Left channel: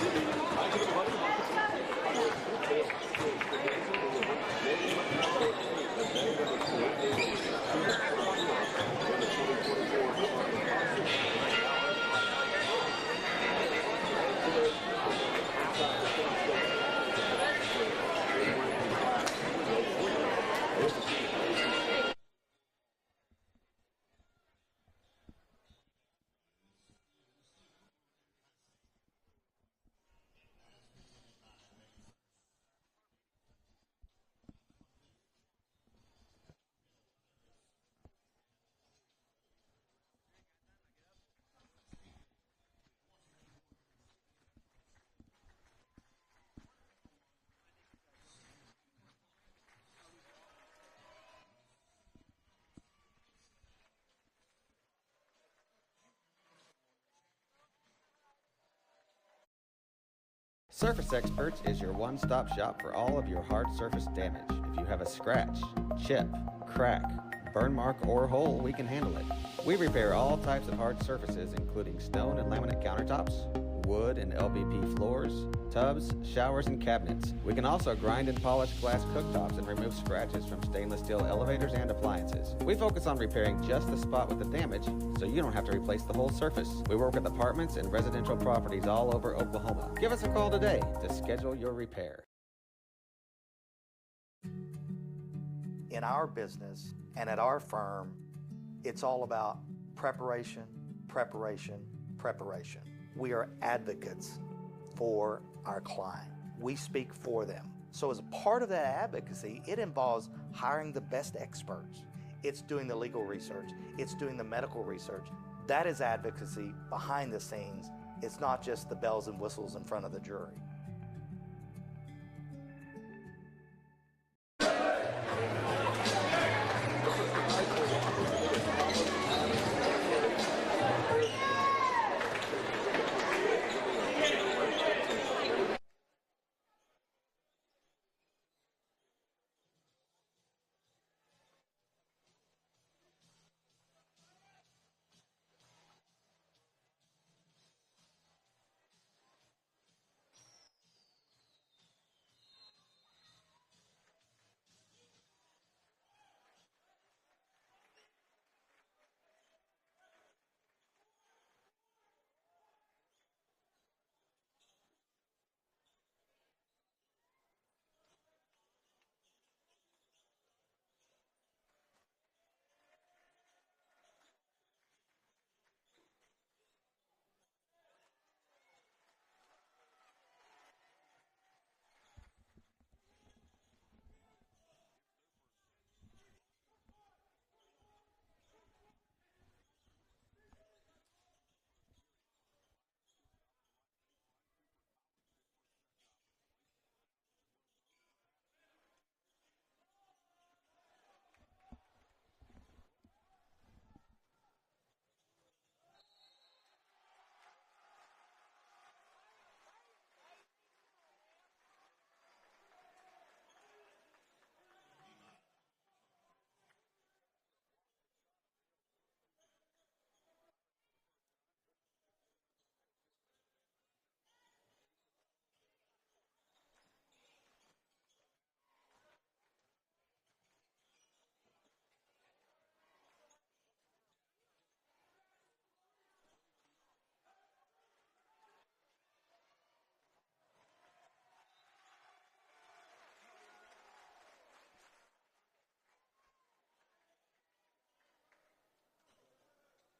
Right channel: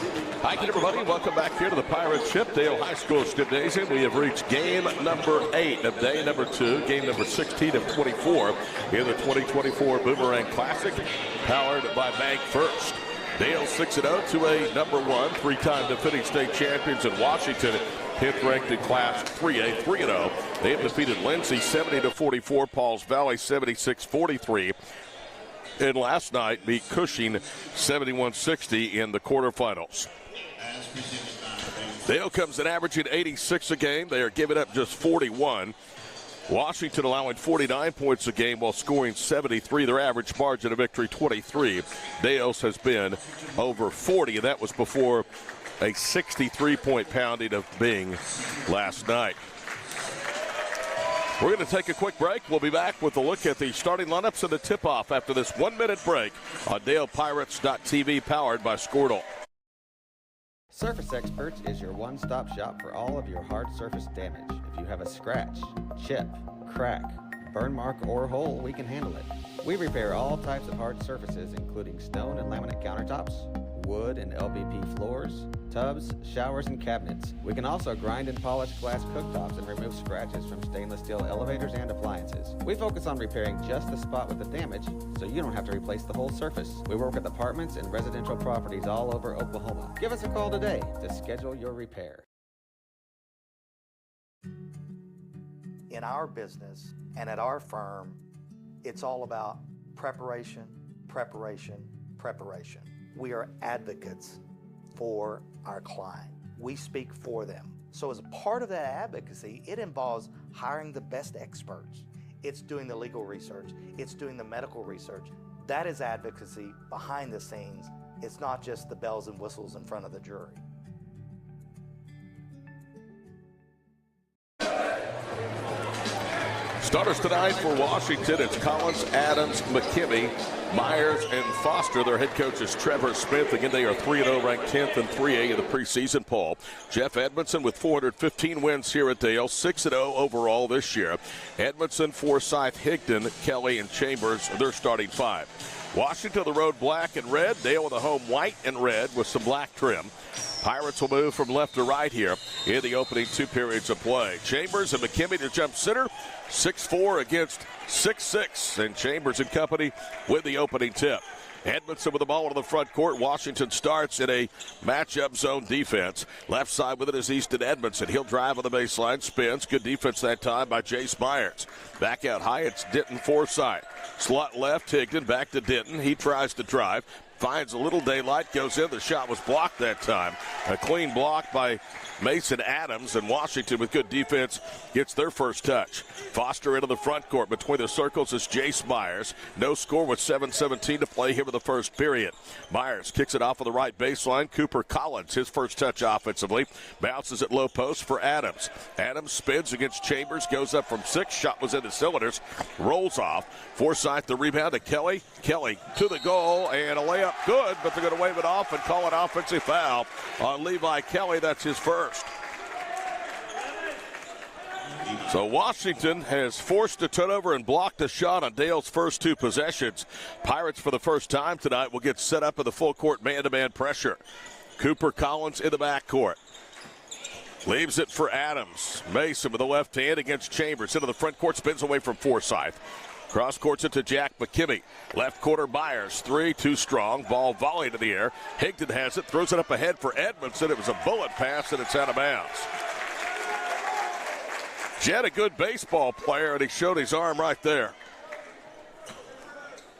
Hi, everybody. Welcome back here to the Pirates Shipdale High School Gymnasium. We have reached game number 8 of day number 2, game number 16 of 24 in the 2024 Boomerang Classic, powered by Bank First. Dale 6-0 to a number 1, three-time defending state champions in Washington, 10th ranked in Class 3A, 3-0. They have defeated Lindsay 70-44, Pauls Valley 76-43. And last night beat Cushing 71-60 in the quarterfinals. Dale comes in averaging 86 a game. They are giving up just 41. Washington allowing 49 points a game while scoring 73. Their average margin of victory 23. Dale's has been over 40, and that was before a 63-point pounding of Bing last night. We're going to take a quick break. We'll be back with a look at the starting lineups and the tip-off after this 1-minute break on DalePirates.tv, powered by Squirtle. Surface Experts is your one-stop shop for all of your hard surface damage. If you have a scratch, chip, crack, burn mark, or hole, we can handle it. We repair all types of hard surfaces, including stone and laminate countertops, wood and LVP floors, tubs, showers, and cabinets. We can also grind and polish glass cooktops and remove scratches from stainless steel elevators and appliances. We focus on repairing just the spot with the damage, so you don't have to replace the whole surface. We work with apartments and residential properties all over Oklahoma. Give us a call today to schedule your repair. In our business and at our firm, it's all about preparation, preparation, preparation. We are advocates for our client. We speak for them. So as a part of that advocacy, it involves hiring the best experts. It's doing the legal research. It's doing the medical research. That is advocacy behind the scenes. It's not just the bells and whistles in front of the jury. Starters tonight for Washington, it's Collins, Adams, McKinney, Myers, and Foster. Their head coach is Trevor Smith. Again, they are 3-0, ranked 10th and 3A in the preseason poll. Jeff Edmondson with 415 wins here at Dale, 6-0 overall this year. Edmondson, Forsyth, Higdon, Kelly, and Chambers, their starting 5. Washington the road black and red. Dale with the home white and red with some black trim. Pirates will move from left to right here in the opening 2 periods of play. Chambers and McKinney to jump center. 6-4 against 6-6, and Chambers and company with the opening tip. Edmondson with the ball into the front court. Washington starts in a matchup zone defense. Left side with it is Easton Edmondson. He'll drive on the baseline, spins. Good defense that time by Jace Myers. Back out high, it's Denton Forsyth. Slot left, Higdon back to Denton. He tries to drive. Finds a little daylight, goes in. The shot was blocked that time. A clean block by Mason Adams, and Washington with good defense gets their first touch. Foster into the front court. Between the circles is Jace Myers. No score with 7:17 to play here in the first period. Myers kicks it off of the right baseline. Cooper Collins, his first touch offensively. Bounces at low post for Adams. Adams spins against Chambers, goes up from 6. Shot was in the cylinders. Rolls off. Forsyth the rebound to Kelly. Kelly to the goal, and a layup good, but they're going to wave it off and call an offensive foul on Levi Kelly. That's his first. So Washington has forced a turnover and blocked a shot on Dale's first 2 possessions. Pirates for the first time tonight will get set up in the full court man-to-man pressure. Cooper Collins in the backcourt. Leaves it for Adams. Mason with the left hand against Chambers. Into the front court, spins away from Forsyth. Cross courts it to Jack McKinney. Left quarter Myers. 3, too strong. Ball volleyed in the air. Higdon has it, throws it up ahead for Edmondson. It was a bullet pass, and it's out of bounds. Jed, a good baseball player, and he showed his arm right there.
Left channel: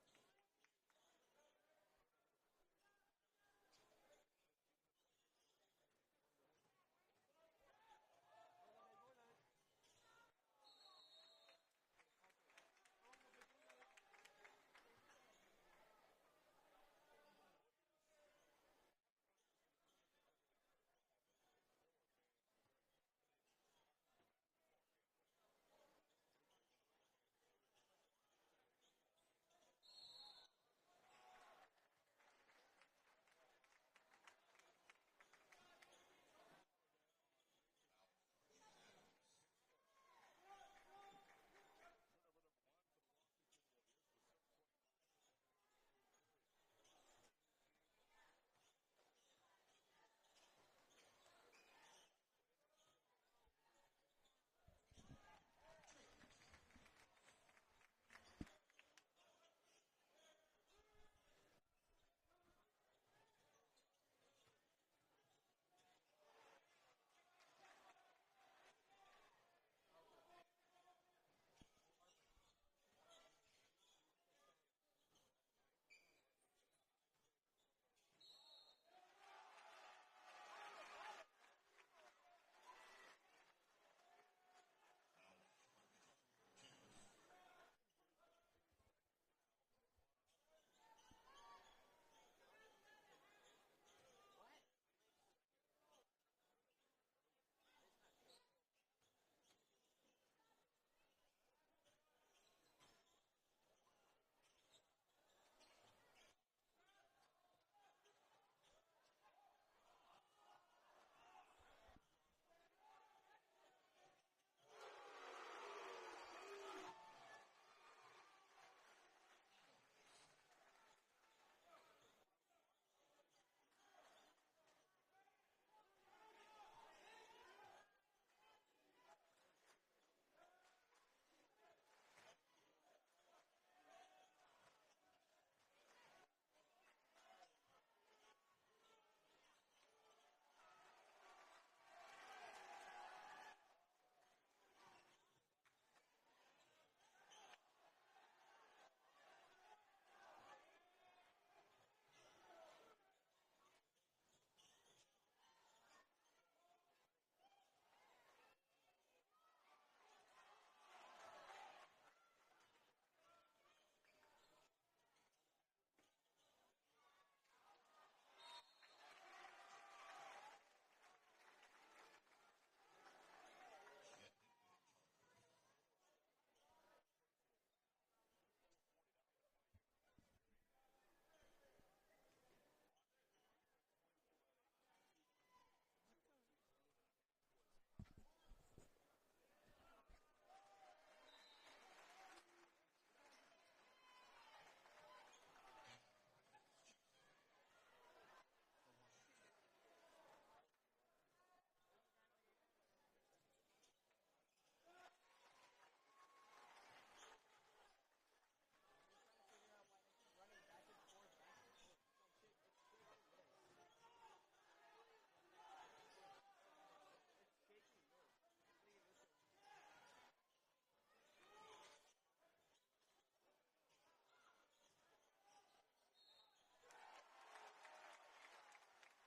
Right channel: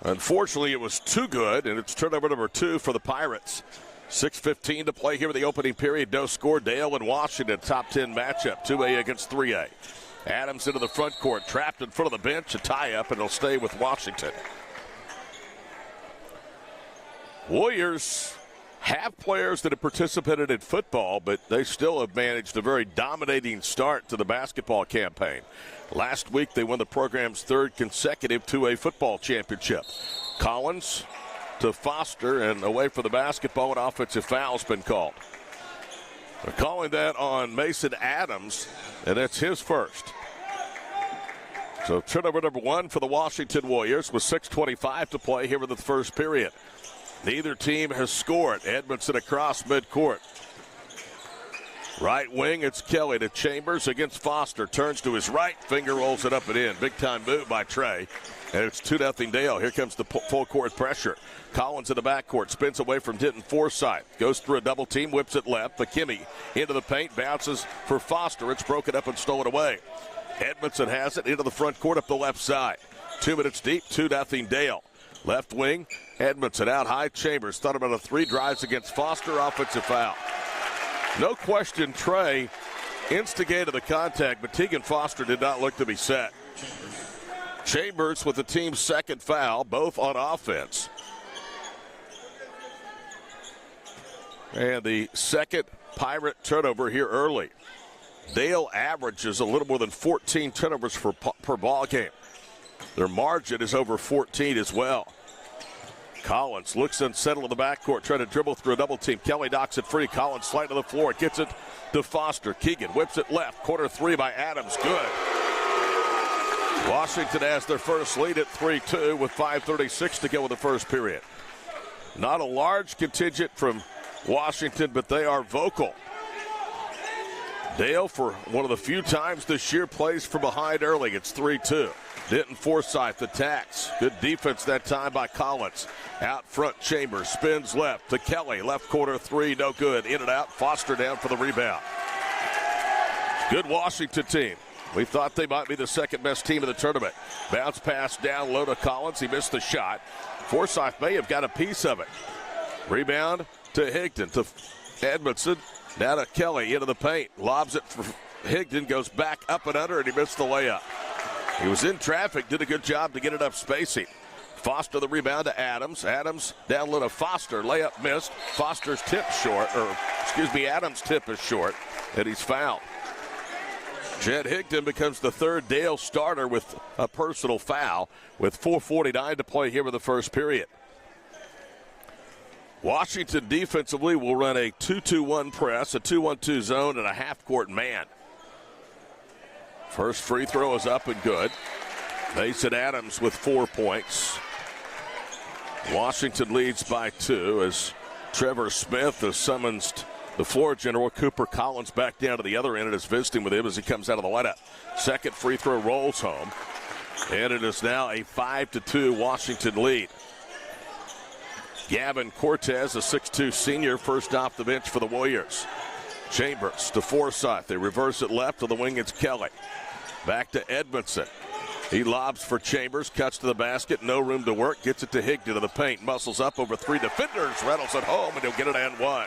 Unfortunately, it was too good, and it's turnover number 2 for the Pirates. 6:15 to play here in the opening period. No score. Dale and Washington, top 10 matchup, 2A against 3A. Adams into the front court, trapped in front of the bench, a tie-up, and he'll stay with Washington. Warriors have players that have participated in football, but they still have managed a very dominating start to the basketball campaign. Last week, they won the program's 3rd consecutive 2A football championship. Collins to Foster, and away from the basketball, an offensive foul's been called. They're calling that on Mason Adams, and that's his first. So turnover number 1 for the Washington Warriors with 6:25 to play here in the first period. Neither team has scored. Edmondson across midcourt. Right wing, it's Kelly to Chambers against Foster. Turns to his right, finger rolls it up and in. Big time move by Trey. And it's 2-0 Dale. Here comes the full court pressure. Collins in the backcourt, spins away from Denton Forsythe. Goes through a double team, whips it left. McKimmey into the paint, bounces for Foster. It's broken up and stolen away. Edmondson has it into the front court up the left side. 2 minutes deep, 2-0 Dale. Left wing, Edmondson out high. Chambers thought about a 3, drives against Foster, offensive foul. No question Trey instigated the contact, but Tegan Foster did not look to be set. Chambers with the team's second foul, both on offense. And the second Pirate turnover here early. Dale averages a little more than 14 turnovers per ball game. Their margin is over 14 as well. Collins looks unsettled in the backcourt, trying to dribble through a double team. Kelly knocks it free. Collins slide to the floor, gets it to Foster. Keegan whips it left. Corner 3 by Adams. Good. Washington has their first lead at 3-2 with 5:36 to go in the first period. Not a large contingent from Washington, but they are vocal. Dale, for one of the few times this year, plays from behind early. It's 3-2. Denton Forsythe attacks. Good defense that time by Collins. Out front, Chambers spins left to Kelly. Left corner 3, no good. In and out. Foster down for the rebound. Good Washington team. We thought they might be the second best team in the tournament. Bounce pass down low to Collins. He missed the shot. Forsythe may have got a piece of it. Rebound to Higdon, to Edmondson. Now to Kelly into the paint. Lobs it for Higdon. Goes back up and under, and he missed the layup. He was in traffic, did a good job to get it up spacing. Foster the rebound to Adams. Adams down low to Foster. Layup missed. Foster's tip short, Adams' tip is short, and he's fouled. Jed Higdon becomes the third Dale starter with a personal foul with 4:49 to play here in the first period. Washington defensively will run a 2-2-1 press, a 2-1-2 zone, and a half-court man. First free throw is up and good. Mason Adams with 4 points. Washington leads by 2 as Trevor Smith has summoned the floor general. Cooper Collins back down to the other end and is visiting with him as he comes out of the lineup. Second free throw rolls home. And it is now a 5-2 Washington lead. Gavin Cortez, a 6'2 senior, first off the bench for the Warriors. Chambers to Forsythe. They reverse it left to the wing. It's Kelly. Back to Edmondson. He lobs for Chambers, cuts to the basket, no room to work, gets it to Higdon to the paint, muscles up over 3 defenders, rattles it home, and he'll get it and one.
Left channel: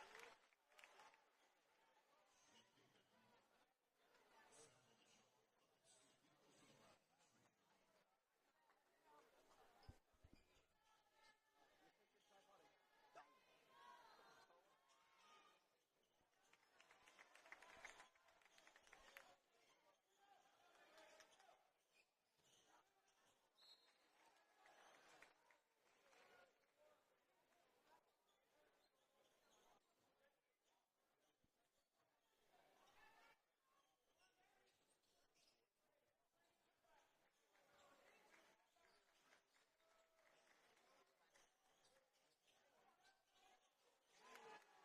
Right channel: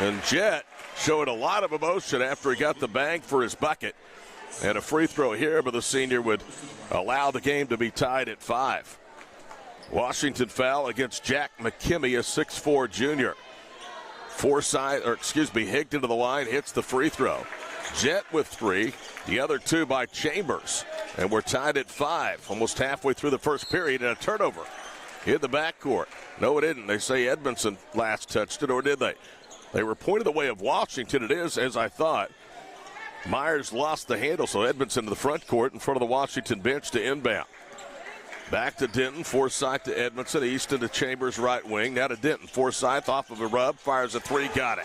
And Jet showed a lot of emotion after he got the bang for his bucket. And a free throw here, but the senior would allow the game to be tied at 5. Washington foul against Jack McKimmey, a 6'4 junior. Higdon to the line, hits the free throw. Jet with 3, the other 2 by Chambers. And we're tied at 5, almost halfway through the first period, and a turnover in the backcourt. No, it didn't. They say Edmondson last touched it, or did they? They were pointed the way of Washington. It is, as I thought. Myers lost the handle, so Edmondson to the front court in front of the Washington bench to inbound. Back to Denton, Forsythe to Edmondson, Easton to Chambers, right wing. Now to Denton, Forsythe off of a rub, fires a 3, got it.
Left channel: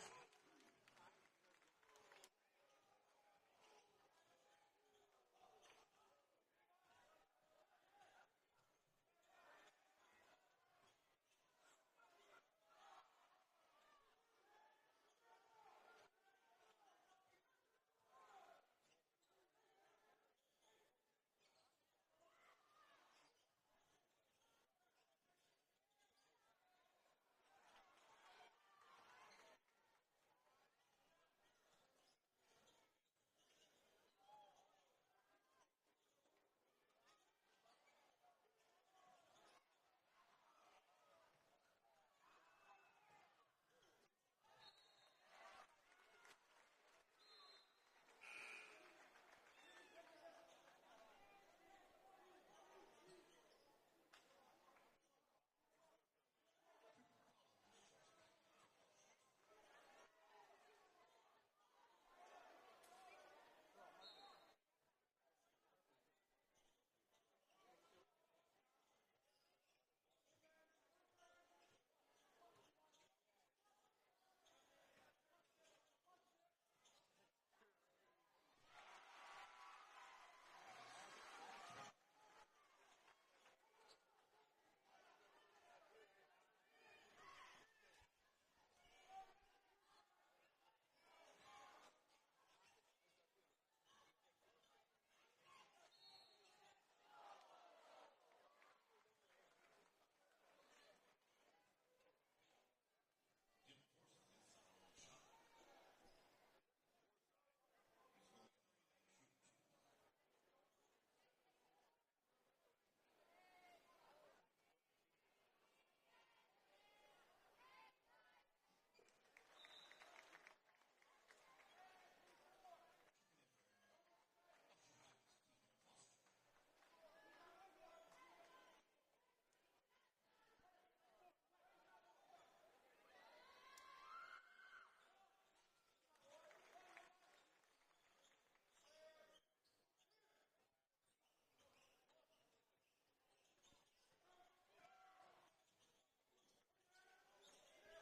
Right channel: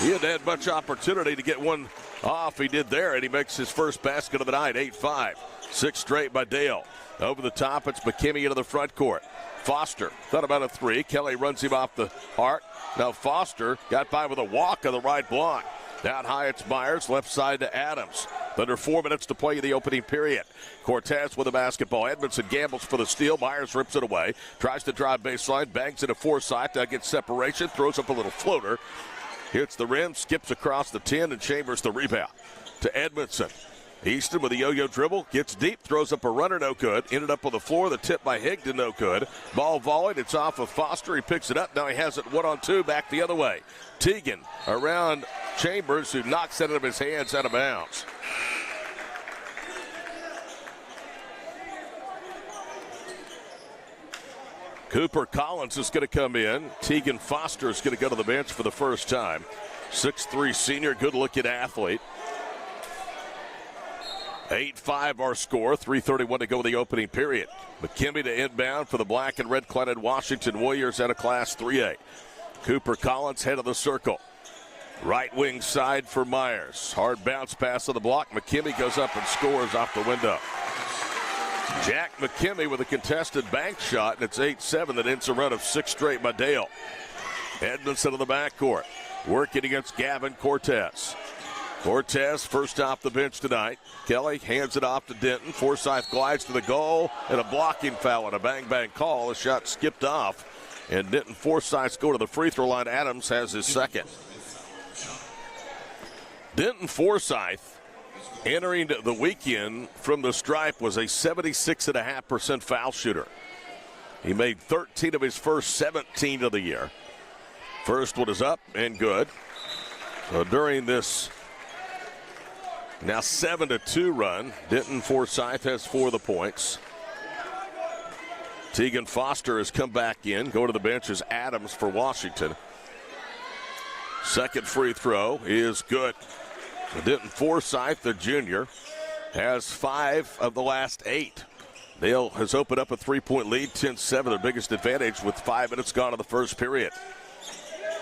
He hadn't had much opportunity to get one off. He did there, and he makes his first basket of the night, 8-5. 6 straight by Dale. Over the top, it's McKimmey into the front court. Foster thought about a 3. Kelly runs him off the arc. Now Foster got by with a walk on the right block. Down high, it's Myers, left side to Adams. Under 4 minutes to play in the opening period. Cortez with the basketball. Edmondson gambles for the steal. Myers rips it away. Tries to drive baseline. Bangs it to Forsythe. Now gets separation. Throws up a little floater. Hits the rim. Skips across the 10. And Chambers the rebound to Edmondson. Easton with a yo-yo dribble. Gets deep. Throws up a runner. No good. Ended up on the floor. The tip by Higdon. No good. Ball volleyed. It's off of Foster. He picks it up. Now he has it 1-on-2. Back the other way. Teagan around Chambers, who knocks it out of his hands out of bounds. Cooper Collins is going to come in. Tegan Foster is going to go to the bench for the first time. 6'3 senior, good-looking athlete. 8-5 our score, 3:31 to go in the opening period. McKinney to inbound for the black and red cladded Washington Warriors out of Class 3A. Cooper Collins head of the circle. Right wing side for Myers. Hard bounce pass on the block. McKinney goes up and scores off the window. Jack McKinney with a contested bank shot, and it's 8-7 that ends a run of 6 straight by Dale. Edmondson in the backcourt, working against Gavin Cortez. Cortez first off the bench tonight. Kelly hands it off to Denton. Forsyth glides to the goal, and a blocking foul and a bang-bang call. A shot skipped off, and Denton Forsyth go to the free throw line. Adams has his second. Denton Forsyth, entering the weekend from the stripe, was a 76.5% foul shooter. He made 13 of his first 17 of the year. First one is up and good. So during this now 7-2 run, Denton Forsyth has 4 of the points. Tegan Foster has come back in. Going to the bench is Adams for Washington. Second free throw is good. Denton Forsyth, the junior, has 5 of the last 8. Dale has opened up a 3-point lead, 10-7, their biggest advantage with 5 minutes gone in the first period.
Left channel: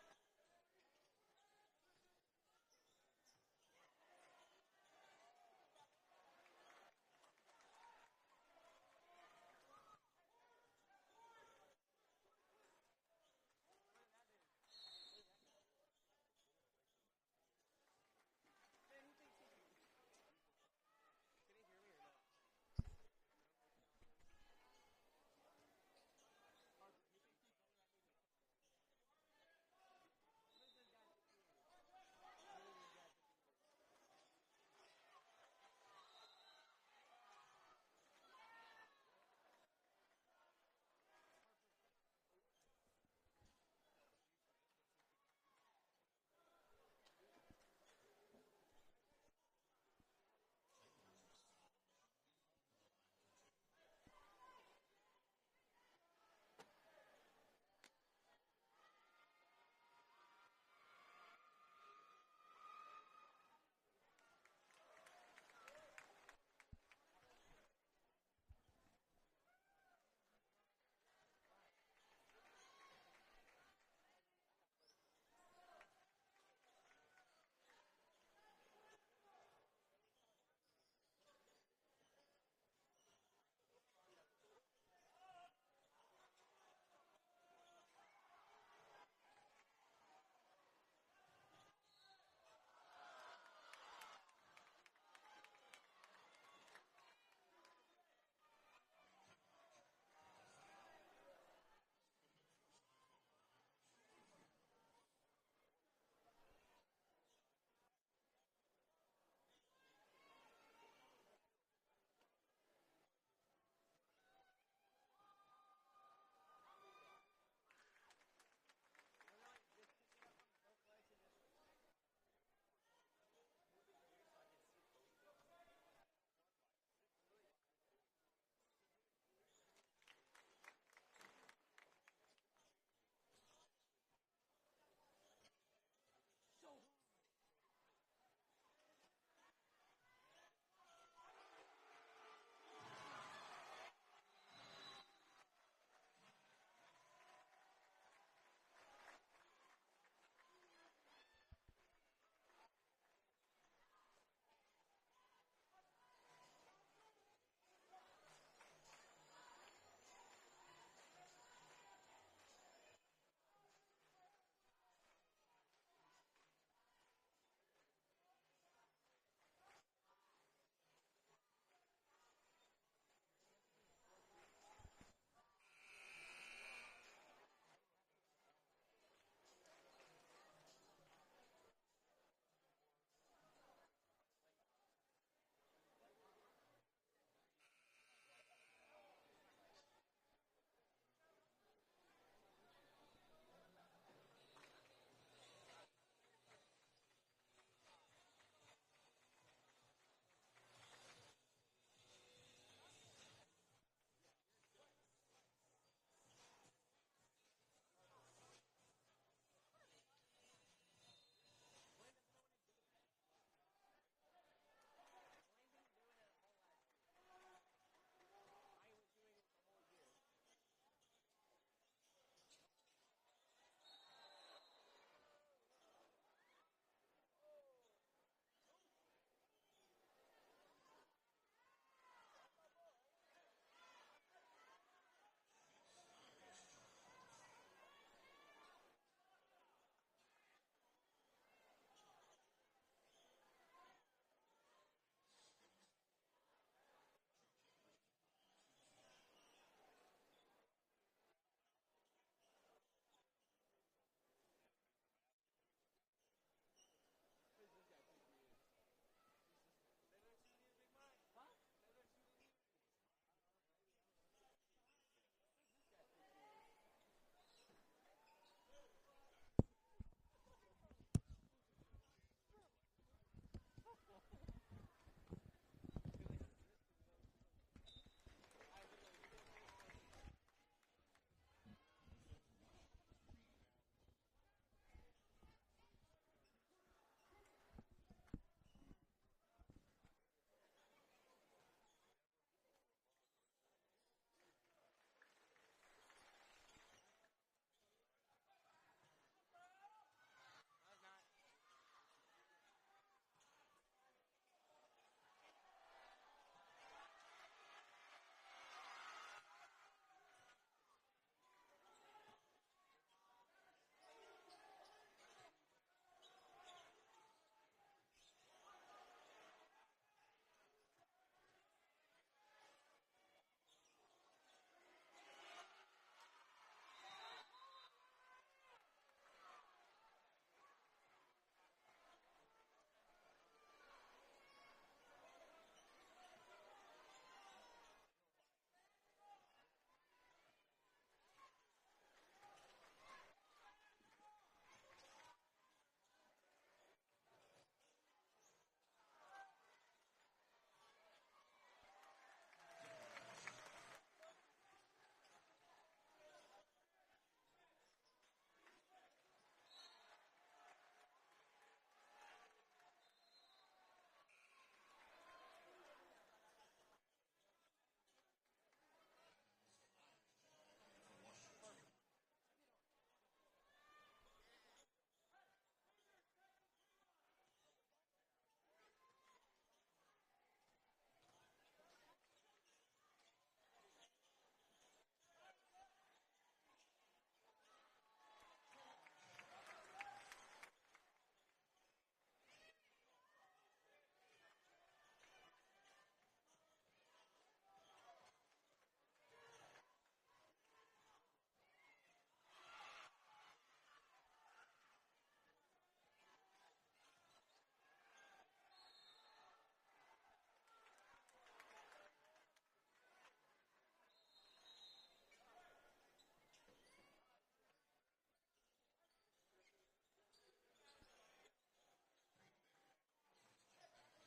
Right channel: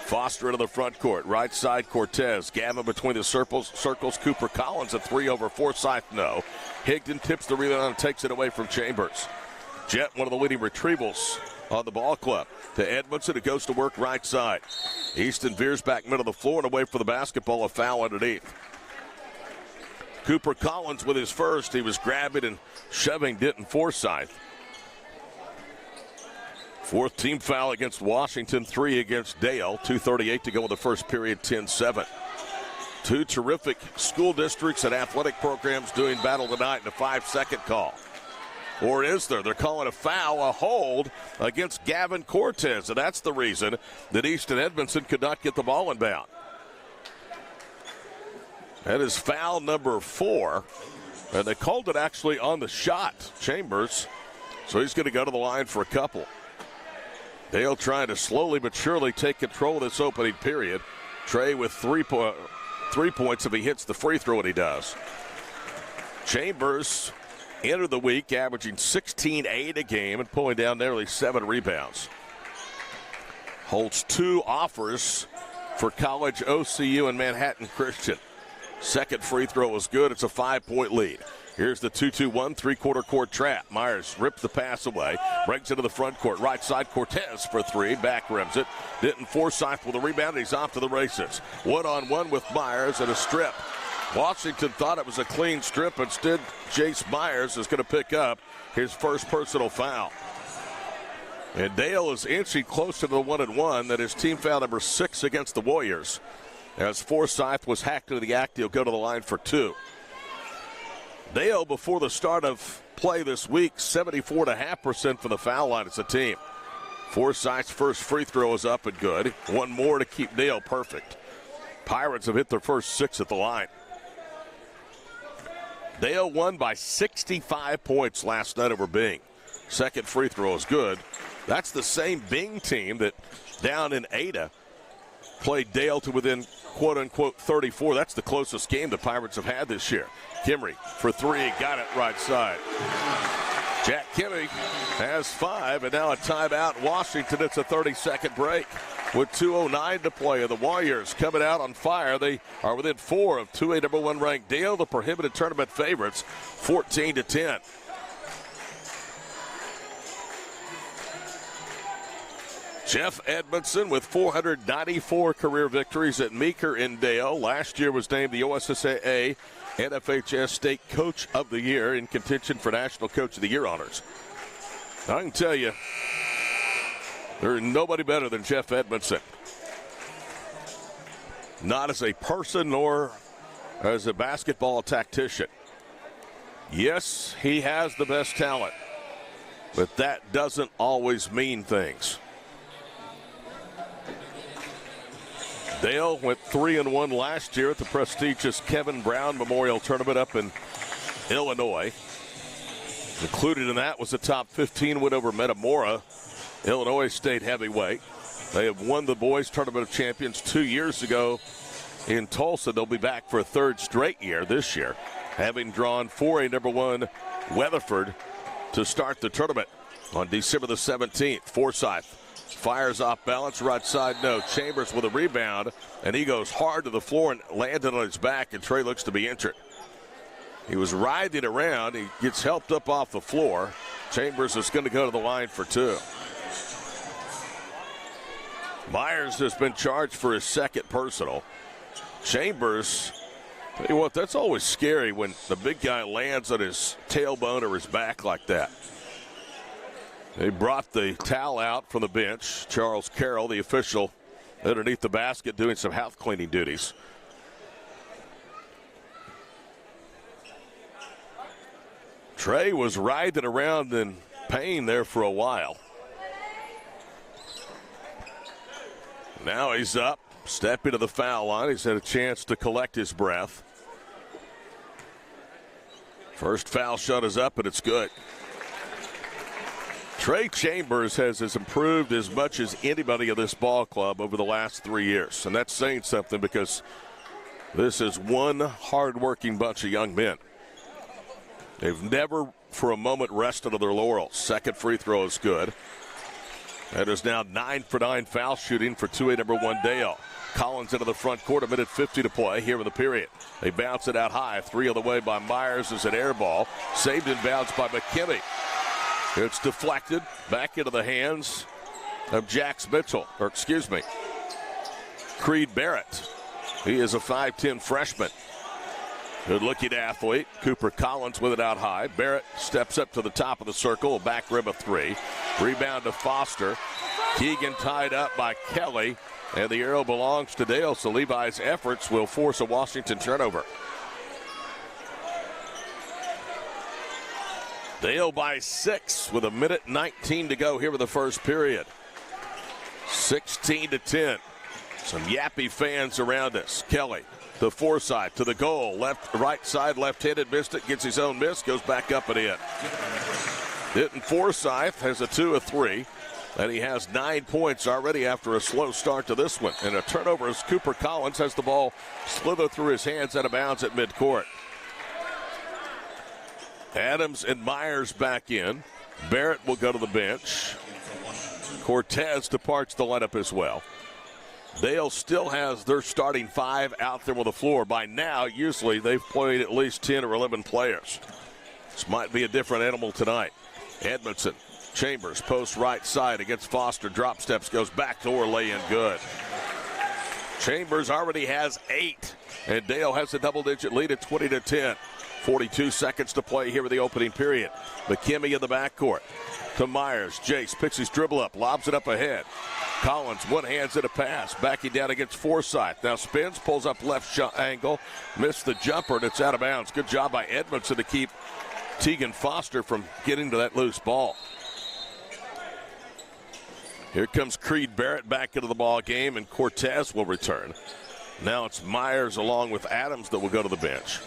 Foster into the front court, right side Cortez. Gavin between the circles. Cooper Collins a 3 over Forsyth, no. Higdon tips the rebound and takes it away from Chambers. Jet, one of the leading retrievals on the ball club. To Edmondson, it goes to work right side. Easton veers back middle of the floor and away for the basketball, a foul underneath. Cooper Collins with his first. He was grabbing and shoving Denton Forsyth. 4th team foul against Washington, 3 against Dale. 2:38 to go in the first period, 10-7. 2 terrific school districts and athletic programs doing battle tonight in a 5-second call. Or is there? They're calling a foul, a hold against Gavin Cortez, and that's the reason that Easton Edmondson could not get the ball inbound. That is foul number 4, and they called it actually on the shot, Chambers, so he's going to go to the line for a couple. Dale trying to slowly but surely take control of this opening period. Trey with 3 points if he hits the free throw, and he does. Chambers entered the week averaging 16-8 a game and pulling down nearly 7 rebounds. Holds 2 offers for College, OCU, and Manhattan Christian. Second free throw was good. It's a 5-point lead. Here's the 2-2-1 3-quarter court trap. Myers rips the pass away, brings it to the front court. Right side, Cortez for 3, back rims it. Denton Forsyth with a rebound, he's off to the races. One-on-one with Myers and a strip. Washington thought it was a clean strip. Instead, Jace Myers is going to pick up his first personal foul. And Dale is inching closer to the 1-and-1. That is team foul number 6 against the Warriors. As Forsyth was hacked into the act, he'll go to the line for 2. Dale, before the start of play this week, 74.5% from the foul line as a team. Forsyth's first free throw is up and good. 1 more to keep Dale perfect. Pirates have hit their first 6 at the line. Dale won by 65 points last night over Bing. Second free throw is good. That's the same Bing team that down in Ada played Dale to within quote-unquote 34. That's the closest game the Pirates have had this year. Kimry for 3, got it right side. Jack Kimmy has 5, and now a timeout. Washington, it's a 30-second break with 2:09 to play. The Warriors coming out on fire. They are within 4 of 2A number 1 ranked Dale, the prohibited tournament favorites, 14-10. Jeff Edmondson with 494 career victories at Meeker and Dale. Last year was named the OSSAA NFHS State Coach of the Year, in contention for National Coach of the Year honors. I can tell you, there's nobody better than Jeff Edmondson. Not as a person nor as a basketball tactician. Yes, he has the best talent, but that doesn't always mean things. Dale went 3-1 last year at the prestigious Kevin Brown Memorial Tournament up in Illinois. Included in that was a top 15 win over Metamora, Illinois State heavyweight. They have won the boys tournament of champions 2 years ago in Tulsa. They'll be back for a 3rd straight year this year. having drawn 4A number 1 Weatherford to start the tournament on December the 17th. Forsythe fires off balance, right side, no. Chambers with a rebound, and he goes hard to the floor and landed on his back, and Trey looks to be injured. He was writhing around. He gets helped up off the floor. Chambers is going to go to the line for 2. Myers has been charged for his second personal. Chambers, tell you what, that's always scary when the big guy lands on his tailbone or his back like that. They brought the towel out from the bench. Charles Carroll, the official, underneath the basket doing some house cleaning duties. Trey was writhing around in pain there for a while. Now he's up, stepping to the foul line. He's had a chance to collect his breath. First foul shot is up, and it's good. Trey Chambers has improved as much as anybody in this ball club over the last 3 years. And that's saying something because this is one hard-working bunch of young men. They've never for a moment rested on their laurels. Second free throw is good. That is now 9 for 9 foul shooting for 2A number 1 Dale. Collins into the front court, a minute 50 to play here in the period. They bounce it out high. 3 on the way by Myers is an air ball. Saved in bounds by McKinney. It's deflected back into the hands of Creed Barrett. He is a 5'10 freshman. Good-looking athlete. Cooper Collins with it out high. Barrett steps up to the top of the circle, a back rim of 3. Rebound to Foster. Keegan tied up by Kelly, and the arrow belongs to Dale, so Levi's efforts will force a Washington turnover. Dale by 6 with a minute 19 to go here in the first period. 16-10. Some yappy fans around us. Kelly to Forsythe, to the goal. Right side, left-handed, missed it, gets his own miss, goes back up and in. Denton Forsythe has a 2 of 3, and he has 9 points already after a slow start to this one. And a turnover as Cooper Collins has the ball slither through his hands out of bounds at midcourt. Adams and Myers back in. Barrett will go to the bench. Cortez departs the lineup as well. Dale still has their starting 5 out there on the floor. By now, usually they've played at least 10 or 11 players. This might be a different animal tonight. Edmondson, Chambers, post right side against Foster. Drop steps, goes back door, lay in good. Chambers already has 8, and Dale has a double-digit lead at 20-10. 42 seconds to play here in the opening period. McKinney in the backcourt to Myers. Jace picks his dribble up, lobs it up ahead. Collins one-hands it a pass, backing down against Forsythe. Now spins, pulls up left angle, missed the jumper, and it's out of bounds. Good job by Edmondson to keep Tegan Foster from getting to that loose ball. Here comes Creed Barrett back into the ball game, and Cortez will return. Now it's Myers along with Adams that will go to the bench.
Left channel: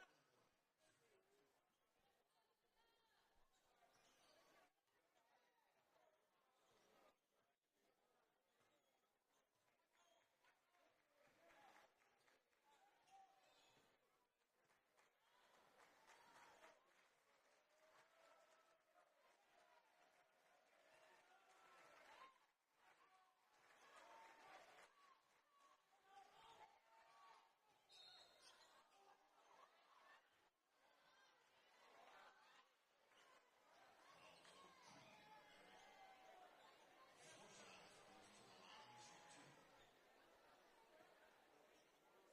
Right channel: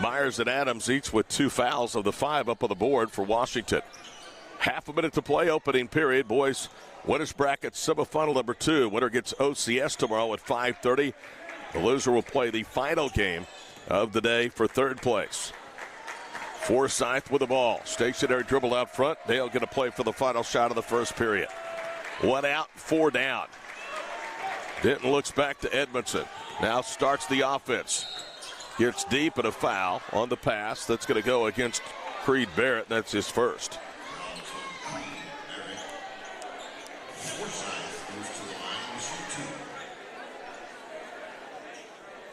Myers and Adams each with 2 fouls of the 5 up on the board for Washington. Half a minute to play, opening period. Boys, winners bracket semifinal number 2. Winner gets OCS tomorrow at 5:30. The loser will play the final game of the day for 3rd place. Forsythe with the ball. Stationary dribble out front. Dale going to play for the final shot of the first period. 1 out, 4 down. Denton looks back to Edmondson. Now starts the offense. Gets deep and a foul on the pass. That's going to go against Creed Barrett. That's his first.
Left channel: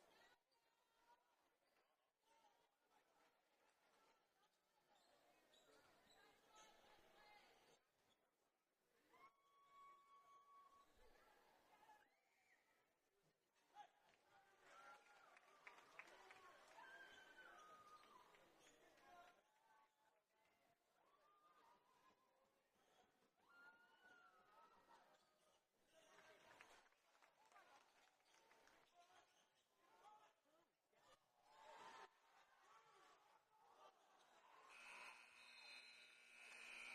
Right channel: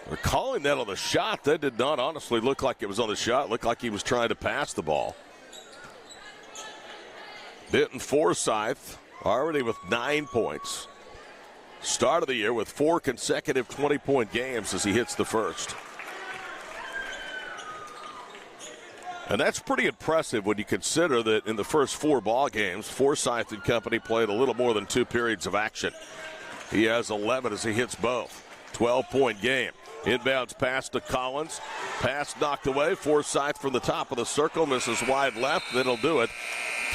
They're calling that on the shot. That did not honestly look like it was on the shot. It looked like he was trying to pass the ball. Denton Forsythe already with 9 points. Start of the year with 4 consecutive 20-point games as he hits the first. And that's pretty impressive when you consider that in the first 4 ball games, Forsythe and company played a little more than 2 periods of action. He has 11 as he hits both. 12-point game. Inbounds pass to Collins. Pass knocked away. Forsythe from the top of the circle. Misses wide left. That'll do it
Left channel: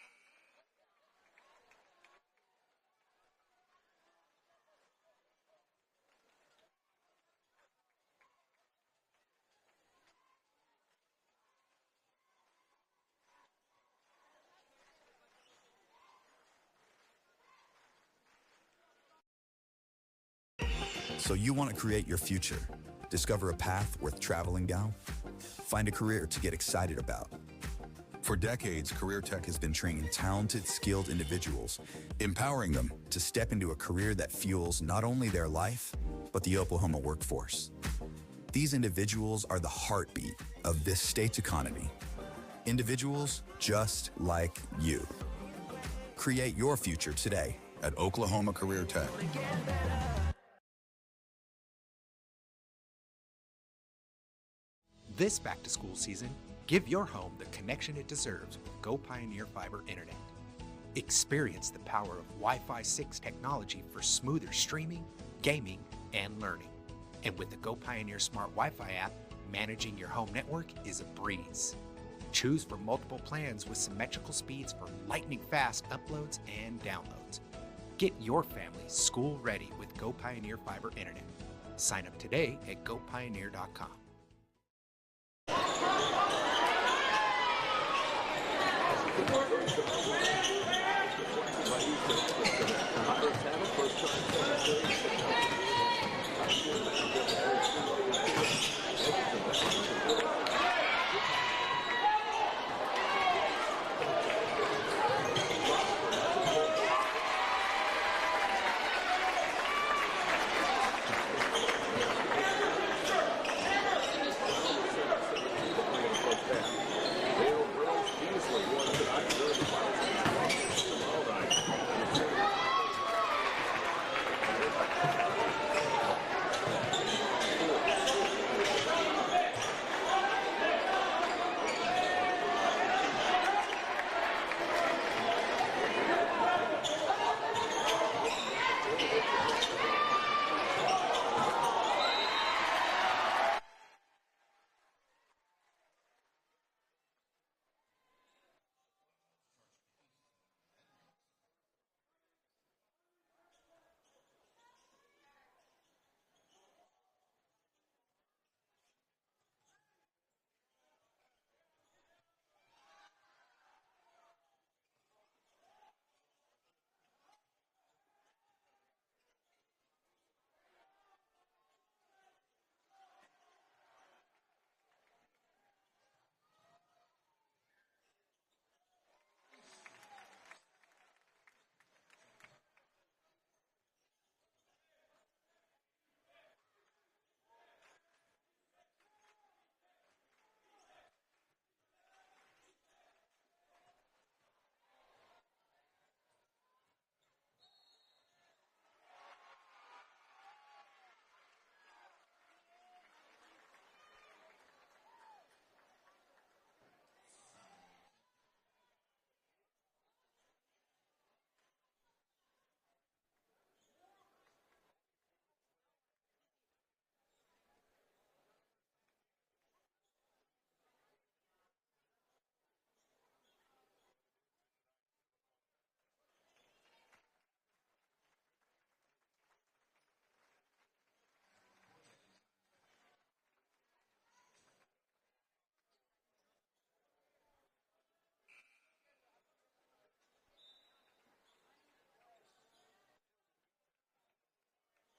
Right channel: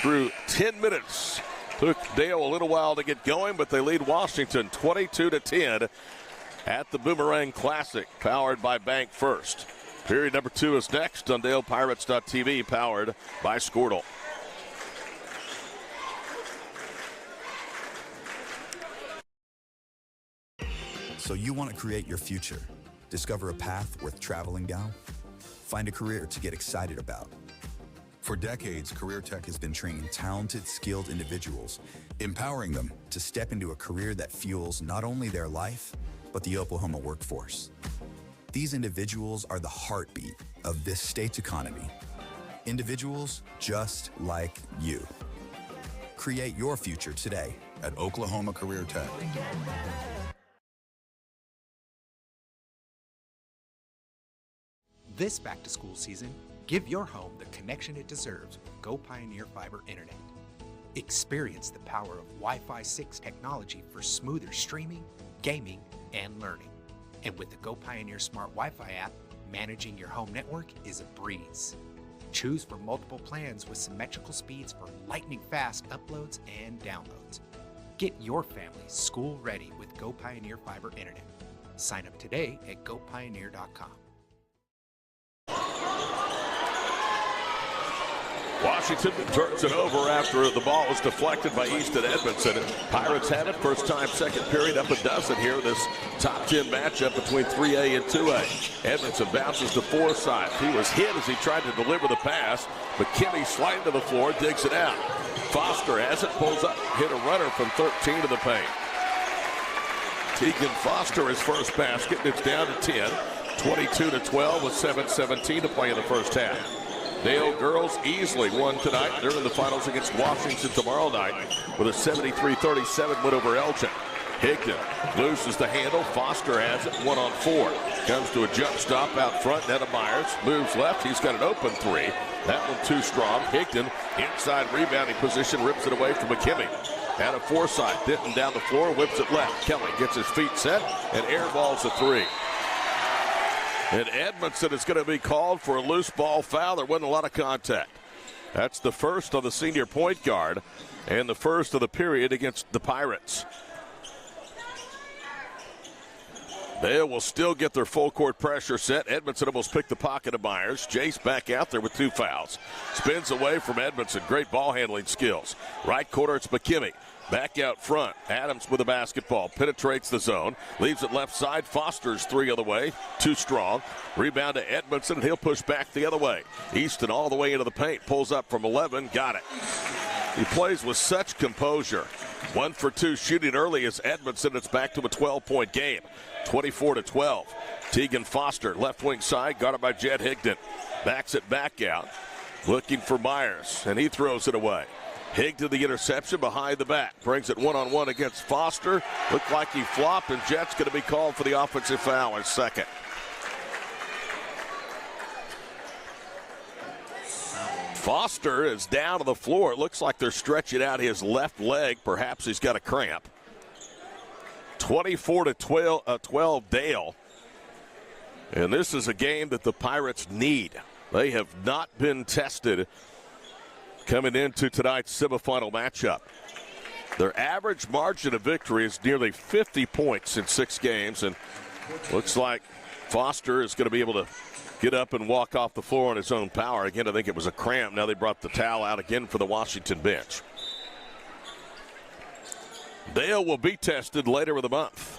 through 10 minutes. Took Dale a little while to get going, but they lead Washington 22-10 at the Boomerang Classic, powered by Bank First. Period number 2 is next on DalePirates.tv, powered by Squirtle. So you want to create your future, discover a path worth traveling down, find a career to get excited about. For decades, Career Tech has been training talented, skilled individuals, empowering them to step into a career that fuels not only their life, but the Oklahoma workforce. These individuals are the heartbeat of this state's economy. Individuals just like you. Create your future today at Oklahoma Career Tech. This back-to-school season, give your home the connection it deserves with Go Pioneer Fiber Internet. Experience the power of Wi-Fi 6 technology for smoother streaming, gaming, and learning. And with the Go Pioneer Smart Wi-Fi app, managing your home network is a breeze. Choose from multiple plans with symmetrical speeds for lightning-fast uploads and downloads. Get your family school-ready with Go Pioneer Fiber Internet. Sign up today at gopioneer.com. Washington turns it over after the ball was deflected by Easton Edmondson. Pirates had it first time, second period, up a dozen here. This top 10 matchup between 3A and 2A. Edmondson bounces to Forsythe. He was hit as he tried to deliver the pass. McKinney sliding to the floor, digs it out. Foster has it, pulls up, hit a runner from 13 to the paint. Tegan Foster, his first basket, it's down to 10. 22-12 with 7:17 to play in the first half. Dale girls easily won tonight. They're in the finals against Washington tomorrow night with a 73-37 win over Elgin. Higdon loses the handle. Foster has it 1-on-4. Goes to a jump stop out front. Netta Myers moves left. He's got an open three. That one too strong. Higdon inside rebounding position, rips it away from McKinney. Out of Forsythe, Denton down the floor, whips it left. Kelly gets his feet set and airballs a three. And Edmondson is going to be called for a loose ball foul. There wasn't a lot of contact. That's the first on the senior point guard and the first of the period against the Pirates. They will still get their full court pressure set. Edmondson almost picked the pocket of Myers. Jace back out there with 2 fouls. Spins away from Edmondson. Great ball handling skills. Right corner, it's McKinney. Back out front, Adams with the basketball, penetrates the zone, leaves it left side. Foster's 3 other way, too strong. Rebound to Edmondson, and he'll push back the other way. Easton all the way into the paint, pulls up from 11, got it. He plays with such composure. 1 for 2 shooting early as Edmondson. It's back to a 12-point game, 24-12. Tegan Foster, left wing side, guarded by Jed Higdon. Backs it back out, looking for Myers, and he throws it away. Higdon the interception behind the back. Brings it one-on-one against Foster. Looked like he flopped, and Jet's going to be called for the offensive foul in second. Foster is down to the floor. It looks like they're stretching out his left leg. Perhaps he's got a cramp. 24-12 Dale. And this is a game that the Pirates need. They have not been tested coming into tonight's semifinal matchup. Their average margin of victory is nearly 50 points in 6 games, and looks like Foster is going to be able to get up and walk off the floor on his own power. Again, I think it was a cramp. Now they brought the towel out again for the Washington bench. Dale will be tested later in the month.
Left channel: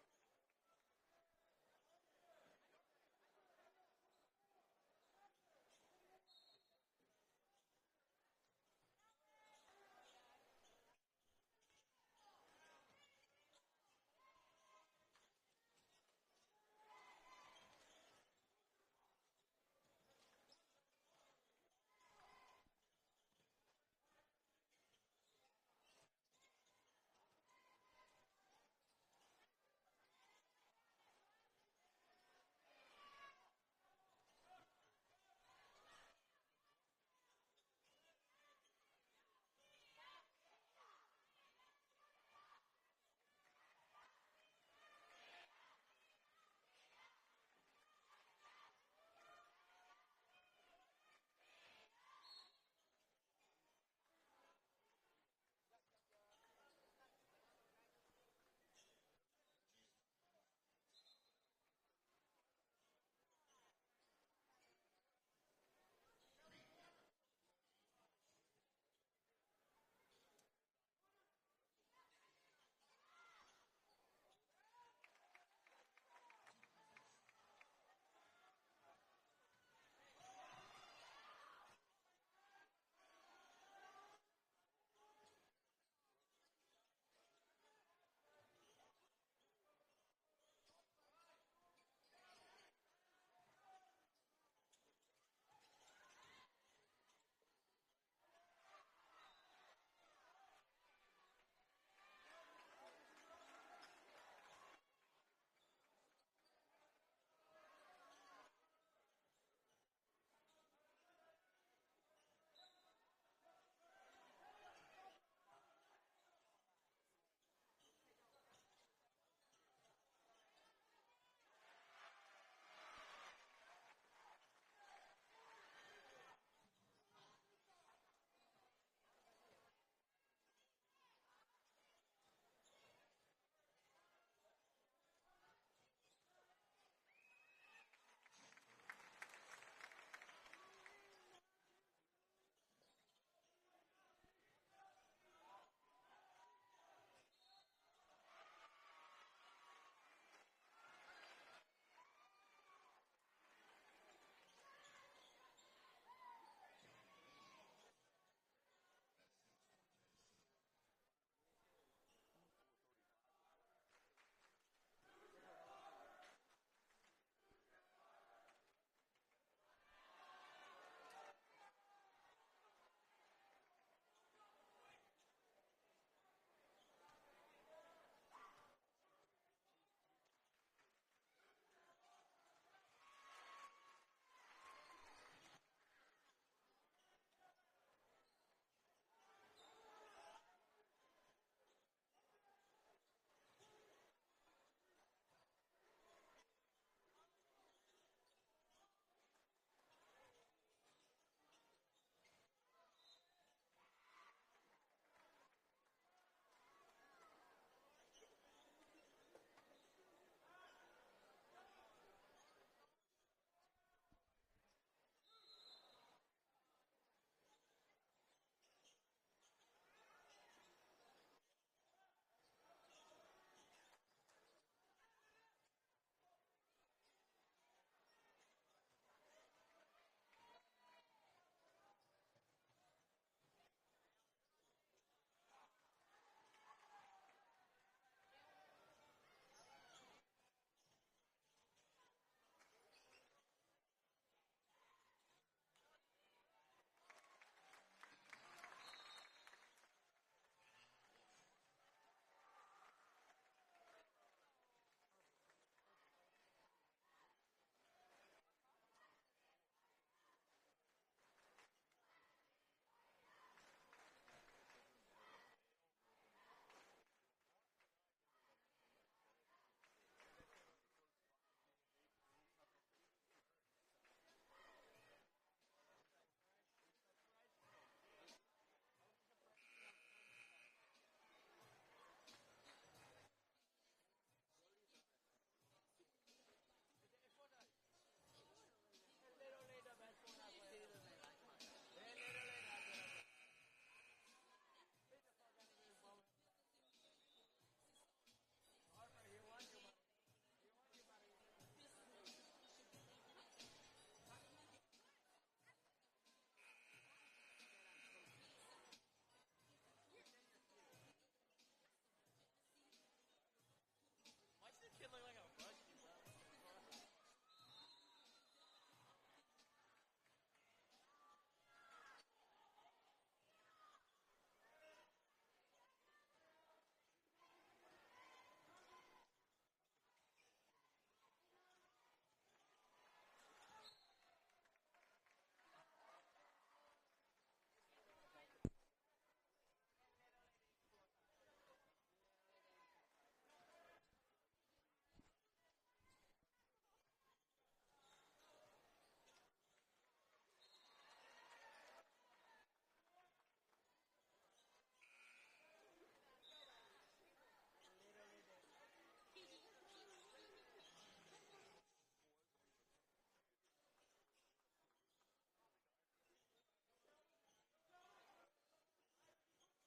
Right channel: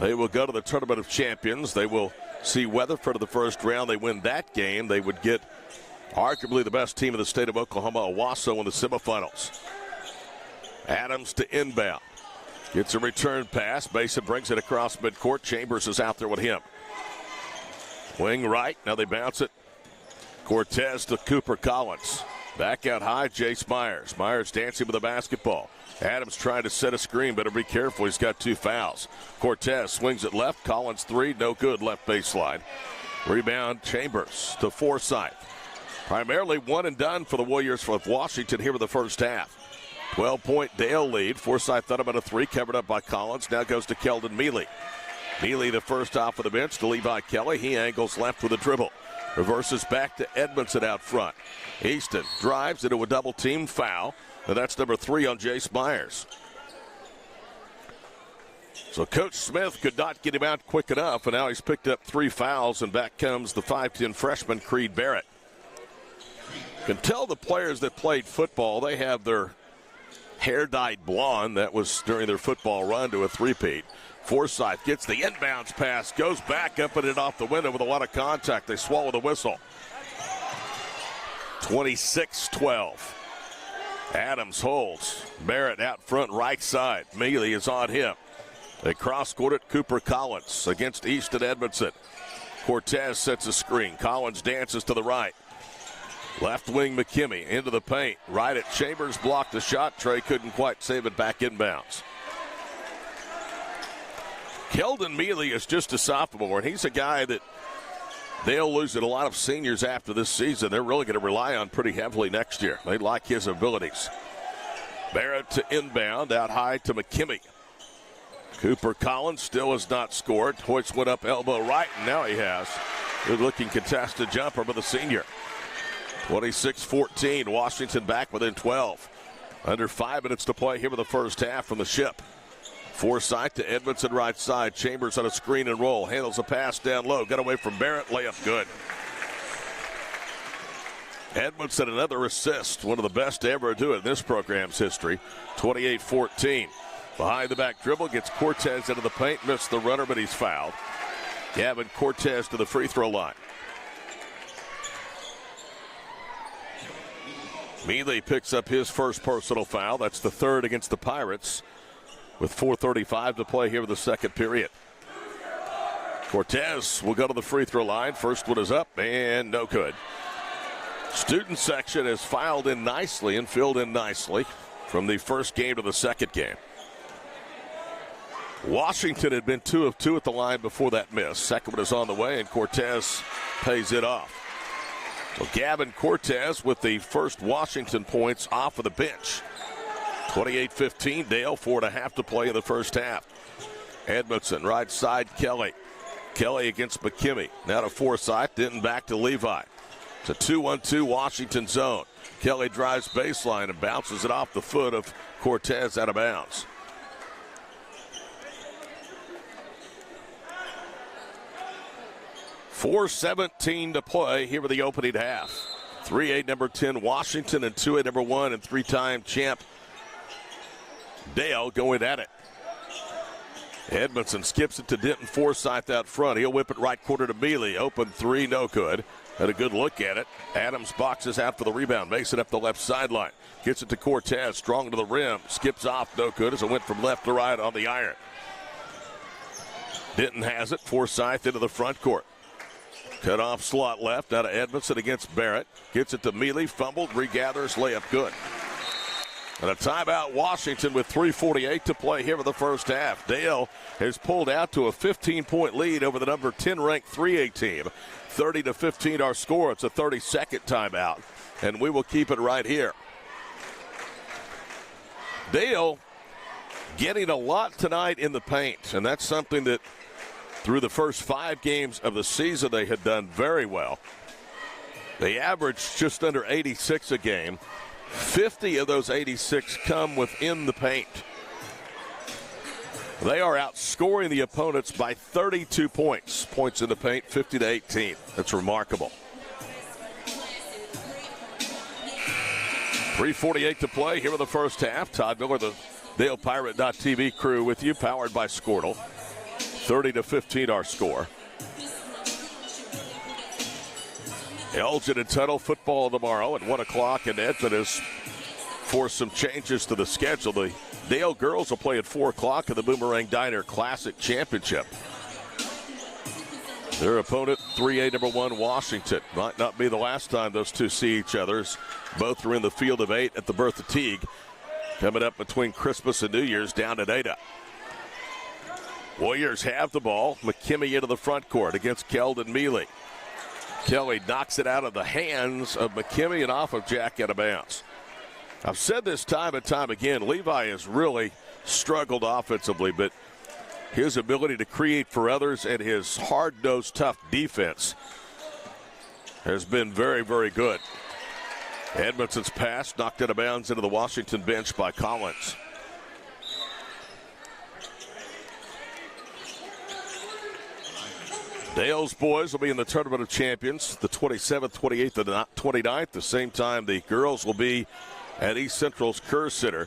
They will go to the Tournament of Champions. They will see Weatherford in the first round. They win that game, they would get arguably the best team in the state of Oklahoma, Owasso, in the semifinals. Adams to inbound. Gets a return pass. Mason brings it across midcourt. Chambers is out there with him. Wing right. Now they bounce it. Cortez to Cooper Collins. Back out high, Jace Myers. Myers dancing with the basketball. Adams trying to set a screen. Better be careful. He's got 2 fouls. Cortez swings it left. Collins 3. No good. Left baseline. Rebound Chambers to Forsythe. Primarily one and done for the Warriors with Washington here in the first half. 12-point Dale lead. Forsythe thought about a 3, covered up by Collins. Now goes to Keldon Mealy. Mealy the first off of the bench to Levi Kelly. He angles left with a dribble. Reverses back to Edmondson out front. Easton drives into a double team foul. And that's number 3 on Jace Myers. So Coach Smith could not get him out quick enough, and now he's picked up 3 fouls, and back comes the 5'10 freshman, Creed Barrett. You can tell the players that played football, they have their hair dyed blonde. That was during their football run to a three-peat. Forsyth gets the inbounds pass, goes back up and it off the window with a lot of contact. They swallow the whistle. 26-12. Adams holds. Barrett out front right side. Mealy is on him. They cross-court it. Cooper Collins against Easton Edmondson. Cortez sets a screen. Collins dances to the right. Left wing McKimmey into the paint. Right at Chambers, blocked the shot. Trey couldn't quite save it, back inbounds. Keldon Mealy is just a sophomore, and he's a guy that they'll lose a lot of seniors after this season. They're really going to rely on pretty heavily next year. They like his abilities. Barrett to inbound, out high to McKimmey. Cooper Collins still has not scored. Hoyts went up elbow right, and now he has. Good-looking contested jumper by the senior. 26-14, Washington back within 12. Under 5 minutes to play here in the first half from the Ship. Forsyth to Edmondson right side. Chambers on a screen and roll. Handles a pass down low. Got away from Barrett. Layup good. Edmondson another assist. One of the best to ever do it in this program's history. 28-14. Behind the back dribble. Gets Cortez into the paint. Missed the runner, but he's fouled. Gavin Cortez to the free throw line. Mealy picks up his first personal foul. That's the third against the Pirates, with 4:35 to play here in the second period. Cortez will go to the free throw line. First one is up and no good. Student section has filed in nicely and filled in nicely from the first game to the second game. Washington had been 2 of 2 at the line before that miss. Second one is on the way, and Cortez pays it off. So Gavin Cortez with the first Washington points off of the bench. 28-15, Dale, 4.5 to play in the first half. Edmondson, right side, Kelly. Kelly against McKimmey. Now to Forsyth, Denton back to Levi. It's a 2-1-2 Washington zone. Kelly drives baseline and bounces it off the foot of Cortez out of bounds. .4:17 to play here with the opening half. 3A number 10 Washington and 2A number 1 and 3-time champ Dale going at it. Edmondson skips it to Denton Forsyth out front. He'll whip it right corner to Mealy. Open three, no good. Had a good look at it. Adams boxes out for the rebound. Makes it up the left sideline. Gets it to Cortez. Strong to the rim. Skips off, no good as it went from left to right on the iron. Denton has it. Forsyth into the front court. Cut off slot left out of Edmondson against Barrett. Gets it to Mealy. Fumbled. Regathers. Layup good. And a timeout, Washington, with 3:48 to play here in the first half. Dale has pulled out to a 15-point lead over the number 10 ranked 3A team. 30-15 our score. It's a 30-second timeout, and we will keep it right here. Dale getting a lot tonight in the paint, and that's something that through the first 5 games of the season they had done very well. They averaged just under 86 a game. 50 of those 86 come within the paint. They are outscoring the opponents by 32 points. Points in the paint, 50-18. That's remarkable. 3:48 to play here in the first half. Todd Miller, the DalePirate.tv crew with you, powered by Squirtle. 30-15 our score. Elgin and Tuttle football tomorrow at 1 o'clock, and Edmond has forced some changes to the schedule. The Dale girls will play at 4 o'clock in the Boomerang Diner Classic Championship. Their opponent, 3A number 1 Washington. Might not be the last time those two see each other. Both are in the field of 8 at the Bertha Teague. Coming up between Christmas and New Year's down at Ada. Warriors have the ball. McKimmey into the front court against Keldon Mealy. Kelly knocks it out of the hands of McKimmey and off of Jack out of bounds. I've said this time and time again, Levi has really struggled offensively, but his ability to create for others and his hard-nosed, tough defense has been very, very good. Edmondson's pass knocked out of bounds into the Washington bench by Collins. Dale's boys will be in the Tournament of Champions the 27th, 28th, and 29th. The same time, the girls will be at East Central's Kerr Center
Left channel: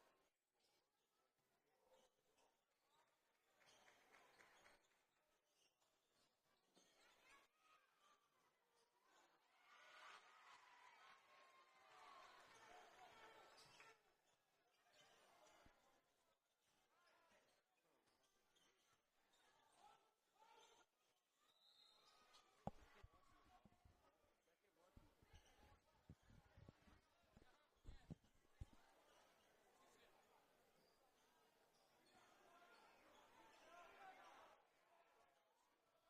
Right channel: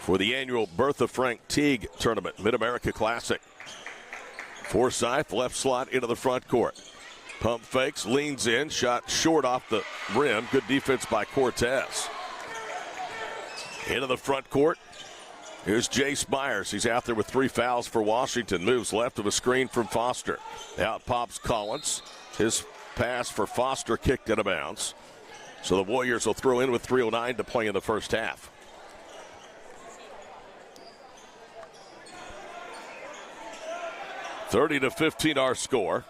for the annual Bertha Frank Teague Tournament, Mid-America Classic. Forsyth, left slot into the front court. Pump fakes, leans in, shot short off the rim. Good defense by Cortez. Into the front court. Here's Jace Myers. He's out there with 3 fouls for Washington. Moves left of a screen from Foster. Out pops Collins. His pass for Foster kicked out of bounds. So the Warriors will throw in with 3:09 to play in the first half. (30-15) our score.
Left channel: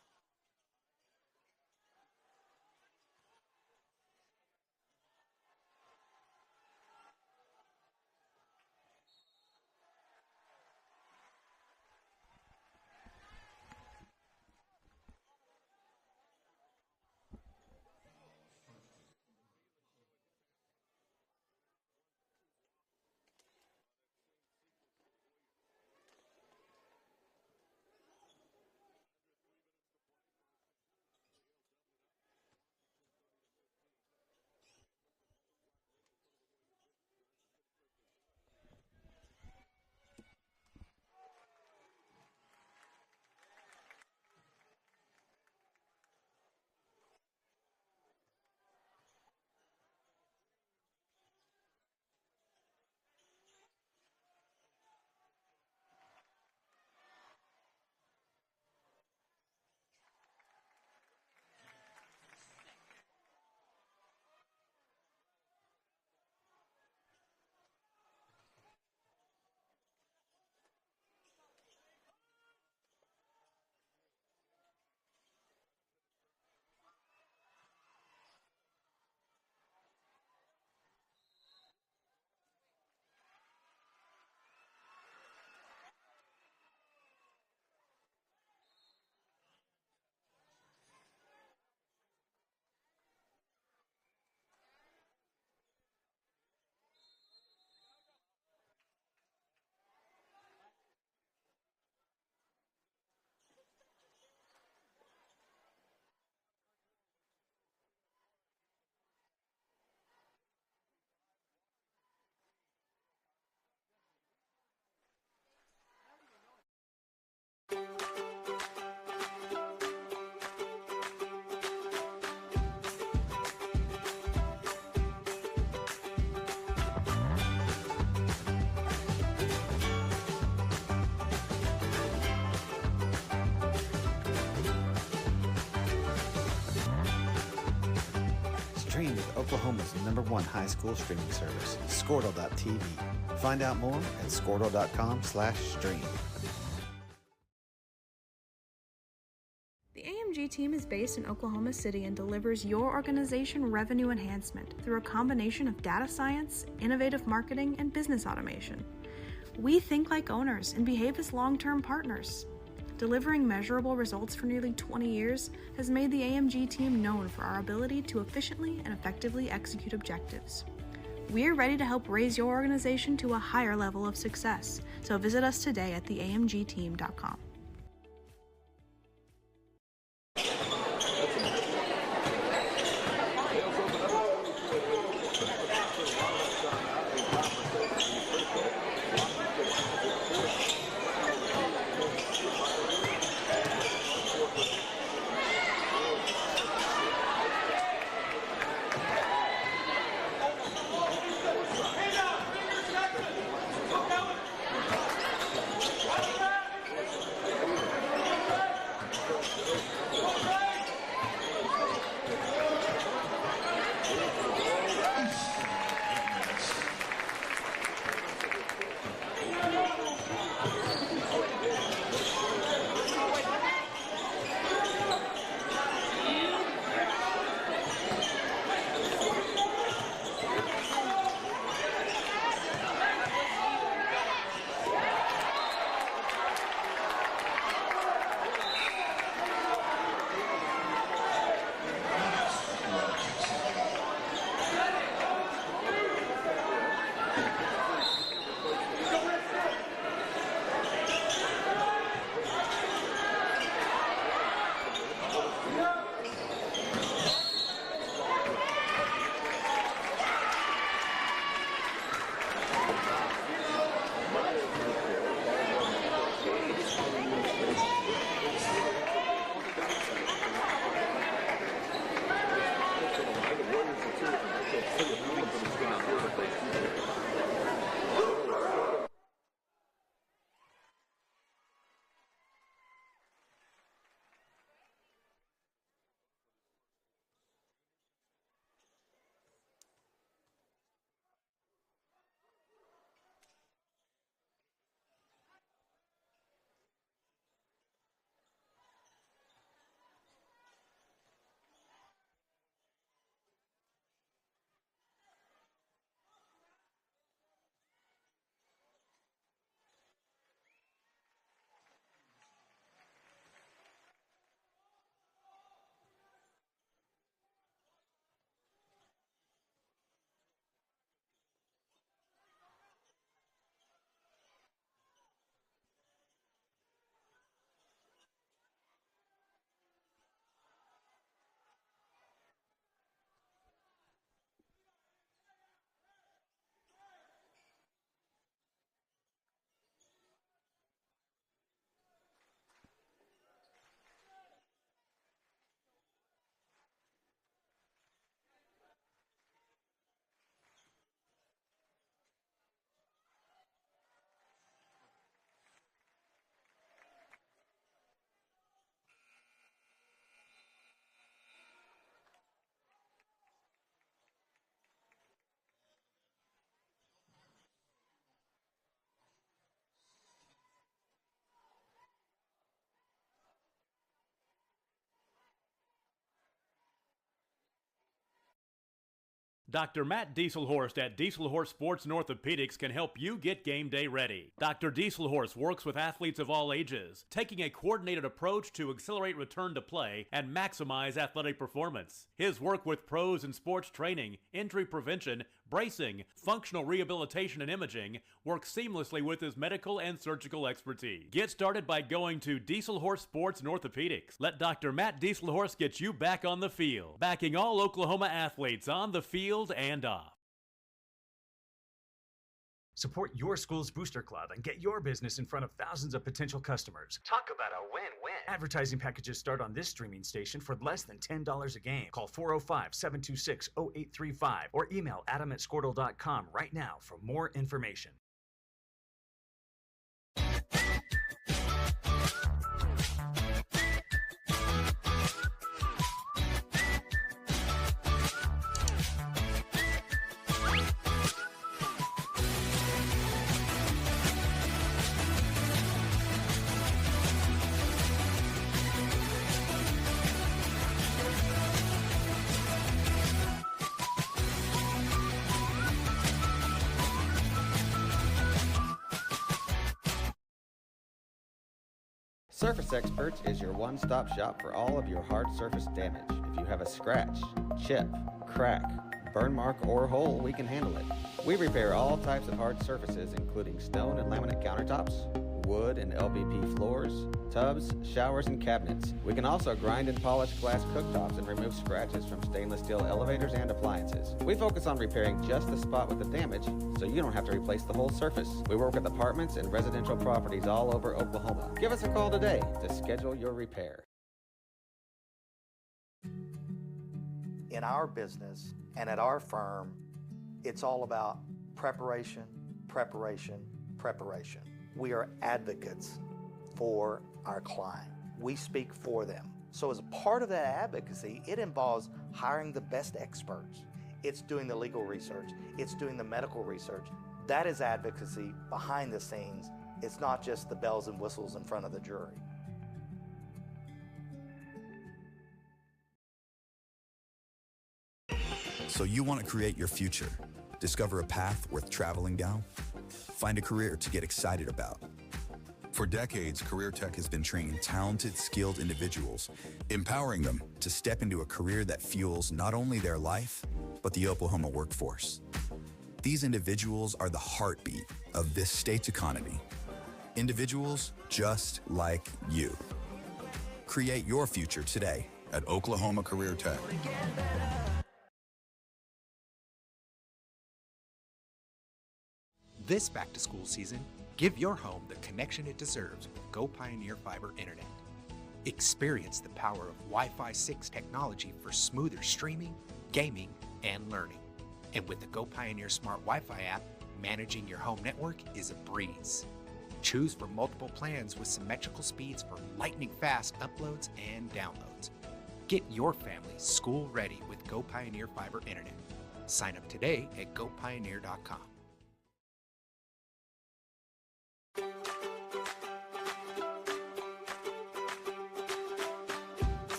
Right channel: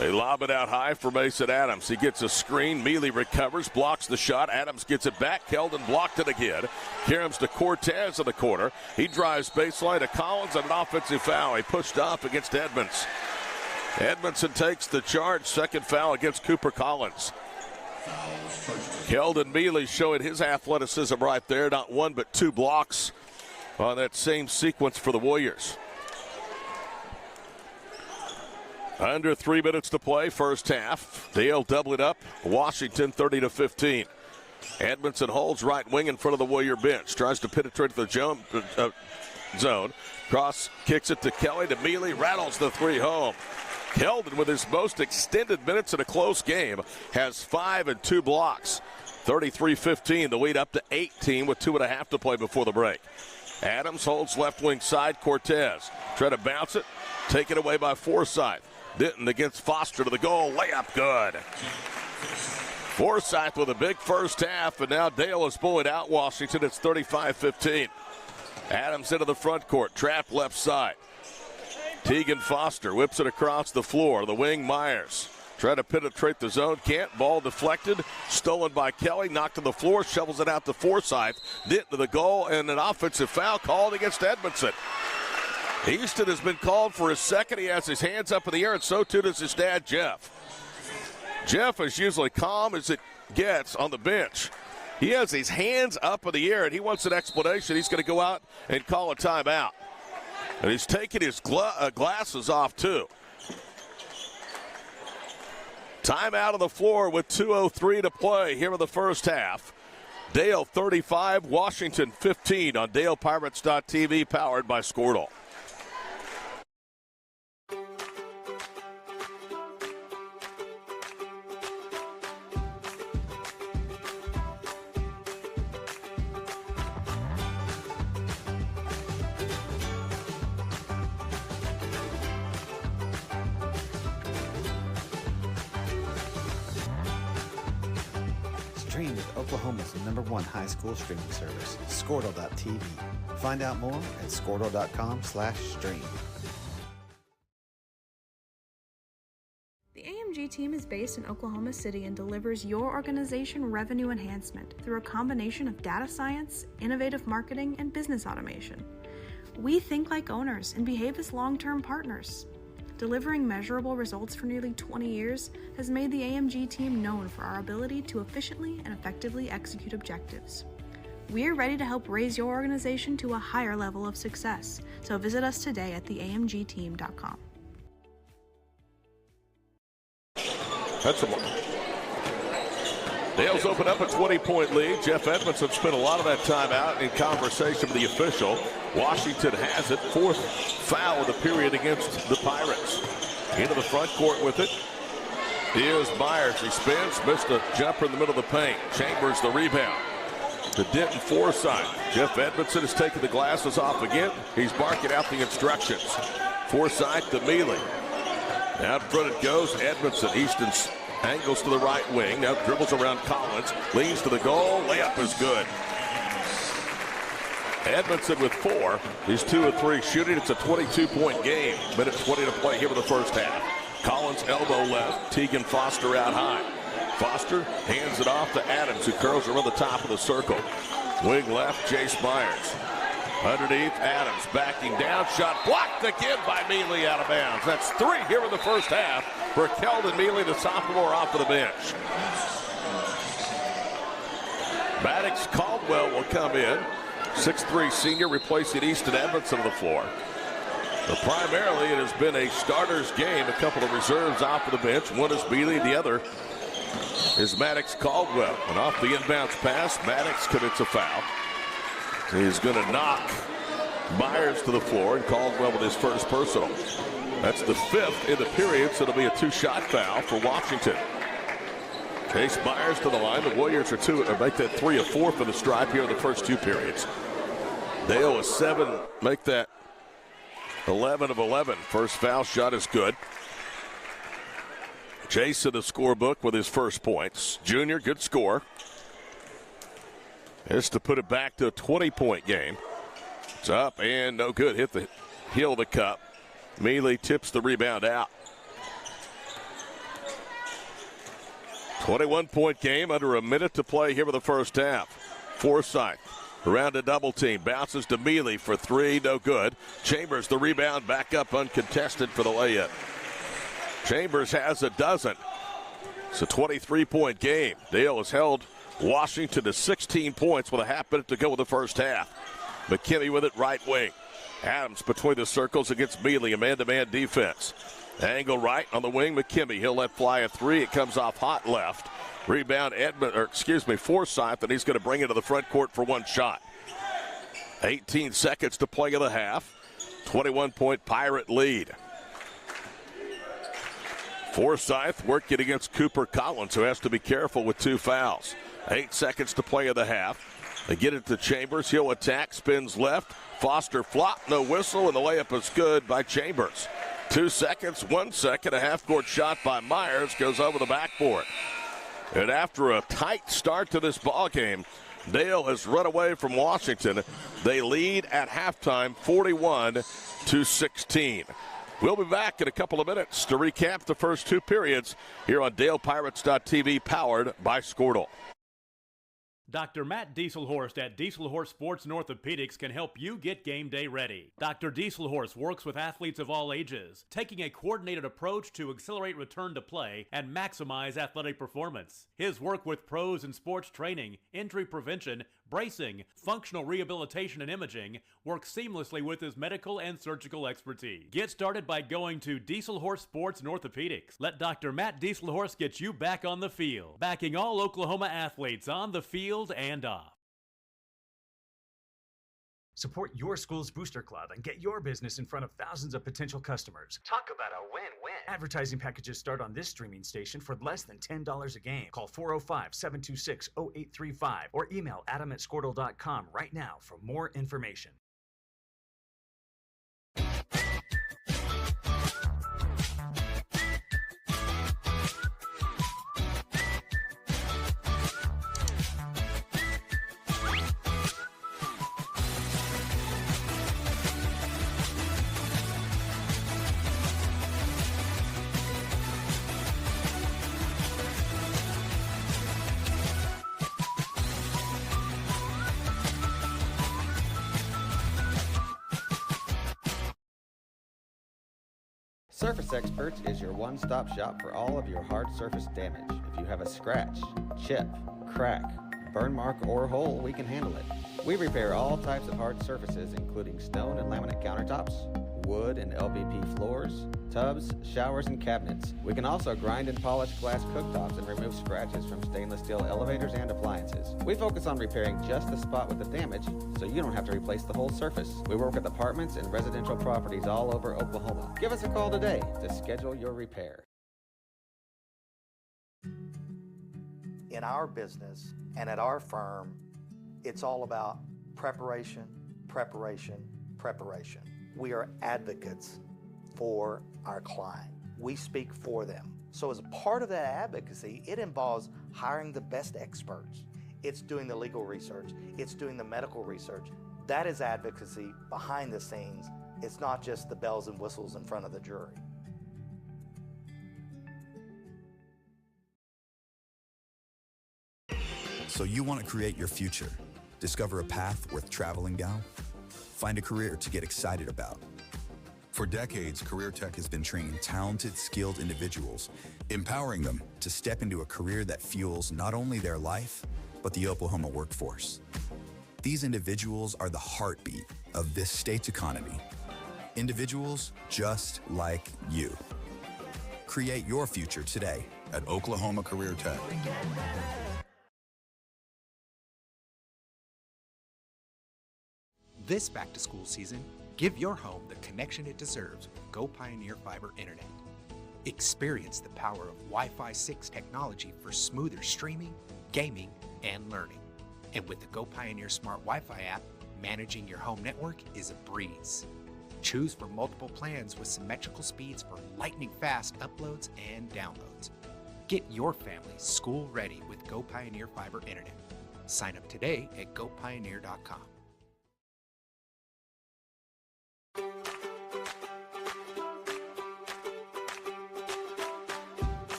They lob it out high for Mason Adams. He gets a screen. Mealy recovers, blocks the shot. Adams gets it back. Keldon blocked it again. Karam's to Cortez in the corner. He drives baseline to Collins and an offensive foul. He pushed off against Edmonds. Edmondson takes the charge. Second foul against Cooper Collins. Keldon Mealy showing his athleticism right there. Not 1 but 2 blocks on that same sequence for the Warriors. Under 3 minutes to play, first half. Dale doubling up. Washington 30-15. Edmondson holds right wing in front of the Warrior bench. Tries to penetrate the zone. Cross kicks it to Kelly. To Mealy. Rattles the 3 home. Keldon, with his most extended minutes in a close game, has 5 and 2 blocks. 33-15. The lead up to 18 with 2.5 to play before the break. Adams holds left wing side. Cortez. Try to bounce it. Taken away by Forsyth. Denton against Foster to the goal. Layup good. Forsyth with a big first half, and now Dale is bullied out Washington. It's 35-15. Adams into the front court. Trapped left side. Teagan Foster whips it across the floor. The wing Myers. Try to penetrate the zone. Can't. Ball deflected. Stolen by Kelly. Knocked to the floor. Shovels it out to Forsyth. Denton to the goal, and an offensive foul called against Edmondson. Easton has been called for his second. He has his hands up in the air, and so too does his dad, Jeff. Jeff is usually calm as it gets on the bench. He has his hands up in the air, and he wants an explanation. He's going to go out and call a timeout. And he's taking his glasses off, too. Timeout on the floor with 2:03 to play here in the first half. Dale 35, Washington 15 on DalePirates.tv, powered by Squirtle. Stream with Oklahoma's #1 high school streaming service, Squirtle.tv. Find out more at Squirtle.com/stream. The AMG team is based in Oklahoma City and delivers your organization revenue enhancement through a combination of data science, innovative marketing, and business automation. We think like owners and behave as long-term partners. Delivering measurable results for nearly 20 years has made the AMG team known for our ability to efficiently and effectively execute objectives. We're ready to help raise your organization to a higher level of success, so visit us today at theamgteam.com. Dale's opened up a 20-point lead. Jeff Edmondson spent a lot of that time out in conversation with the official. Washington has it. 4th foul of the period against the Pirates. Into the front court with it. Here's Myers. He spins. Missed a jumper in the middle of the paint. Chambers the rebound. To Denton Forsyth. Jeff Edmondson has taken the glasses off again. He's barking out the instructions. Forsyth to Mealy. Out in front it goes. Edmondson. Easton's angles to the right wing. Now dribbles around Collins. Leans to the goal. Layup is good. Edmondson with 4. He's 2 of 3 shooting. It's a 22-point game. Minute 20 to play here in the first half. Collins elbow left. Teagan Foster out high. Foster hands it off to Adams, who throws around the top of the circle. Wing left, Jace Myers. Underneath, Adams backing down. Shot blocked again by Mealy out of bounds. That's 3 here in the first half for Keldon Mealy, the sophomore, off of the bench. Maddox Caldwell will come in. 6'3" senior replacing Easton Edmondson on the floor. But primarily, it has been a starter's game. A couple of reserves off the bench. One is Bealey, the other is Maddox Caldwell. And off the inbounds pass, Maddox commits a foul. He's going to knock Myers to the floor, and Caldwell with his first personal. That's the 5th in the period, so it'll be a 2-shot foul for Washington. Chase Myers to the line. The Warriors are make that 3 or 4 for the stride here in the first 2 periods. They owe a 7, make that 11 of 11. First foul shot is good. Chase in the scorebook with his first points. Junior, good score. Is to put it back to a 20-point game. It's up and no good. Hit the heel of the cup. Mealy tips the rebound out. 21-point game, under a minute to play here for the first half. Forsythe around a double team. Bounces to Mealy for 3, no good. Chambers the rebound, back up uncontested for the layup. Chambers has a dozen. It's a 23-point game. Dale has held Washington to 16 points with a half minute to go in the first half. McKinney with it right wing. Adams between the circles against Mealy, a man-to-man defense. Angle right on the wing, McKinney. He'll let fly a 3. It comes off hot left. Rebound Forsythe, and he's going to bring it to the front court for 1 shot. 18 seconds to play in the half. 21-point Pirate lead. Forsythe working against Cooper Collins, who has to be careful with 2 fouls. 8 seconds to play in the half. They get it to Chambers. He'll attack, spins left. Foster flop, no whistle, and the layup is good by Chambers. 2 seconds, 1 second, a half-court shot by Myers goes over the backboard. And after a tight start to this ball game, Dale has run away from Washington. They lead at halftime, 41-16. We'll be back in a couple of minutes to recap the first 2 periods here on DalePirates.tv, powered by Squirtle. Dr. Matt Dieselhorst at Dieselhorst Sports and Orthopedics can help you get game day ready. Dr. Dieselhorst works with athletes of all ages, taking a coordinated approach to accelerate return to play and maximize athletic performance. His work with pros in sports training, injury prevention, bracing, functional rehabilitation, and imaging works seamlessly with his medical and surgical expertise. Get started by going to Dieselhorst Sports and Orthopedics. Let Dr. Matt Dieselhorst get you back on the field, backing all Oklahoma athletes on the field and off. Support your school's booster club and get your business in front of thousands of potential customers. Talk about a win-win. Advertising packages start on this streaming station for less than $10 a game. Call 405-726-0835 or email adam@squirtle.com right now for more information. Surface Experts is your one-stop shop for all of your hard surface damage. If you have a scratch, chip, crack, burn mark, or hole, we can handle it. We repair all types of hard surfaces, including stone and laminate countertops, wood and LVP floors, tubs, showers, and cabinets. We can also grind and polish glass cooktops and remove scratches from stainless steel elevators and appliances. We focus on repairing just the spot with the damage, so you don't have to replace the whole surface. We work with apartments and residential properties all over Oklahoma. Give us a call today to schedule your repair. In our business and at our firm, it's all about preparation, preparation, preparation. We are advocates for our client. We speak for them. So as a part of that advocacy, it involves hiring the best experts. It's doing the legal research. It's doing the medical research. That is advocacy behind the scenes. It's not just the bells and whistles in front of the jury. So you want to create your future, discover a path worth traveling down, find a career to get excited about. For decades, Career Tech has been training talented, skilled individuals, empowering them to step into a career that fuels not only their life, but the Oklahoma workforce. These individuals are the heartbeat of this state's economy. Individuals just like you. Create your future today at Oklahoma Career Tech. This back-to-school season, give your home the connection it deserves with Go Pioneer Fiber Internet. Experience the power of Wi-Fi 6 technology for smoother streaming, gaming, and learning. And with the Go Pioneer Smart Wi-Fi app, managing your home network is a breeze. Choose from multiple plans with symmetrical speeds for lightning-fast uploads and downloads. Get your family school-ready with Go Pioneer Fiber Internet. Sign up today at gopioneer.com.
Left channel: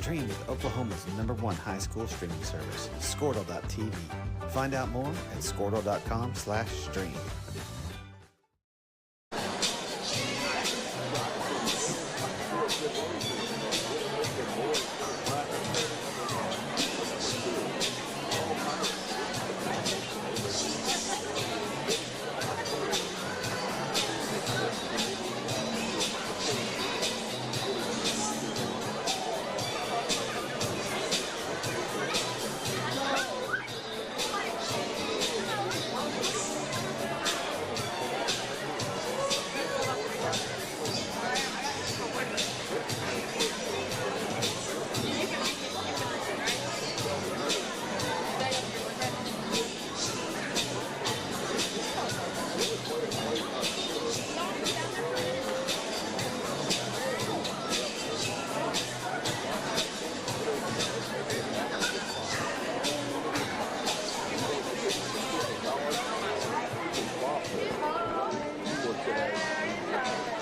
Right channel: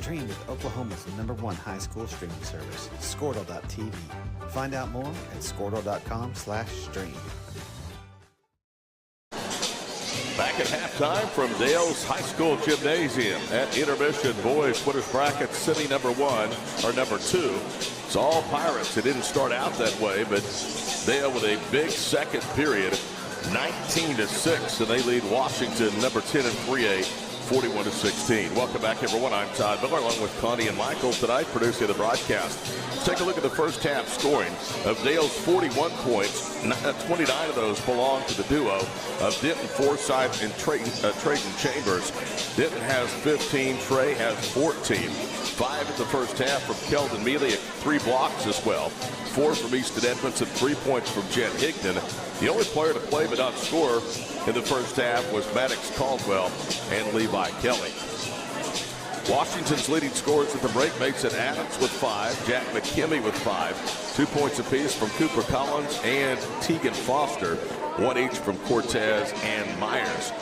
Stream with Oklahoma's #1 high school streaming service, Squirtle.tv. Find out more at squirtle.com/stream. Back at halftime from Dale's High School Gymnasium. At intermission, boys put his bracket city #1 or #2. It's all Pirates. It didn't start out that way, but Dale with a big second period, 19-6, and they lead Washington #10 in 3A. 41-16. Welcome back, everyone. I'm Todd Miller, along with Connie and Michael tonight, producing the broadcast. Take a look at the first half scoring of Dale's 41 points. 29 of those belong to the duo of Denton Forsythe and Trayton Chambers. Denton has 15. Trey has 14. 5 in the first half from Kelvin Mealy and 3 blocks as well. 4 from Easton Edmonds and 3 points from Jen Higdon. The only player to play but not score in the first half was Maddox Caldwell and Levi Kelly. Washington's leading scorers are from Ray Mason Adams with 5, Jack McKimmey with 5, 2 points apiece from Cooper Collins and Tegan Foster, 1 each from Cortez and Myers.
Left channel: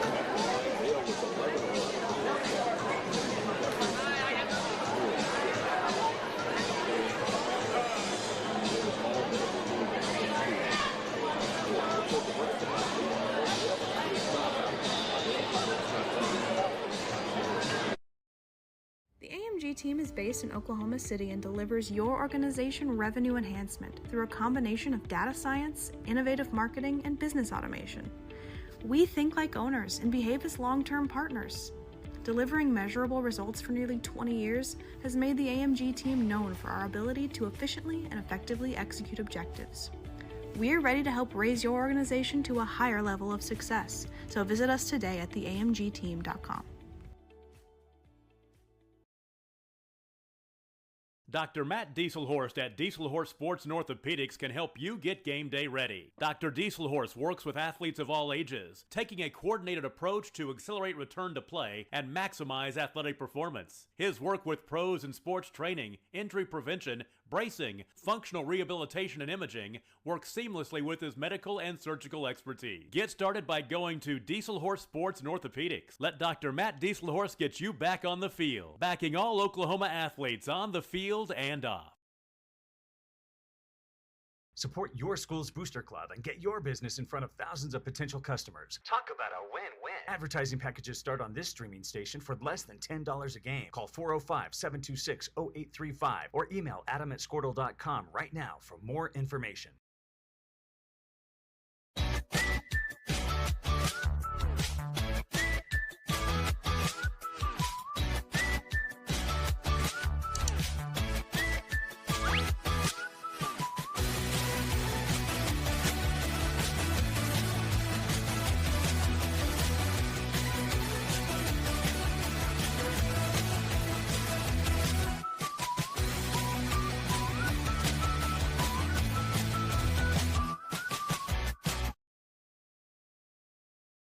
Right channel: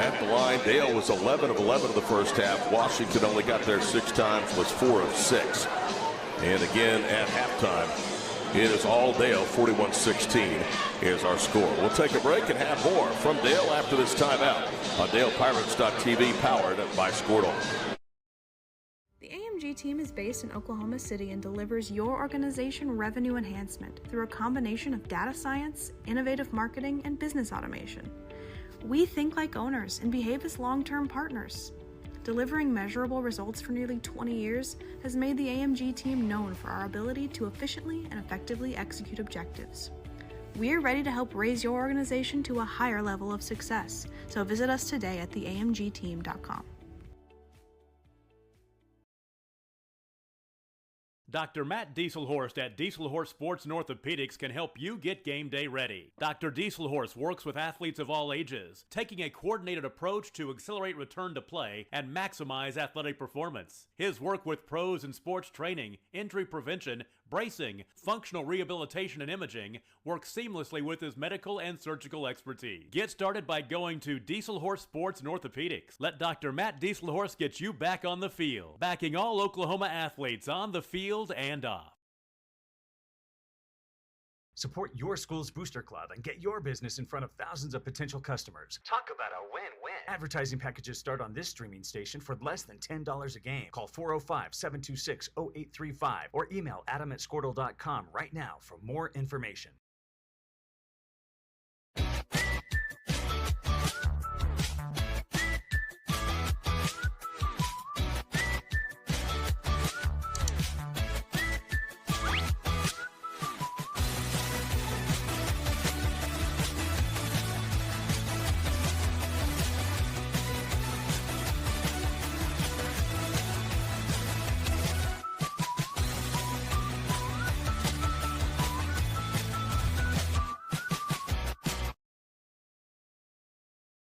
At the line, Dale was 11 of 11 in the first half. Washington only got there 6 times, was 4 of 6. And again at halftime, it is all Dale, 41-16 is our score. We'll take a break and have more from Dale after this timeout on DalePirates.tv, powered by Squirtle. The AMG team is based in Oklahoma City and delivers your organization revenue enhancement through a combination of data science, innovative marketing, and business automation. We think like owners and behave as long-term partners. Delivering measurable results for nearly 20 years has made the AMG team known for our ability to efficiently and effectively execute objectives. We're ready to help raise your organization to a higher level of success, so visit us today at theamgteam.com. Dr. Matt Dieselhorst at Dieselhorst Sports and Orthopedics can help you get game day ready. Dr. Dieselhorst works with athletes of all ages, taking a coordinated approach to accelerate return to play and maximize athletic performance. His work with pros in sports training, injury prevention, bracing, functional rehabilitation, and imaging works seamlessly with his medical and surgical expertise. Get started by going to Dieselhorst Sports and Orthopedics. Let Dr. Matt Dieselhorst get you back on the field, backing all Oklahoma athletes on the field and off. Support your school's booster club and get your business in front of thousands of potential customers. Talk about a win-win. Advertising packages start on this streaming station for less than $10 a game. Call 405-726-0835 or email adam@squirtle.com right now for more information.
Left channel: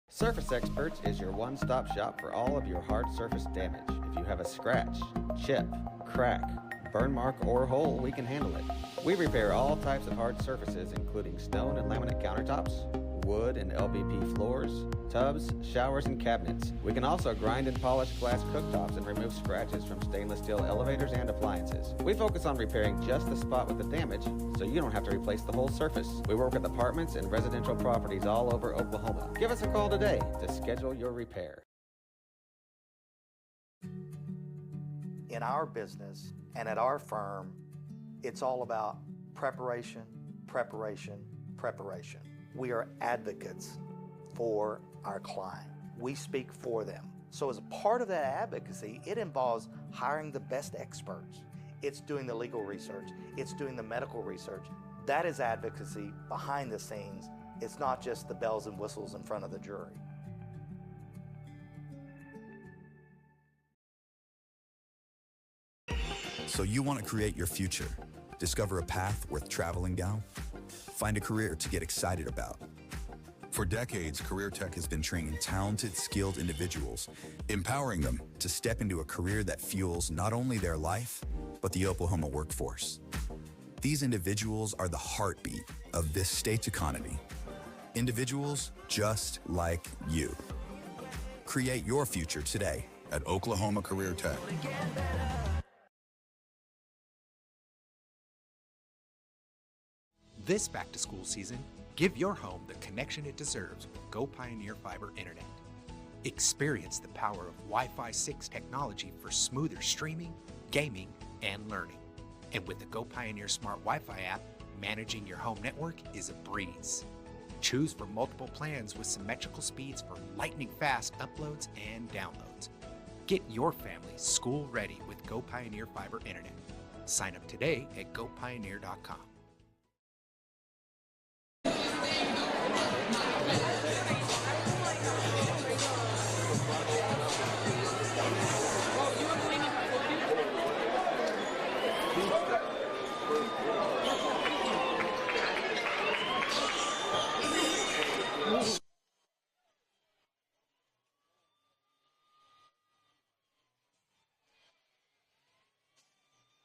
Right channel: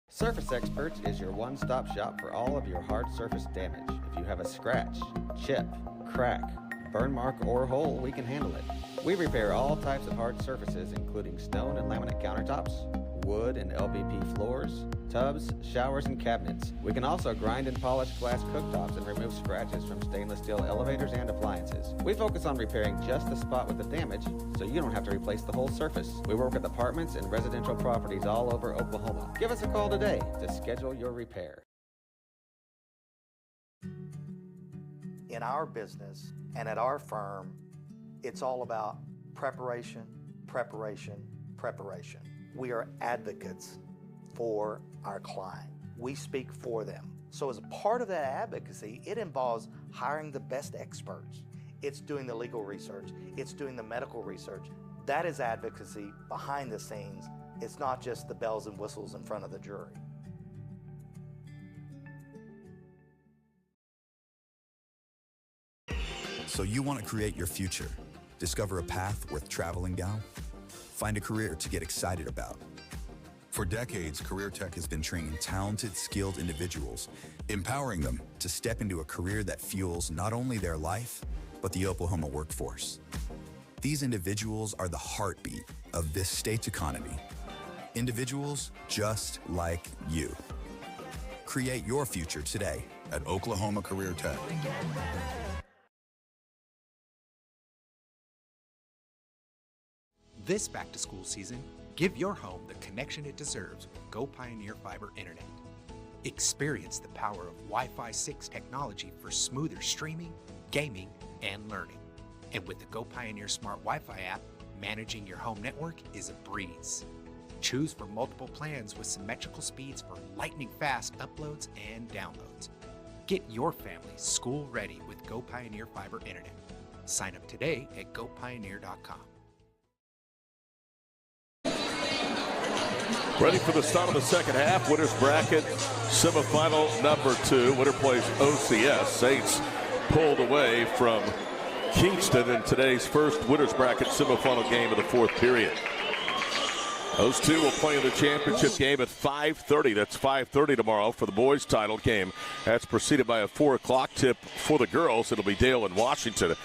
Surface Experts is your one-stop shop for all of your hard surface damage. If you have a scratch, chip, crack, burn mark, or hole, we can handle it. We repair all types of hard surfaces, including stone and laminate countertops, wood and LVP floors, tubs, showers, and cabinets. We can also grind and polish glass cooktops and remove scratches from stainless steel elevators and appliances. We focus on repairing just the spot with the damage, so you don't have to replace the whole surface. We work with apartments and residential properties all over Oklahoma. Give us a call today to schedule your repair. In our business and at our firm, it's all about preparation, preparation, preparation. We are advocates for our client. We speak for them. So as a part of that advocacy, it involves hiring the best experts. It's doing the legal research. It's doing the medical research. That is advocacy behind the scenes. It's not just the bells and whistles in front of the jury. So you want to create your future, discover a path worth traveling down, find a career to get excited about. For decades, Career Tech has been training talented, skilled individuals, empowering them to step into a career that fuels not only their life, but the Oklahoma workforce. These individuals are the heartbeat of this state's economy. Individuals just like you. Create your future today at Oklahoma Career Tech. This back-to-school season, give your home the connection it deserves with Go Pioneer Fiber Internet. Experience the power of Wi-Fi 6 technology for smoother streaming, gaming, and learning. And with the Go Pioneer Smart Wi-Fi app, managing your home network is a breeze. Choose from multiple plans with symmetrical speeds for lightning-fast uploads and downloads. Get your family school-ready with Go Pioneer Fiber Internet. Sign up today at gopioneer.com. Ready for the start of the second half. Winners bracket semifinal number 2. Winner plays OCS. Saints pulled away from Kingston in today's first winners bracket semifinal game of the fourth period. Those two will play in the championship game at 5:30. That's 5:30 tomorrow for the boys' title game. That's preceded by a 4 o'clock tip for the girls. It'll be Dale and Washington.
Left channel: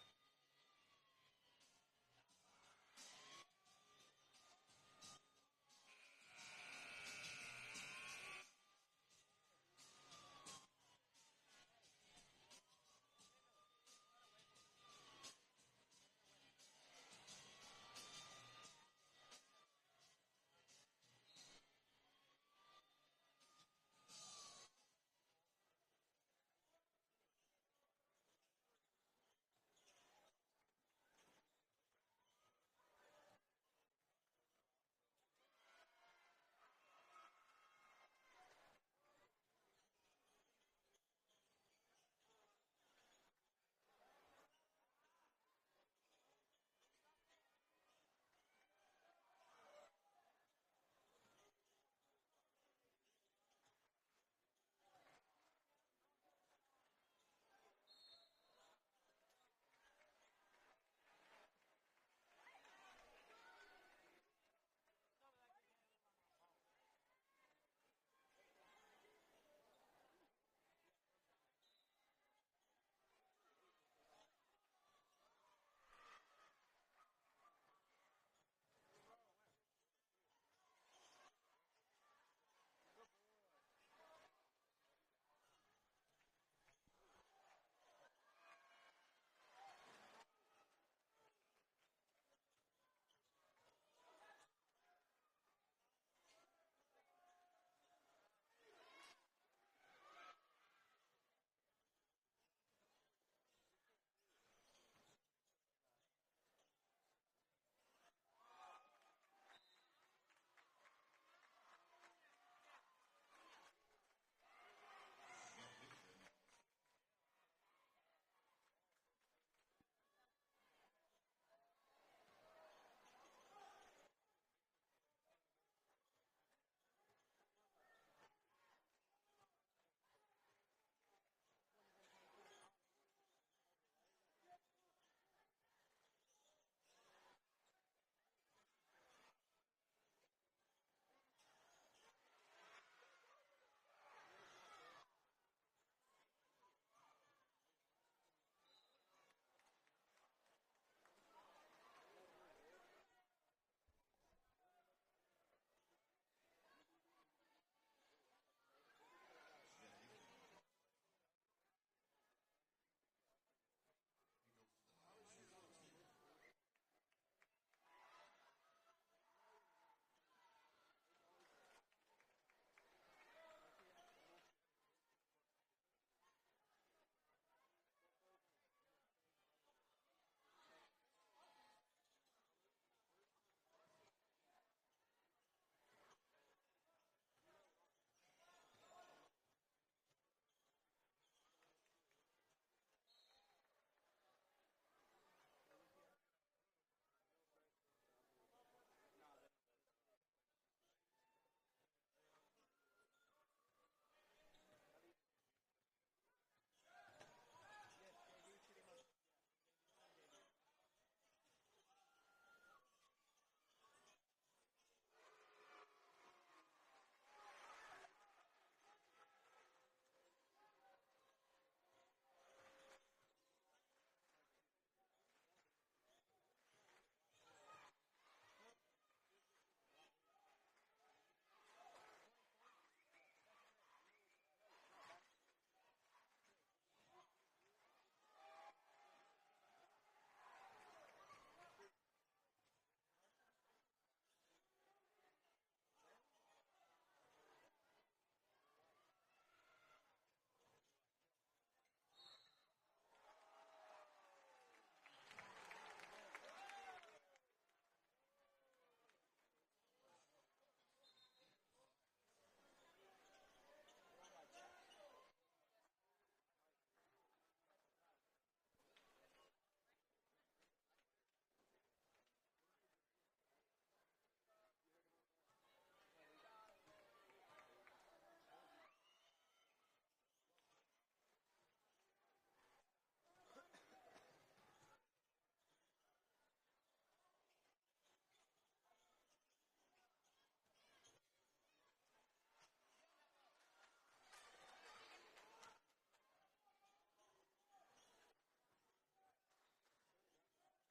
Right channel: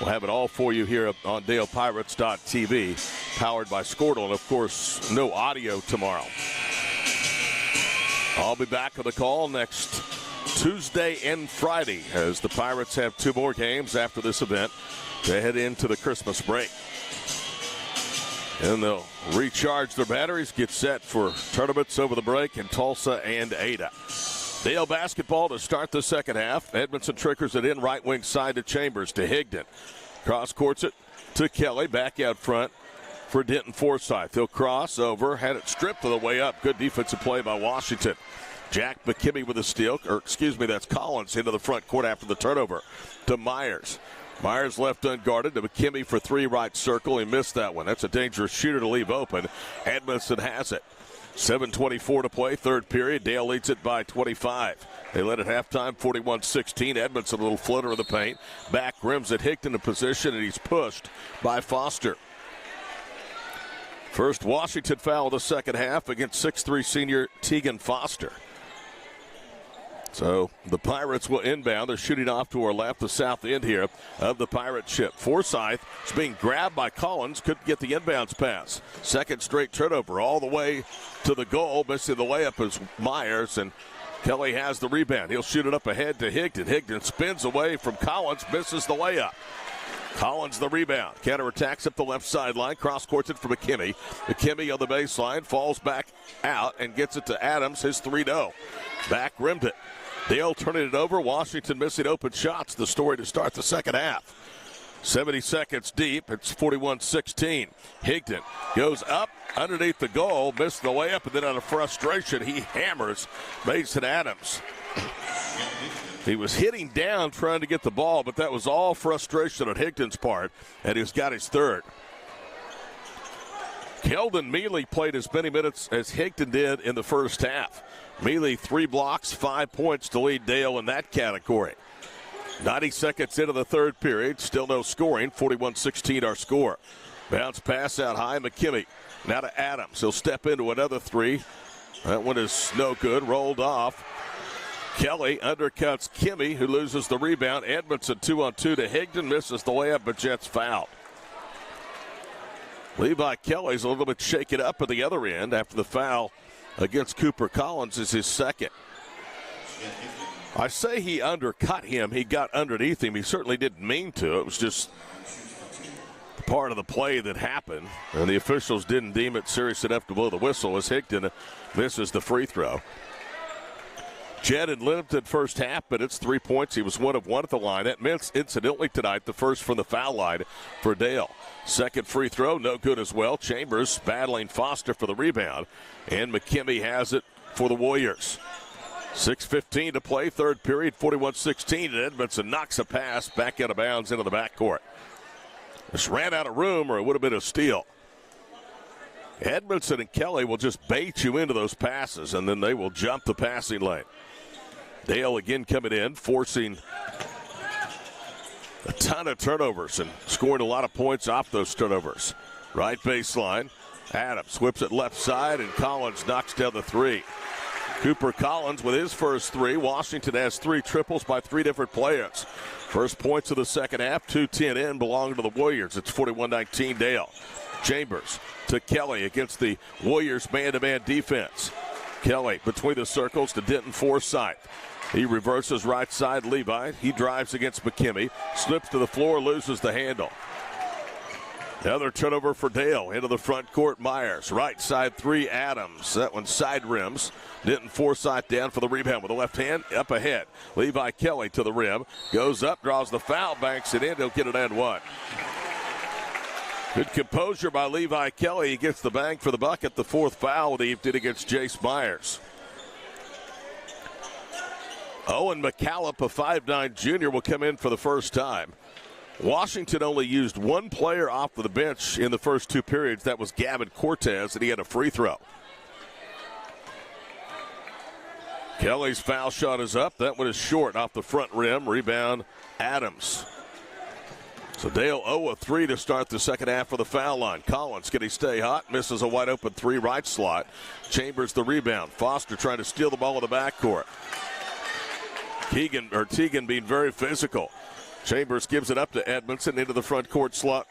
We'll have it all for you here on DalePirates.tv, powered by Squirtle, and of course, no audio tomorrow. I'll be back on the call next Tuesday and Friday as the Pirates have 2 more games after this event to head into the Christmas break. And they'll recharge their batteries, get set for tournaments over the break in Tulsa and Ada. Dale basketball to start the second half. Edmondson triggers it in right wing side to Chambers to Higdon. Cross courts it to Kelly. Back out front for Denton Forsyth. He'll cross over. Had it stripped on the way up. Good defensive play by Washington. Jack McKimmey with a steal. That's Collins into the front court after the turnover to Myers. Myers left unguarded to McKimmey for 3 right circle. He missed that one. That's a dangerous shooter to leave open. Edmondson has it. 7:24 to play, third period. Dale leads it by 25. They led at halftime, 41-16. Edmondson, a little flutter in the paint. Back rims at Hickton in position, and he's pushed by Foster. First Washington foul of the second half against 6'3 senior Tegan Foster. So the Pirates will inbound. They're shooting off to our left, the south end here of the Pirate ship. Forsyth is being grabbed by Collins. Couldn't get the inbounds pass. Second straight turnover all the way to the goal. Missing the layup is Myers, and Kelly has the rebound. He'll shoot it up ahead to Higdon. Higdon spins away from Collins, misses the layup. Collins the rebound. Counterattacks up the left sideline. Cross courts it for McKimmey. McKimmey on the baseline. Falls back out and gets it to Adams. His 3-0. Back rimmed it. Dale turning it over. Washington missing open shots. The story to start the second half. 70 seconds deep. It's 41-16. Higdon goes up underneath the goal. Missed the layup, and then out of frustration, he hammers Mason Adams. He was hitting down trying to get the ball, but that was all frustration on Higdon's part, and he's got his third. Keldon Mealy played as many minutes as Higdon did in the first half. Mealy 3 blocks, 5 points to lead Dale in that category. 90 seconds into the third period, still no scoring, 41-16 our score. Bounce pass out high, McKimmey. Now to Adams, he'll step into another 3. That one is no good, rolled off. Kelly undercuts Kimmy, who loses the rebound. Edmondson 2-on-2 to Higdon, misses the layup, but Jets fouled. Levi Kelly's a little bit shaken up at the other end after the foul against Cooper Collins is his second. I say he undercut him. He got underneath him. He certainly didn't mean to. It was just part of the play that happened, and the officials didn't deem it serious enough to blow the whistle as Higdon misses the free throw. Jed had limited first half, but it's 3 points. He was 1 of 1 at the line. That meant, incidentally, tonight, the first from the foul line for Dale. Second free throw, no good as well. Chambers battling Foster for the rebound, and McKimmie has it for the Warriors. 6:15 to play, third period, 41-16, and Edmondson knocks a pass back out of bounds into the backcourt. Just ran out of room, or it would have been a steal. Edmondson and Kelly will just bait you into those passes, and then they will jump the passing lane. Dale again coming in, forcing a ton of turnovers and scoring a lot of points off those turnovers. Right baseline, Adams whips it left side, and Collins knocks down the three. Cooper Collins with his first three. Washington has 3 triples by 3 different players. First points of the second half, 2:10 in, belong to the Warriors. It's 41-19 Dale. Chambers to Kelly against the Warriors' man-to-man defense. Kelly between the circles to Denton Forsythe. He reverses right side Levi. He drives against McKimmie. Slips to the floor, loses the handle. Another turnover for Dale. Into the front court, Myers. Right side 3, Adams. That one side rims. Denton Forsythe down for the rebound with the left hand up ahead. Levi Kelly to the rim. Goes up, draws the foul, banks it in. He'll get it and one. Good composure by Levi Kelly. He gets the bang for the bucket. The 4th foul that he did against Jace Myers. Owen McCallop, a 5'9 junior, will come in for the first time. Washington only used 1 player off of the bench in the first 2 periods. That was Gavin Cortez, and he had a free throw. Kelly's foul shot is up. That one is short off the front rim. Rebound, Adams. So Dale 0 of 3 to start the second half for the foul line. Collins, can he stay hot? Misses a wide open 3 right slot. Chambers the rebound. Foster trying to steal the ball in the backcourt. Teagan being very physical. Chambers gives it up to Edmondson into the front court slot.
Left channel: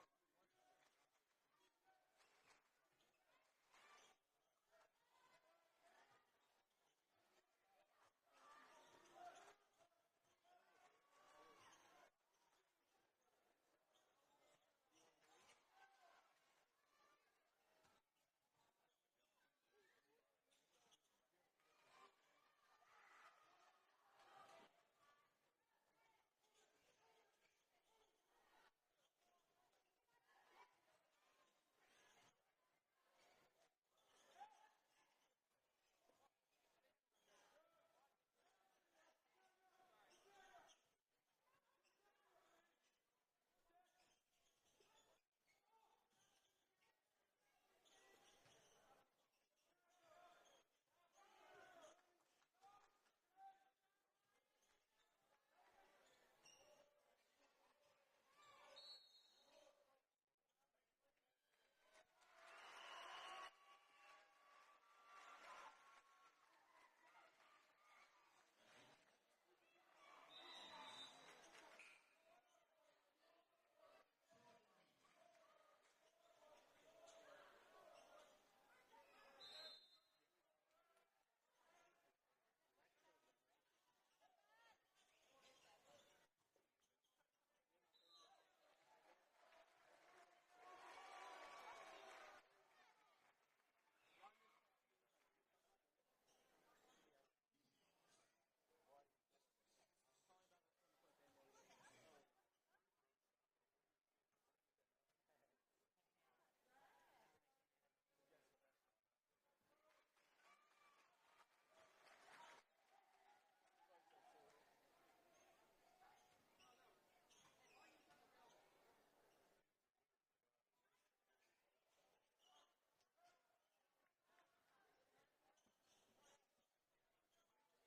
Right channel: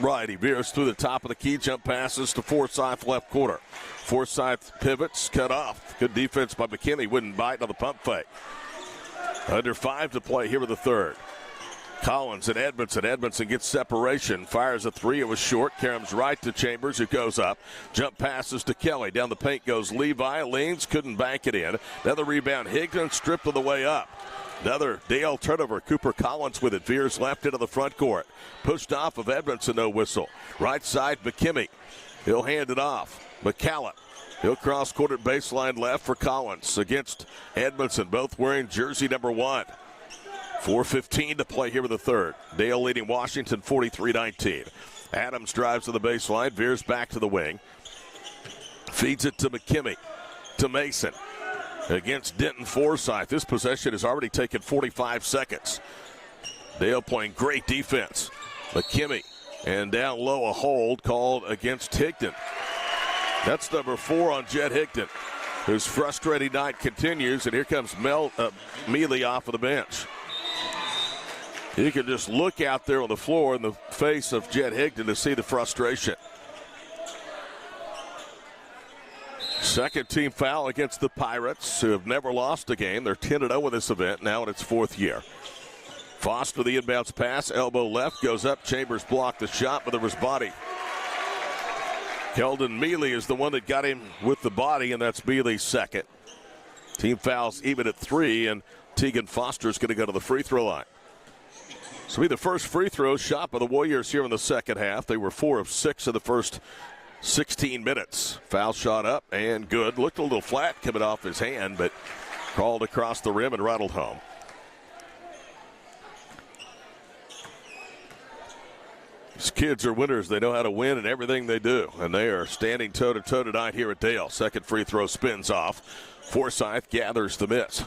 Right, he veers through the top of the key, jump passes to Forsythe left corner. Forsythe pivots, cut off. Good defense by McKinney, wouldn't bite on the pump fake. Under 5 to play here with the third. Collins and Edmondson. Edmondson gets separation, fires a 3. It was short. Karam's right to Chambers, who goes up. Jump passes to Kelly. Down the paint goes Levi. Leans, couldn't bank it in. Another rebound. Higdon stripped on the way up. Another Dale turnover. Cooper Collins with it. Veers left into the front court. Pushed off of Edmondson, no whistle. Right side, McKimmie. He'll hand it off. McCallum. He'll cross court at baseline left for Collins against Edmondson, both wearing jersey number 1. 4:15 to play here with the third. Dale leading Washington 43-19. Adams drives to the baseline, veers back to the wing. Feeds it to McKimmie, to Mason. Against Denton Forsythe. This possession has already taken 45 seconds. Dale playing great defense. McKimmie, and down low a hold called against Higdon. That's number 4 on Jed Higdon, whose frustrating night continues, and here comes Mealy off of the bench. You can just look out there on the floor in the face of Jed Higdon to see the frustration. Second team foul against the Pirates, who have never lost a game. They're 10-0 in this event, now in its 4th year. Foster, the inbounds pass, elbow left, goes up. Chambers blocked the shot, but there was body. Keldon Mealy is the one that got him with the body, and that's Mealy's second. Team fouls even at 3, and Tegan Foster is going to go to the free throw line. This will be the first free throw shot by the Warriors here in the second half. They were 4 of 6 in the first 16 minutes. Foul shot up and good. Looked a little flat coming off his hand, but called across the rim and rattled home. These kids are winners. They know how to win in everything they do, and they are standing toe-to-toe tonight here at Dale. Second free throw spins off. Forsythe gathers the miss.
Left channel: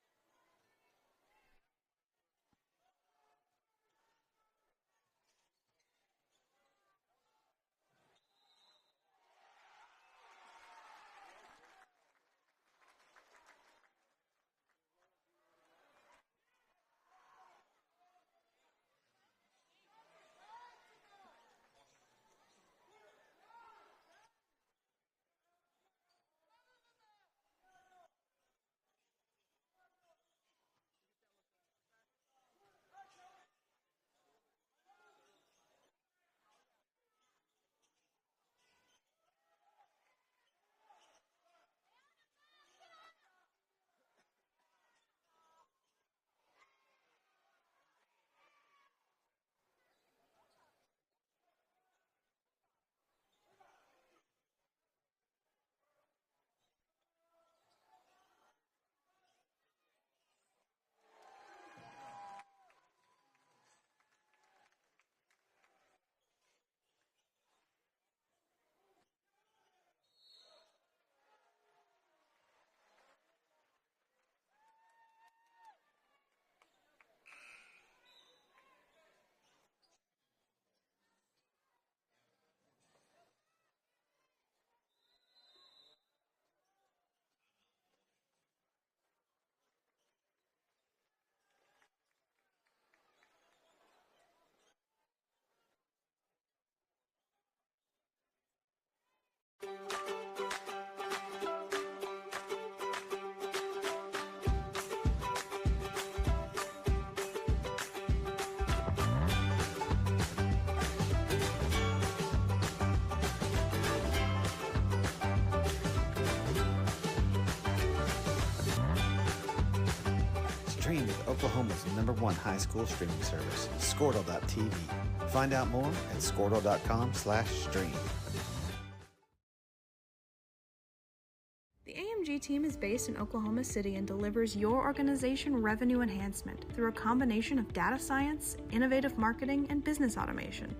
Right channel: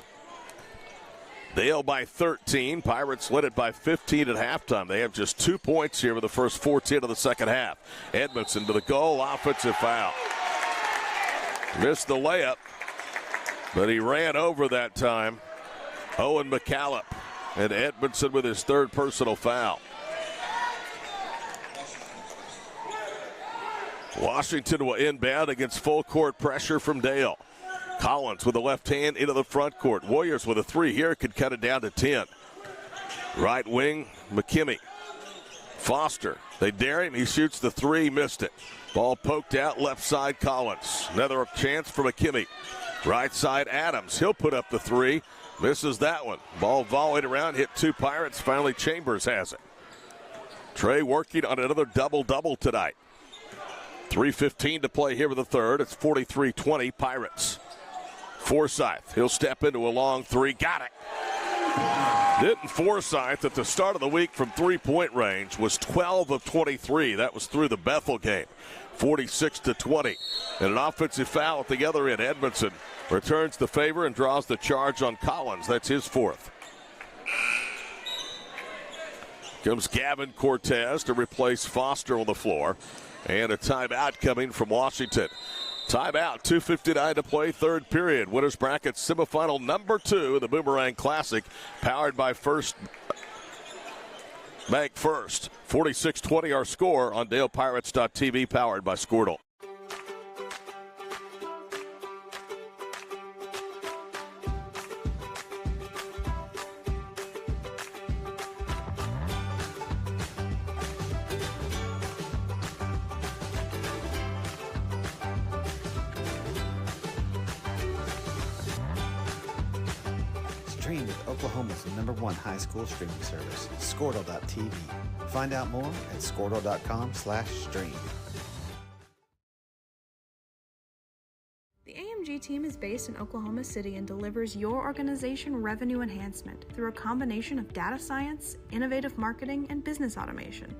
Dale by 13. Pirates led it by 15 at halftime. They have just 2 points here with the first 4:10 of the second half. Edmondson to the goal. Offensive foul. Missed the layup, but he ran over that time. Owen McCallum, and Edmondson with his 3rd personal foul. Washington will inbound against full court pressure from Dale. Collins with the left hand into the front court. Warriors with a three here could cut it down to 10. Right wing, McKimmie. Foster, they dare him. He shoots the three, missed it. Ball poked out, left side Collins. Another chance for McKimmie. Right side Adams, he'll put up the three. Misses that one. Ball volleyed around, hit two Pirates. Finally Chambers has it. Trey working on another double-double tonight. 3:15 to play here with the third. It's 43-20 Pirates. Forsythe, he'll step into a long three. Got it. Denton Forsythe at the start of the week from three-point range was 12 of 23. That was through the Bethel game. 46-20. And an offensive foul at the other end. Edmondson returns the favor and draws the charge on Collins. That's his fourth. Comes Gavin Cortez to replace Foster on the floor. And a timeout coming from Washington. Timeout, 2:59 to play, third period. Winners bracket semifinal number 2 of the Boomerang Classic, powered by First Bank First. 46-20 our score on DalePirates.tv, powered by Squirtle. Stream with Oklahoma's #1 high school streaming service, Squirtle.tv. Find out more at Squirtle.com/stream. The AMG team is based in Oklahoma City and delivers your organization revenue enhancement through a combination of data science, innovative marketing, and business automation.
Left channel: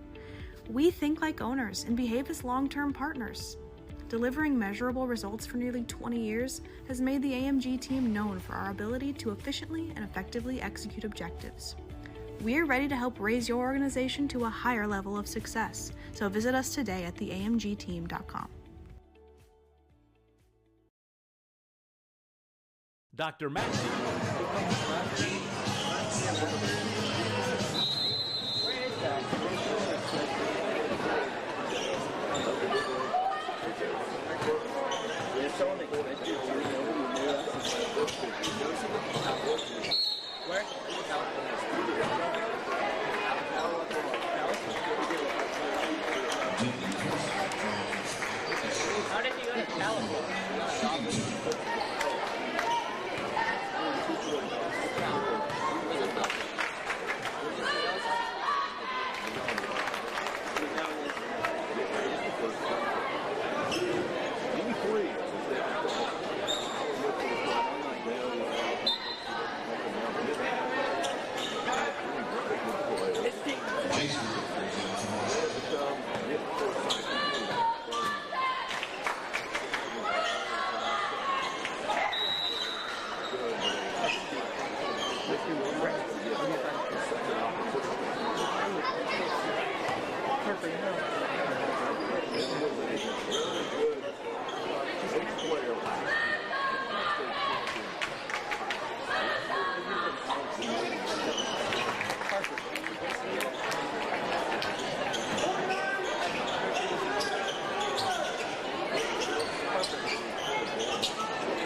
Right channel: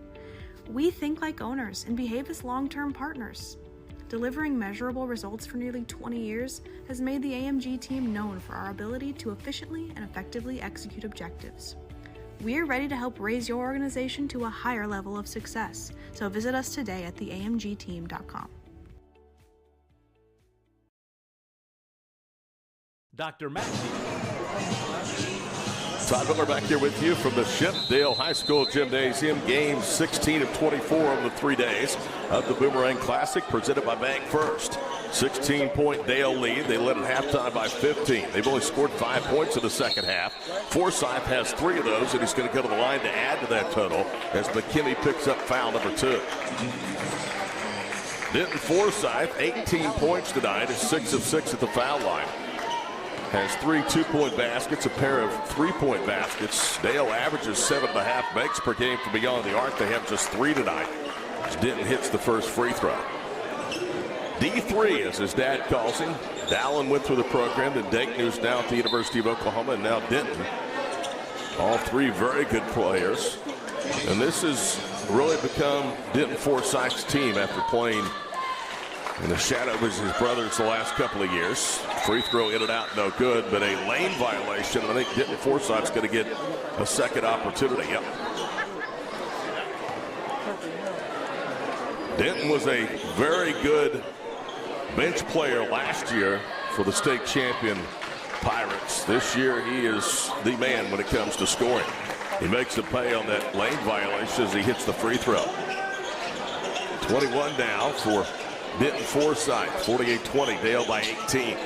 We think like owners and behave as long-term partners. Delivering measurable results for nearly 20 years has made the AMG team known for our ability to efficiently and effectively execute objectives. We're ready to help raise your organization to a higher level of success, so visit us today at theamgteam.com. Dr. Matt Todd Miller back here with you from the Shepdale High School Gymnasium. Game 16 of 24 over 3 days of the Boomerang Classic, presented by Bank First. 16-point Dale lead. They led at halftime by 15. They've only scored 5 points in the second half. Forsythe has 3 of those, and he's going to go to the line to add to that total as McKinney picks up foul number 2. Denton Forsythe, 18 points tonight, is 6 of 6 at the foul line. Has 3 2-point baskets, a pair of 3-point baskets. Dale averages 7.5 makes per game from beyond the arc. They have just 3 tonight. Denton hits the first free throw. D3, as his dad calls him. Dallin went through the program. Then Dayton, who's now at the University of Oklahoma, and now Denton. All 3 very good players. And this has really become Denton Forsythe's team after playing in the shadow of his brothers the last couple of years. Free throw in and out, no good, but a lane violation. I think Denton Forsythe's going to get a second opportunity. Yep. Denton was a very good bench player last year for the state champion Pirates. This year he is the man when it comes to scoring. He makes the pay on that lane violation as he hits the free throw. 21 down for Denton Forsythe, 48-20, Dale by 18.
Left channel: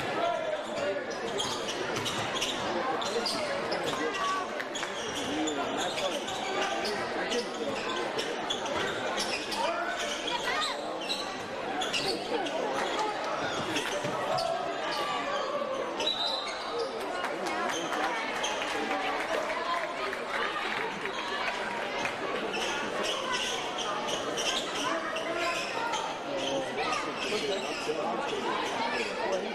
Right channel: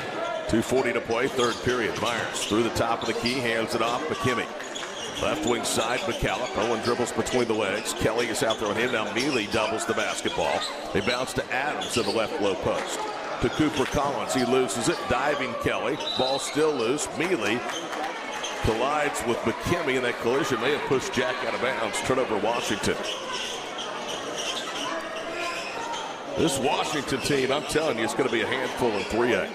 2:40 to play, third period. Myers through the top of the key, hands it off McKimmie. Left wing side, McCallum. Owen dribbles between the legs. Kelly is out there on him. Now Mealy doubles the basketball. They bounce to Adams to the left low post. To Cooper Collins, he loses it. Diving Kelly. Ball still loose. Mealy collides with McKimmie, and that collision may have pushed Jack out of bounds. Turnover Washington. This Washington team, I'm telling you, it's going to be a handful in 3A.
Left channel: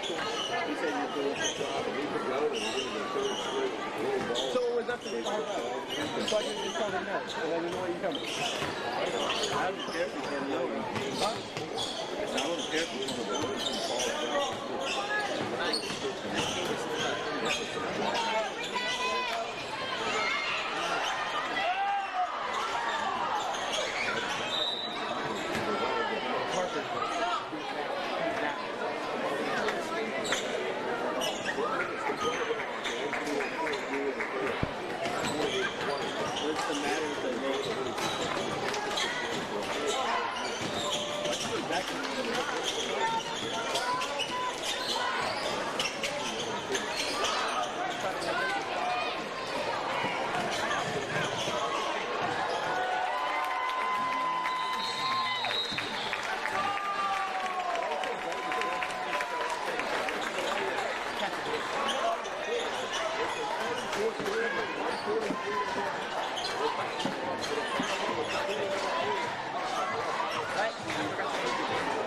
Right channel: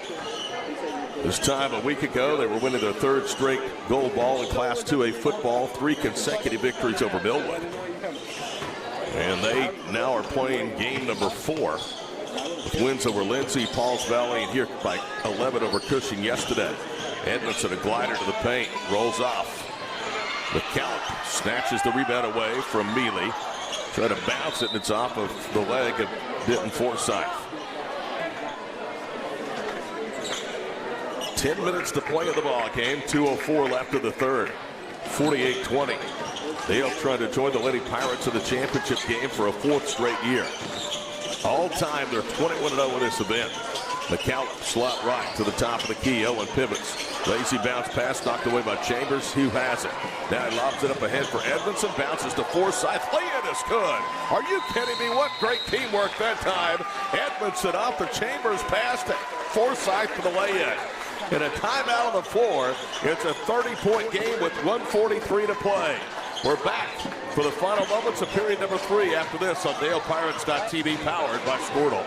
This time a week ago, they were winning their 3rd straight gold ball in Class 2A football, 3 consecutive victories over Millwood. And they now are playing game number 4. Wins over Lindsay, Pauls Valley, and here by 11 over Cushing yesterday. Edmondson, a glider to the paint, rolls off. McCallum snatches the rebound away from Mealy. Try to bounce it, and it's off of the leg of Denton Forsythe. 10 minutes to play in the ball game. 2:04 left in the third. 48-20. Dale trying to join the Lady Pirates in the championship game for a 4th straight year. All time, they're 21-0 in this event. The count slot right to the top of the key. Owen pivots. Lazy bounce pass knocked away by Chambers. Hugh has it. Now he lobs it up ahead for Edmondson. Bounces to Forsythe. Lay-in is good. Are you kidding me? What great teamwork that time. Edmondson off the Chambers pass to Forsythe for the lay-in. And a timeout on the floor. It's a 30-point game with 1:43 to play. We're back for the final moments of period number 3 after this on DalePirates.tv, powered by Squirtle.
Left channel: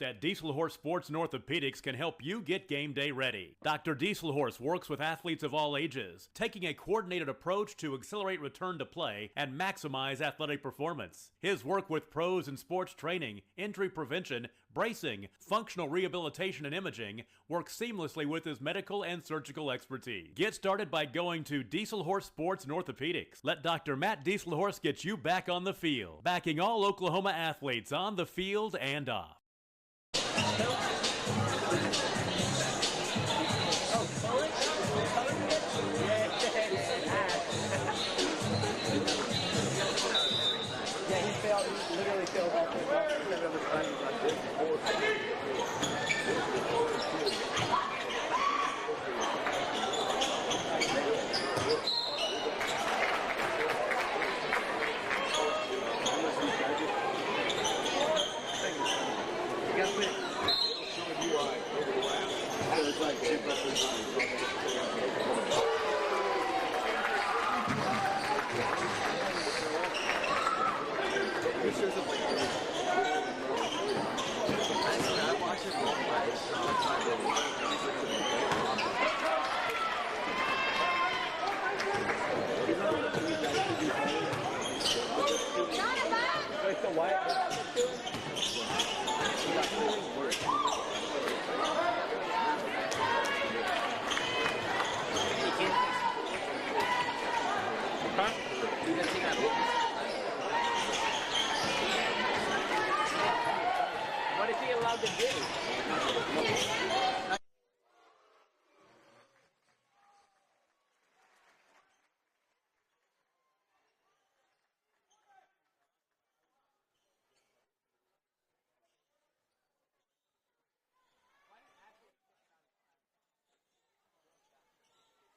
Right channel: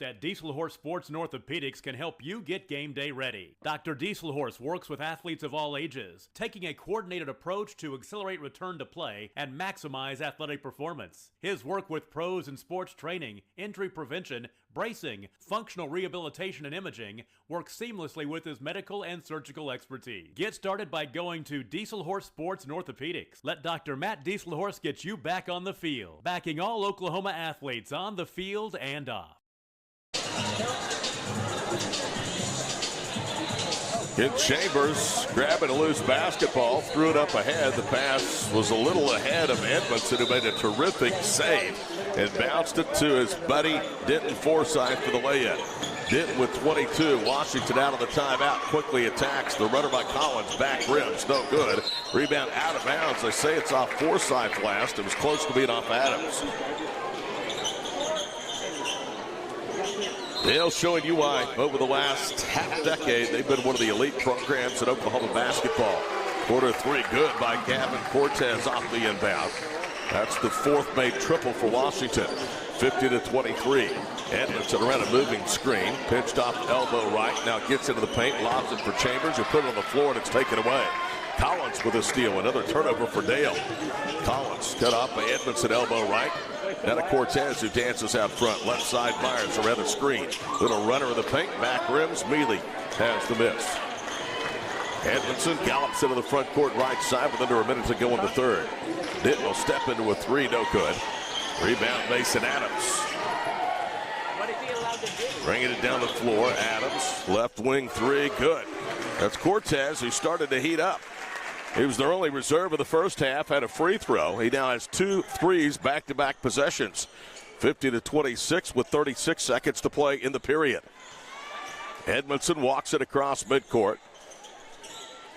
At Diesel Horse Sports and Orthopedics can help you get game day ready. Dr. Diesel Horse works with athletes of all ages, taking a coordinated approach to accelerate return to play and maximize athletic performance. His work with pros in sports training, injury prevention, bracing, functional rehabilitation, and imaging works seamlessly with his medical and surgical expertise. Get started by going to Diesel Horse Sports and Orthopedics. Let Dr. Matt Diesel Horse get you back on the field, backing all Oklahoma athletes on the field and off. Hit Chambers, grabbing a loose basketball, threw it up ahead. The pass was a little ahead of Edmondson, who made a terrific save and bounced it to his buddy Denton Forsythe for the lay-in. Denton with 22. Washington out of the timeout, quickly attacks. The runner by Collins, back rims, no good. Rebound out of bounds. They say it's off Forsythe last. It was close to being off Adams. Dale showing you why over the last half decade they've been one of the elite programs in Oklahoma basketball. Quarter 3 good by Gavin Cortez off the inbound. That's the 4th made triple for Washington. 50-23. Edmondson around a moving screen. Pitched off elbow right. Now gets into the paint. Lobs it for Chambers. Who put it on the floor and it's taken away. Collins with a steal. Another turnover for Dale. Collins cut off by Edmondson, elbow right. Now to Cortez, who dances out front. Left side fires around the screen. Little runner in the paint. Back rims. Mealy has the miss. Edmondson gallops into the front court right side with under a minute to go in the third. It will step into a 3. No good. Rebound Mason Adams. What is he allowed to do? Bringing it down the floor. Adams. Left wing 3. Good. That's Cortez, who started to heat up. He was their only reserve of the first half, had a free throw. He now has 2 threes back-to-back possessions. 50-26 with 36 seconds to play in the period. Edmondson walks it across midcourt.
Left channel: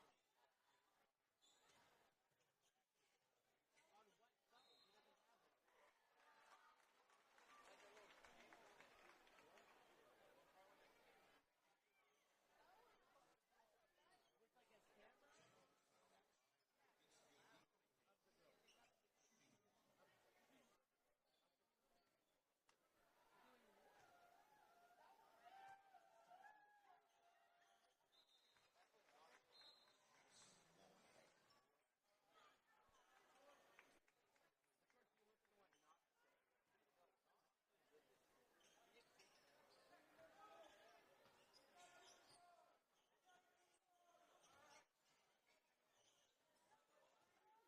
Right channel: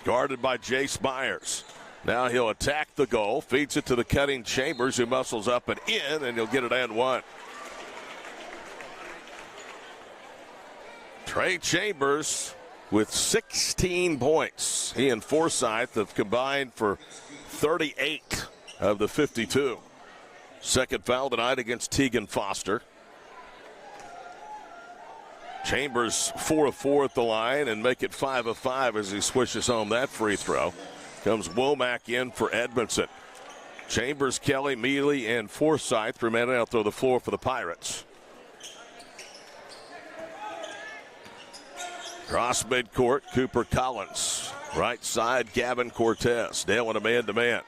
Guarded by Jace Myers. Now he'll attack the goal, feeds it to the cutting Chambers, who muscles up and in, and he'll get it and one. Trey Chambers with 16 points. He and Forsythe have combined for 38 of the 52. Second foul tonight against Tegan Foster. Chambers 4 of 4 at the line and make it 5 of 5 as he swishes home that free throw. Comes Womack in for Edmondson. Chambers, Kelly, Mealy, and Forsythe remain out there on the floor for the Pirates. Cross midcourt, Cooper Collins. Right side, Gavin Cortez. Dale in a man-to-man.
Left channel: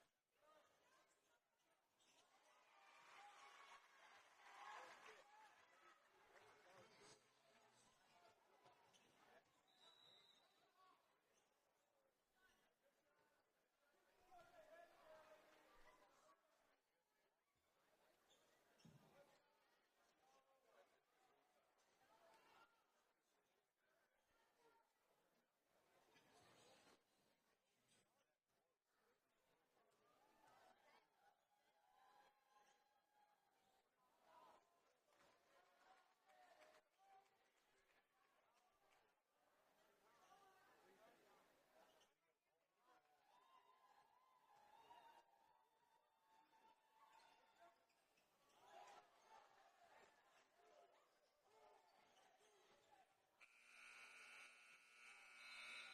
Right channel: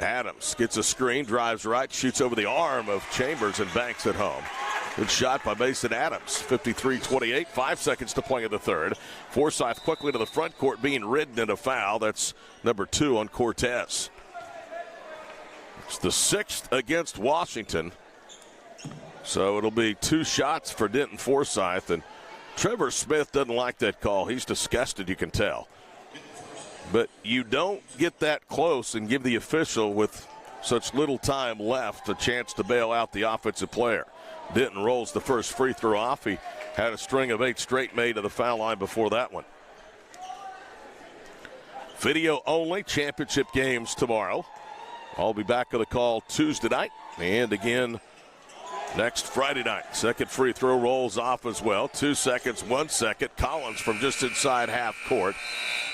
Adams gets a screen, drives right, shoots over the arm of Chambers and banks it home. Good shot by Mason Adams. 53-28, 5 seconds to play in the third. Forsythe quickly to the front court, being ridden in a foul. That's number 2 on Cortez. It's the 6th against Washington. So it'll be 2 shots for Denton Forsythe. And Trevor Smith doesn't like that call. He's disgusted, you can tell. But you don't get that close and give the official with such little time left a chance to bail out the offensive player. Denton rolls the first free throw off. He had a string of 8 straight made to the foul line before that one. Video only championship games tomorrow. I'll be back on the call Tuesday night and again next Friday night. Second free throw rolls off as well. 2 seconds, 1 second. Collins from just inside half court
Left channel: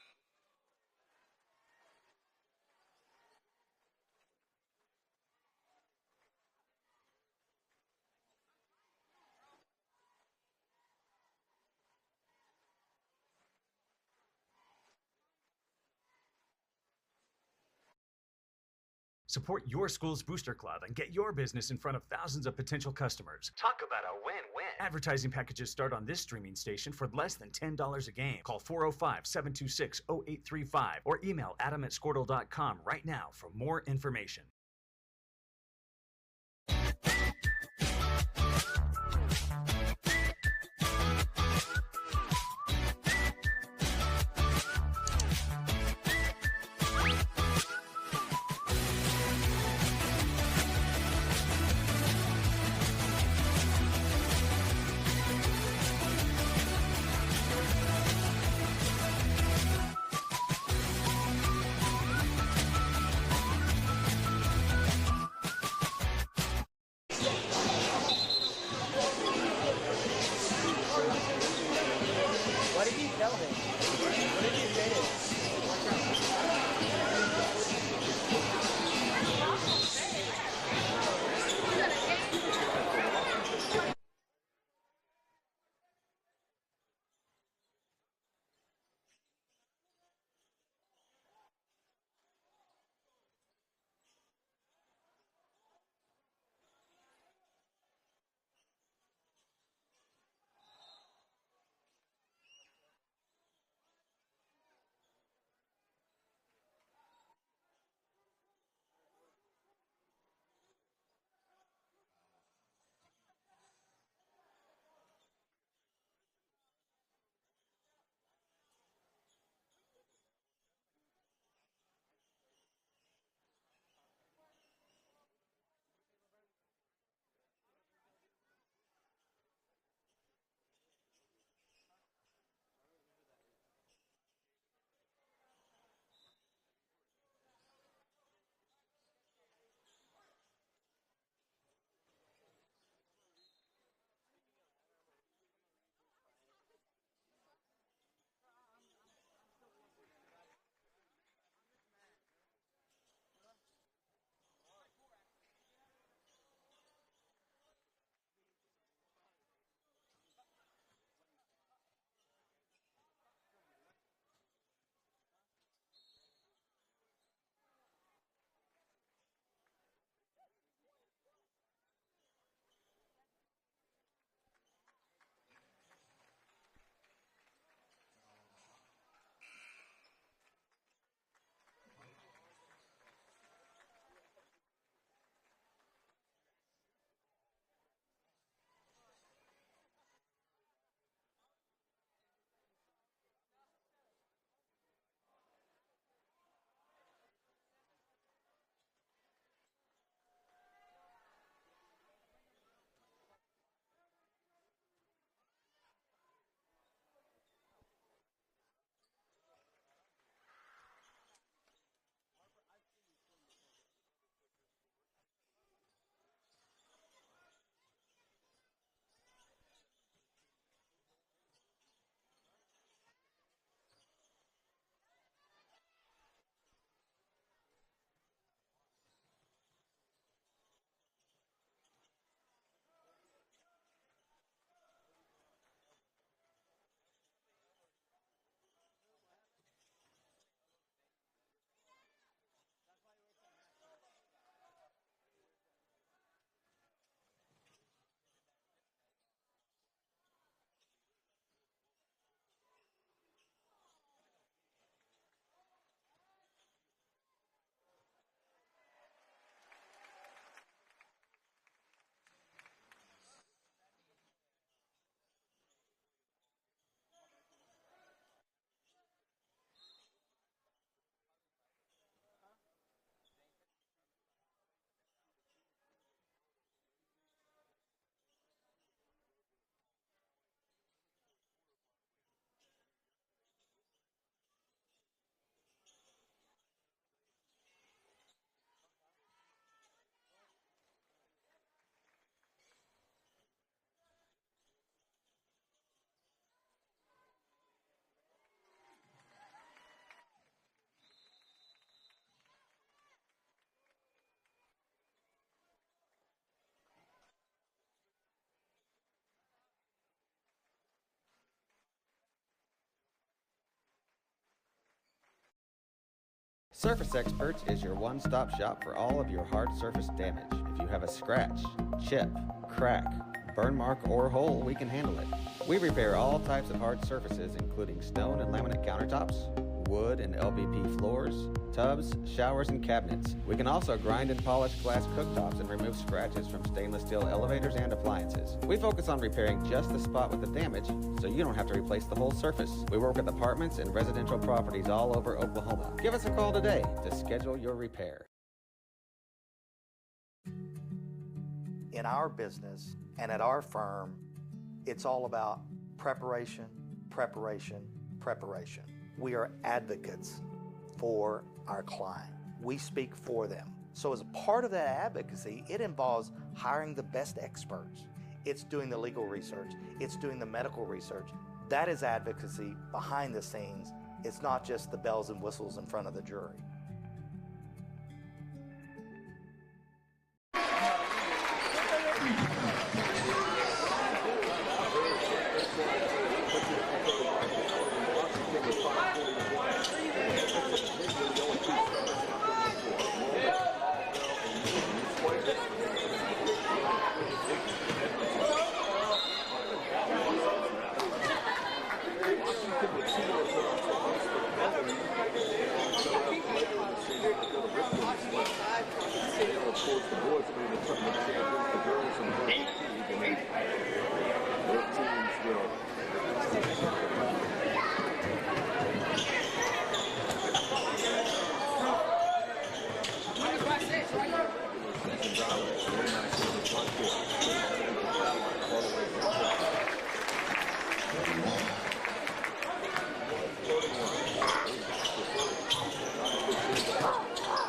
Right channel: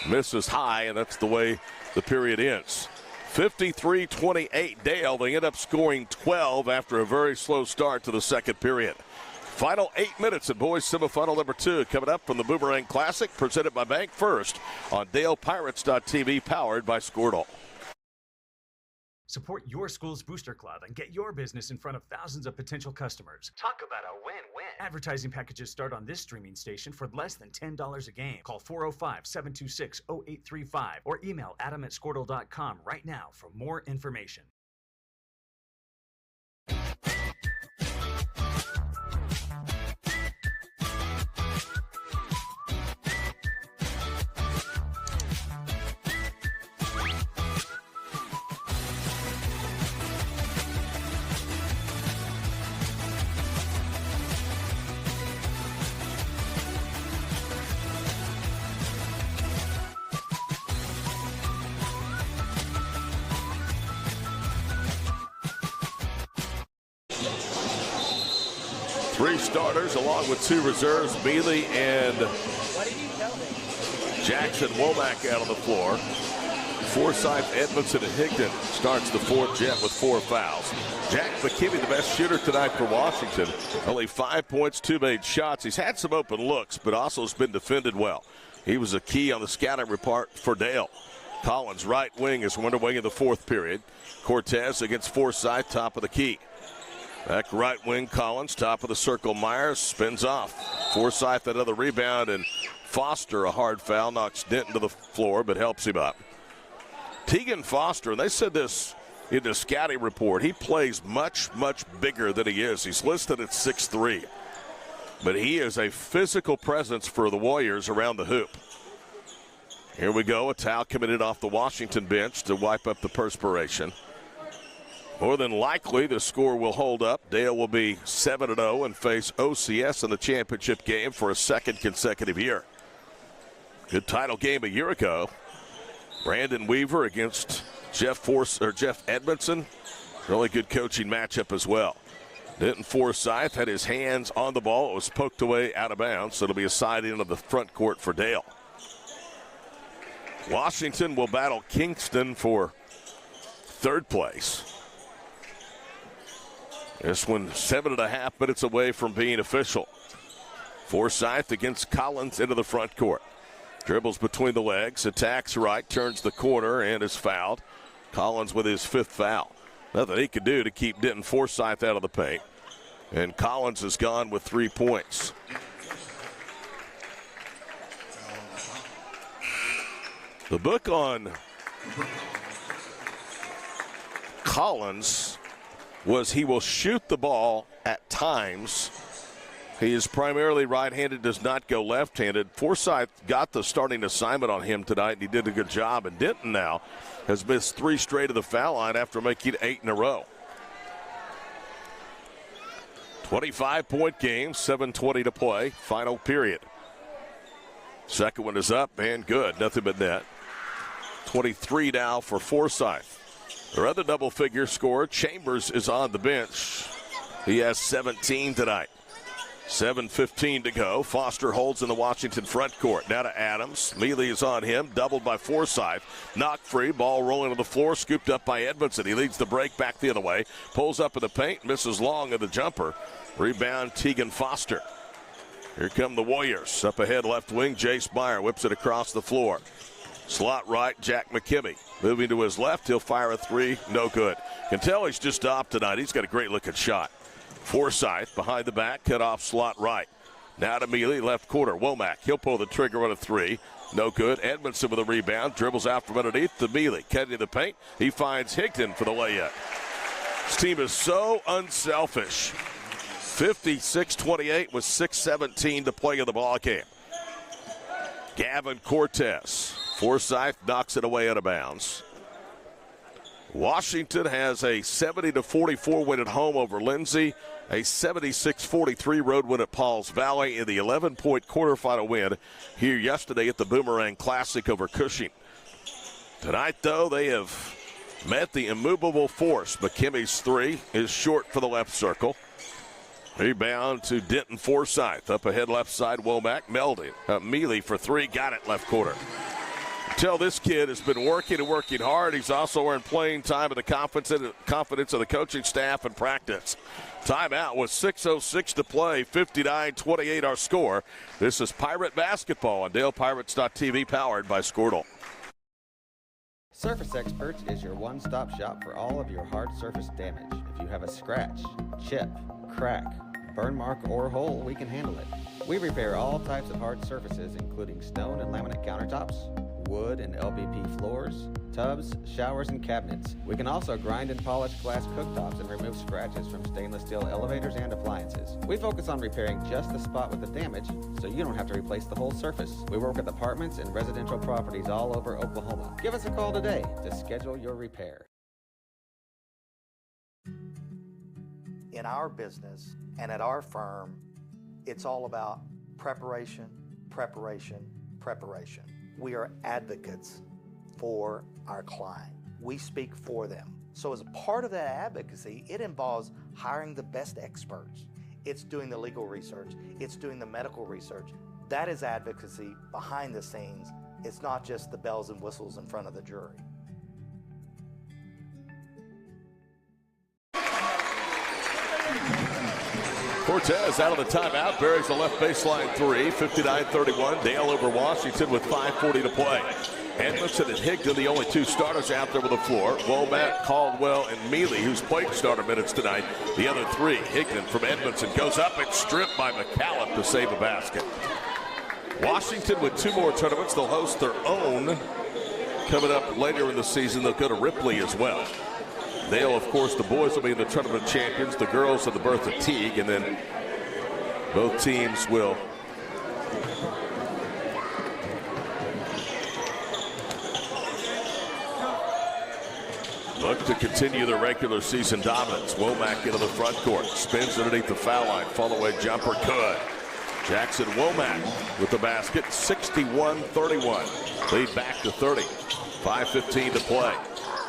misses high, and that's the way the period ends. 53-28 Dale. They end up scoring 12 after a very slow start to the second period. Final 8 minutes in boys semifinal number 2 coming up from the Boomerang Classic, presented by Bank First on DalePirates.tv, powered by Squirtle. Support your school's Booster Club and get your business in front of thousands of potential customers. Talk about a win-win. Advertising packages start on this streaming station for less than $10 a game. Call 405-726-0835 or email adam@squirtle.com right now for more information. starters along with 2 reserves, Mealy and What did you tell him? Jackson Womack out on the floor. Forsythe, Edmondson, and Higdon starts the fourth. Jet with 4 fouls. Jack McKinney, the best shooter tonight for Washington. Only 5 points, 2 made shots. He's had some open looks, but also has been defended well. He was a key on the scouting report for Dale. Collins, right wing, is underway in the 4th period. Cortez against Forsythe, top of the key. Back right wing, Collins, top of the circle. Myers spins off. Forsythe, another rebound, and Foster, a hard foul, knocks Denton to the floor, but helps him up. Tegan Foster, and they said this in the scouting report, he plays much, much bigger than he is. He's listed at 6'3", but he is a physical presence for the Warriors around the hoop. Here we go, a towel committed off the Washington bench to wipe up the perspiration. More than likely, the score will hold up. Dale will be 7-0 and face OCS in the championship game for a 2nd consecutive year. Good title game a year ago. Brandon Weaver against Jeff Edmondson. Really good coaching matchup as well. Denton Forsythe had his hands on the ball. It was poked away out of bounds, so it'll be a side in of the front court for Dale. Washington will battle Kingston for 3rd place. This one 7.5 minutes away from being official. Forsythe against Collins into the front court. Dribbles between the legs, attacks right, turns the corner, and is fouled. Collins with his 5th foul. Nothing he could do to keep Denton Forsythe out of the paint. And Collins is gone with 3 points. The book on Collins was he will shoot the ball at times. He is primarily right-handed, does not go left-handed. Forsythe got the starting assignment on him tonight, and he did a good job. And Denton now has missed 3 straight of the foul line after making 8 in a row. 25-point game, 7:20 to play, final period. Second one is up and good, nothing but net. 23 now for Forsythe. Their other double-figure scorer, Chambers, is on the bench. He has 17 tonight. 7:15 to go. Foster holds in the Washington front court. Now to Adams. Mealy is on him. Doubled by Forsythe. Knocked free. Ball rolling to the floor. Scooped up by Edmondson. He leads the break back the other way. Pulls up in the paint. Misses long of the jumper. Rebound Tegan Foster. Here come the Warriors. Up ahead left wing. Jace Meyer whips it across the floor. Slot right, Jack McKimmey. Moving to his left, he'll fire a 3. No good. Can tell he's just off tonight. He's got a great looking shot. Forsythe behind the back, cut off slot right. Now to Mealy, left corner. Womack, he'll pull the trigger on a 3. No good. Edmondson with a rebound. Dribbles out from underneath to Mealy. Cutting to the paint. He finds Higdon for the layup. This team is so unselfish. 56-28 with 6:17 to play in the ball game. Gavin Cortez. Forsythe knocks it away out of bounds. Washington has a 70-44 win at home over Lindsay, a 76-43 road win at Pauls Valley, in the 11-point quarterfinal win here yesterday at the Boomerang Classic over Cushing. Tonight, though, they have met the immovable force. McKimmy's 3 is short for the left circle. Rebound to Denton Forsythe. Up ahead left side, Womack. Mealy for 3, got it left corner. Tell this kid has been working and working hard. He's also earned playing time and the confidence of the coaching staff and practice. Timeout with 6:06 to play. 59-28 our score. This is Pirate Basketball on DalePirates.tv, powered by Squirtle. Surface Experts is your one-stop shop for all of your hard surface damage. If you have a scratch, chip, crack, burn mark, or hole, we can handle it. We repair all types of hard surfaces, including stone and laminate countertops, wood and LVP floors, tubs, showers, and cabinets. We can also grind and polish glass cooktops and remove scratches from stainless steel elevators and appliances. We focus on repairing just the spot with the damage, so you don't have to replace the whole surface. We work with apartments and residential properties all over Oklahoma. Give us a call today to schedule your repair. In our business and at our firm, it's all about preparation, preparation, preparation. We are advocates for our client. We speak for them. So as a part of that advocacy, it involves hiring the best experts. It's doing the legal research. It's doing the medical research. That is advocacy behind the scenes. It's not just the bells and whistles in front of the jury. Cortez out of the timeout, buries the left baseline three, 59-31. Dale over Washington with 5:40 to play. Edmondson and Higdon, the only two starters out there on the floor. Womack, Caldwell, and Mealy, who's played starter minutes tonight. The other three. Higdon from Edmondson goes up and stripped by McCallum to save a basket. Washington with two more tournaments. They'll host their own coming up later in the season. They'll go to Ripley as well. They'll, of course, the boys will be the tournament champions. The girls at the Bertha Teague, and then both teams will look to continue their regular season dominance. Womack into the front court, spins underneath the foul line, fall away jumper good. Jackson Womack with the basket, 61-31. Lead back to 30. 5:15 to play.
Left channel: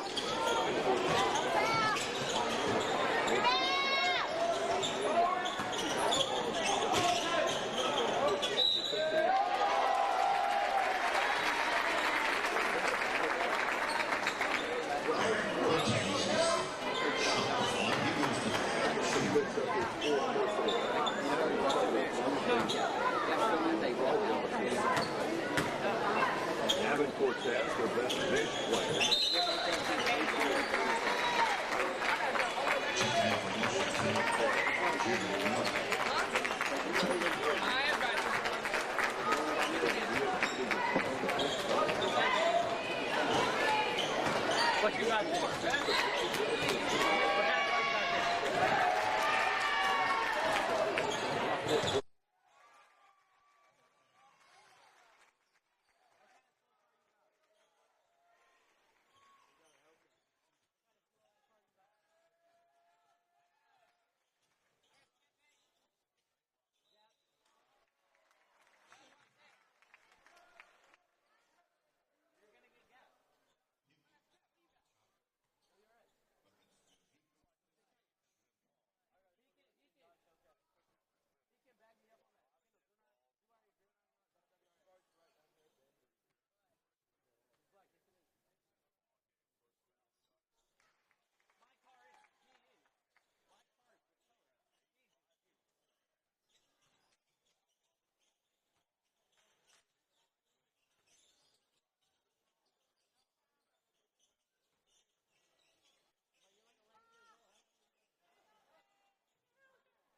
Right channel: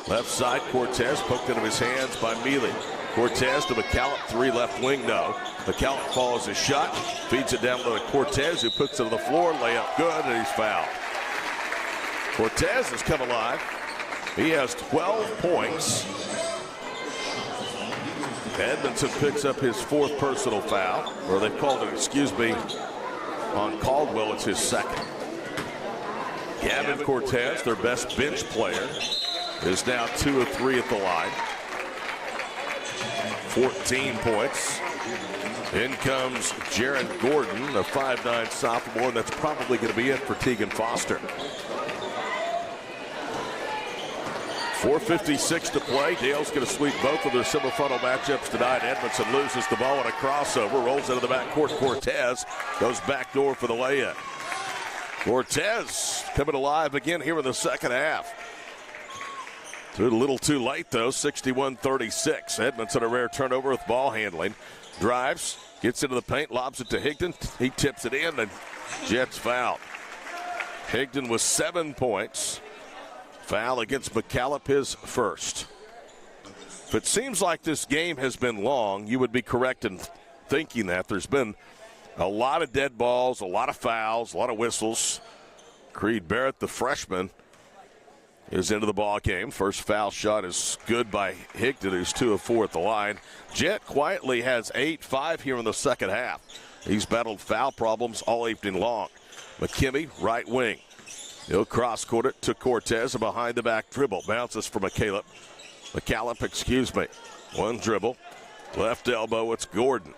Left side, Cortez poked into his hands by Mealy. Cortez to McCallum, three left wing now. McCallum follows his shot, feeds it down to Cortez, who puts it on the floor, layup good, and he's fouled. Cortez has come alive. He has 12 points. Edmondson picks up his fourth personal foul, or they called it, excuse me, on Caldwell. It's his second. Gavin Cortez, their best bench player, is now 2 of 3 at the line. 14 points. In comes Jarrett Gordon, the 5'9" sophomore. That's probably going to be it for Tegan Foster. 4:56 to play. Dale's going to sweep both of their semifinal matchups tonight. Edmondson loses the ball in a crossover, rolls into the backcourt. Cortez goes backdoor for the layup. Cortez coming alive again here in the second half. A little too late, though. 61-36. Edmondson a rare turnover with ball handling. Drives, gets into the paint, lobs it to Higdon. He tips it in, and Jets foul. Higdon with 7 points. Foul against McCallum, his first. If it seems like this game has been long, you would be correct in thinking that. There's been a lot of dead balls, a lot of fouls, a lot of whistles. Creed Barrett, the freshman, is into the ball game. First foul shot is good by Higdon, who's 2 of 4 at the line. Jet quietly has 8-5 here in the second half. He's battled foul problems all evening long. McKimmey, right wing. He'll cross-court it to Cortez, a behind-the-back dribble. Bounces for McCallum. One dribble. Left elbow, it's Gordon.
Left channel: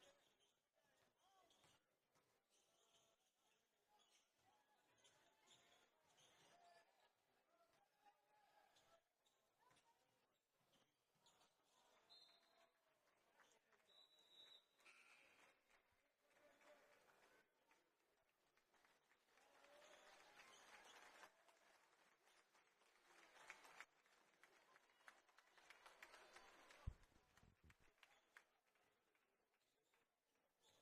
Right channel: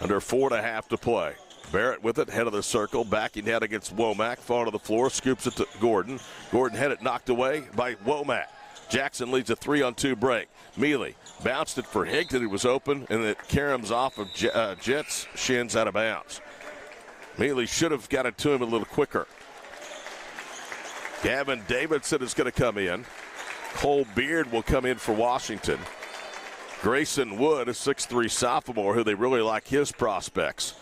Under 4.5 to play. Barrett with it, head of the circle, backing down against Womack. Fall to the floor, scoops it to Gordon. Gordon had it knocked away by Womack. Jackson leads a 3-on-2 break. Mealy bounced it for Higdon, who was open, and it caroms off of Jet's shins out of bounds. Mealy should have got it to him a little quicker. Gavin Davidson is going to come in. Cole Beard will come in for Washington. Grayson Wood, a 6'3" sophomore, who they really like his prospects,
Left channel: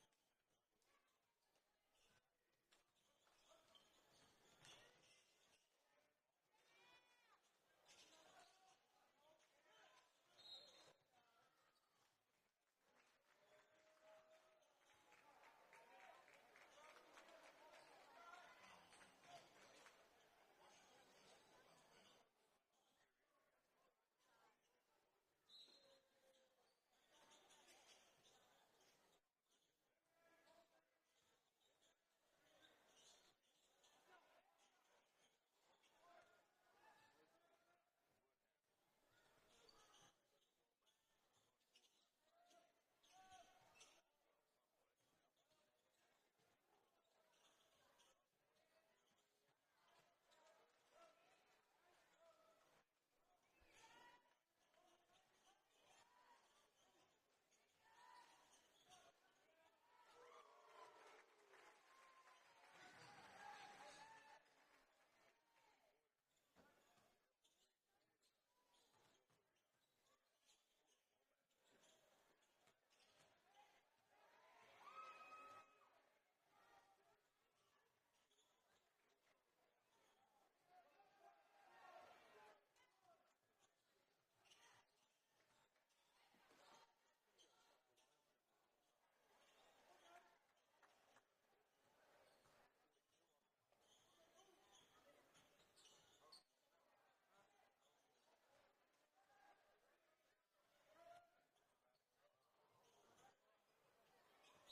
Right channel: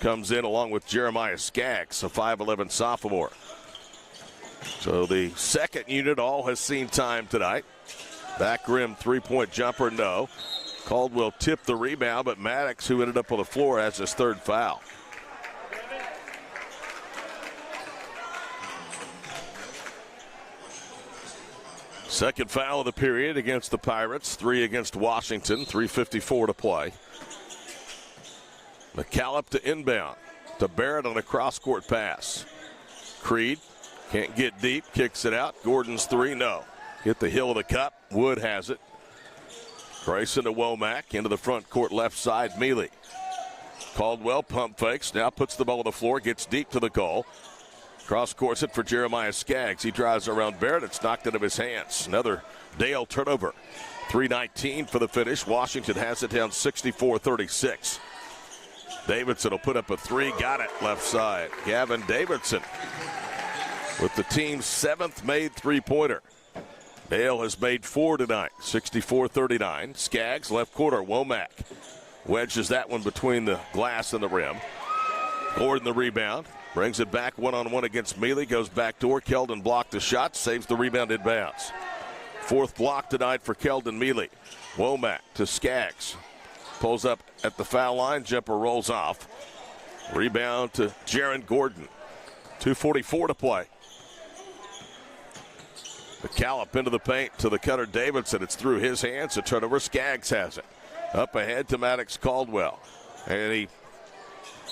comes in along with Jeremiah Skaggs, a 5'11" sophomore. So the second unit all has seen time tonight. Back rim three-point jumper, no. Caldwell tipped the rebound, but Maddox, who ended up on the floor, has his third foul. Second foul of the period against the Pirates. 3 against Washington. 3:54 to play. McCallum to inbound. To Barrett on a cross-court pass. Creed can't get deep. Kicks it out. Gordon's 3, no. Hit the heel of the cup. Wood has it. Grayson to Womack. Into the front court left side. Mealy. Caldwell pump fakes. Now puts the ball on the floor. Gets deep to the goal. Cross-courts it for Jeremiah Skaggs. He drives around Barrett. It's knocked out of his hands. Another Dale turnover. 3:19 for the finish. Washington has it down 64-36. Davidson will put up a 3. Got it left side. Gavin Davidson with the team's 7th made three-pointer. Dale has made 4 tonight. 64-39. Skaggs left corner. Womack wedges that one between the glass and the rim. Gordon the rebound. Brings it back one-on-one against Mealy. Goes backdoor. Keldon blocked the shot. Saves the rebound in bounds. 4th block tonight for Keldon Mealy. Womack to Skaggs. pulls up at the foul line. Jumper rolls off. Rebound to Jaron Gordon. 2:44 to play. McCallum into the paint to the cutter Davidson. It's through his hands. A turnover. Skaggs has it. Up ahead to Maddox Caldwell. And he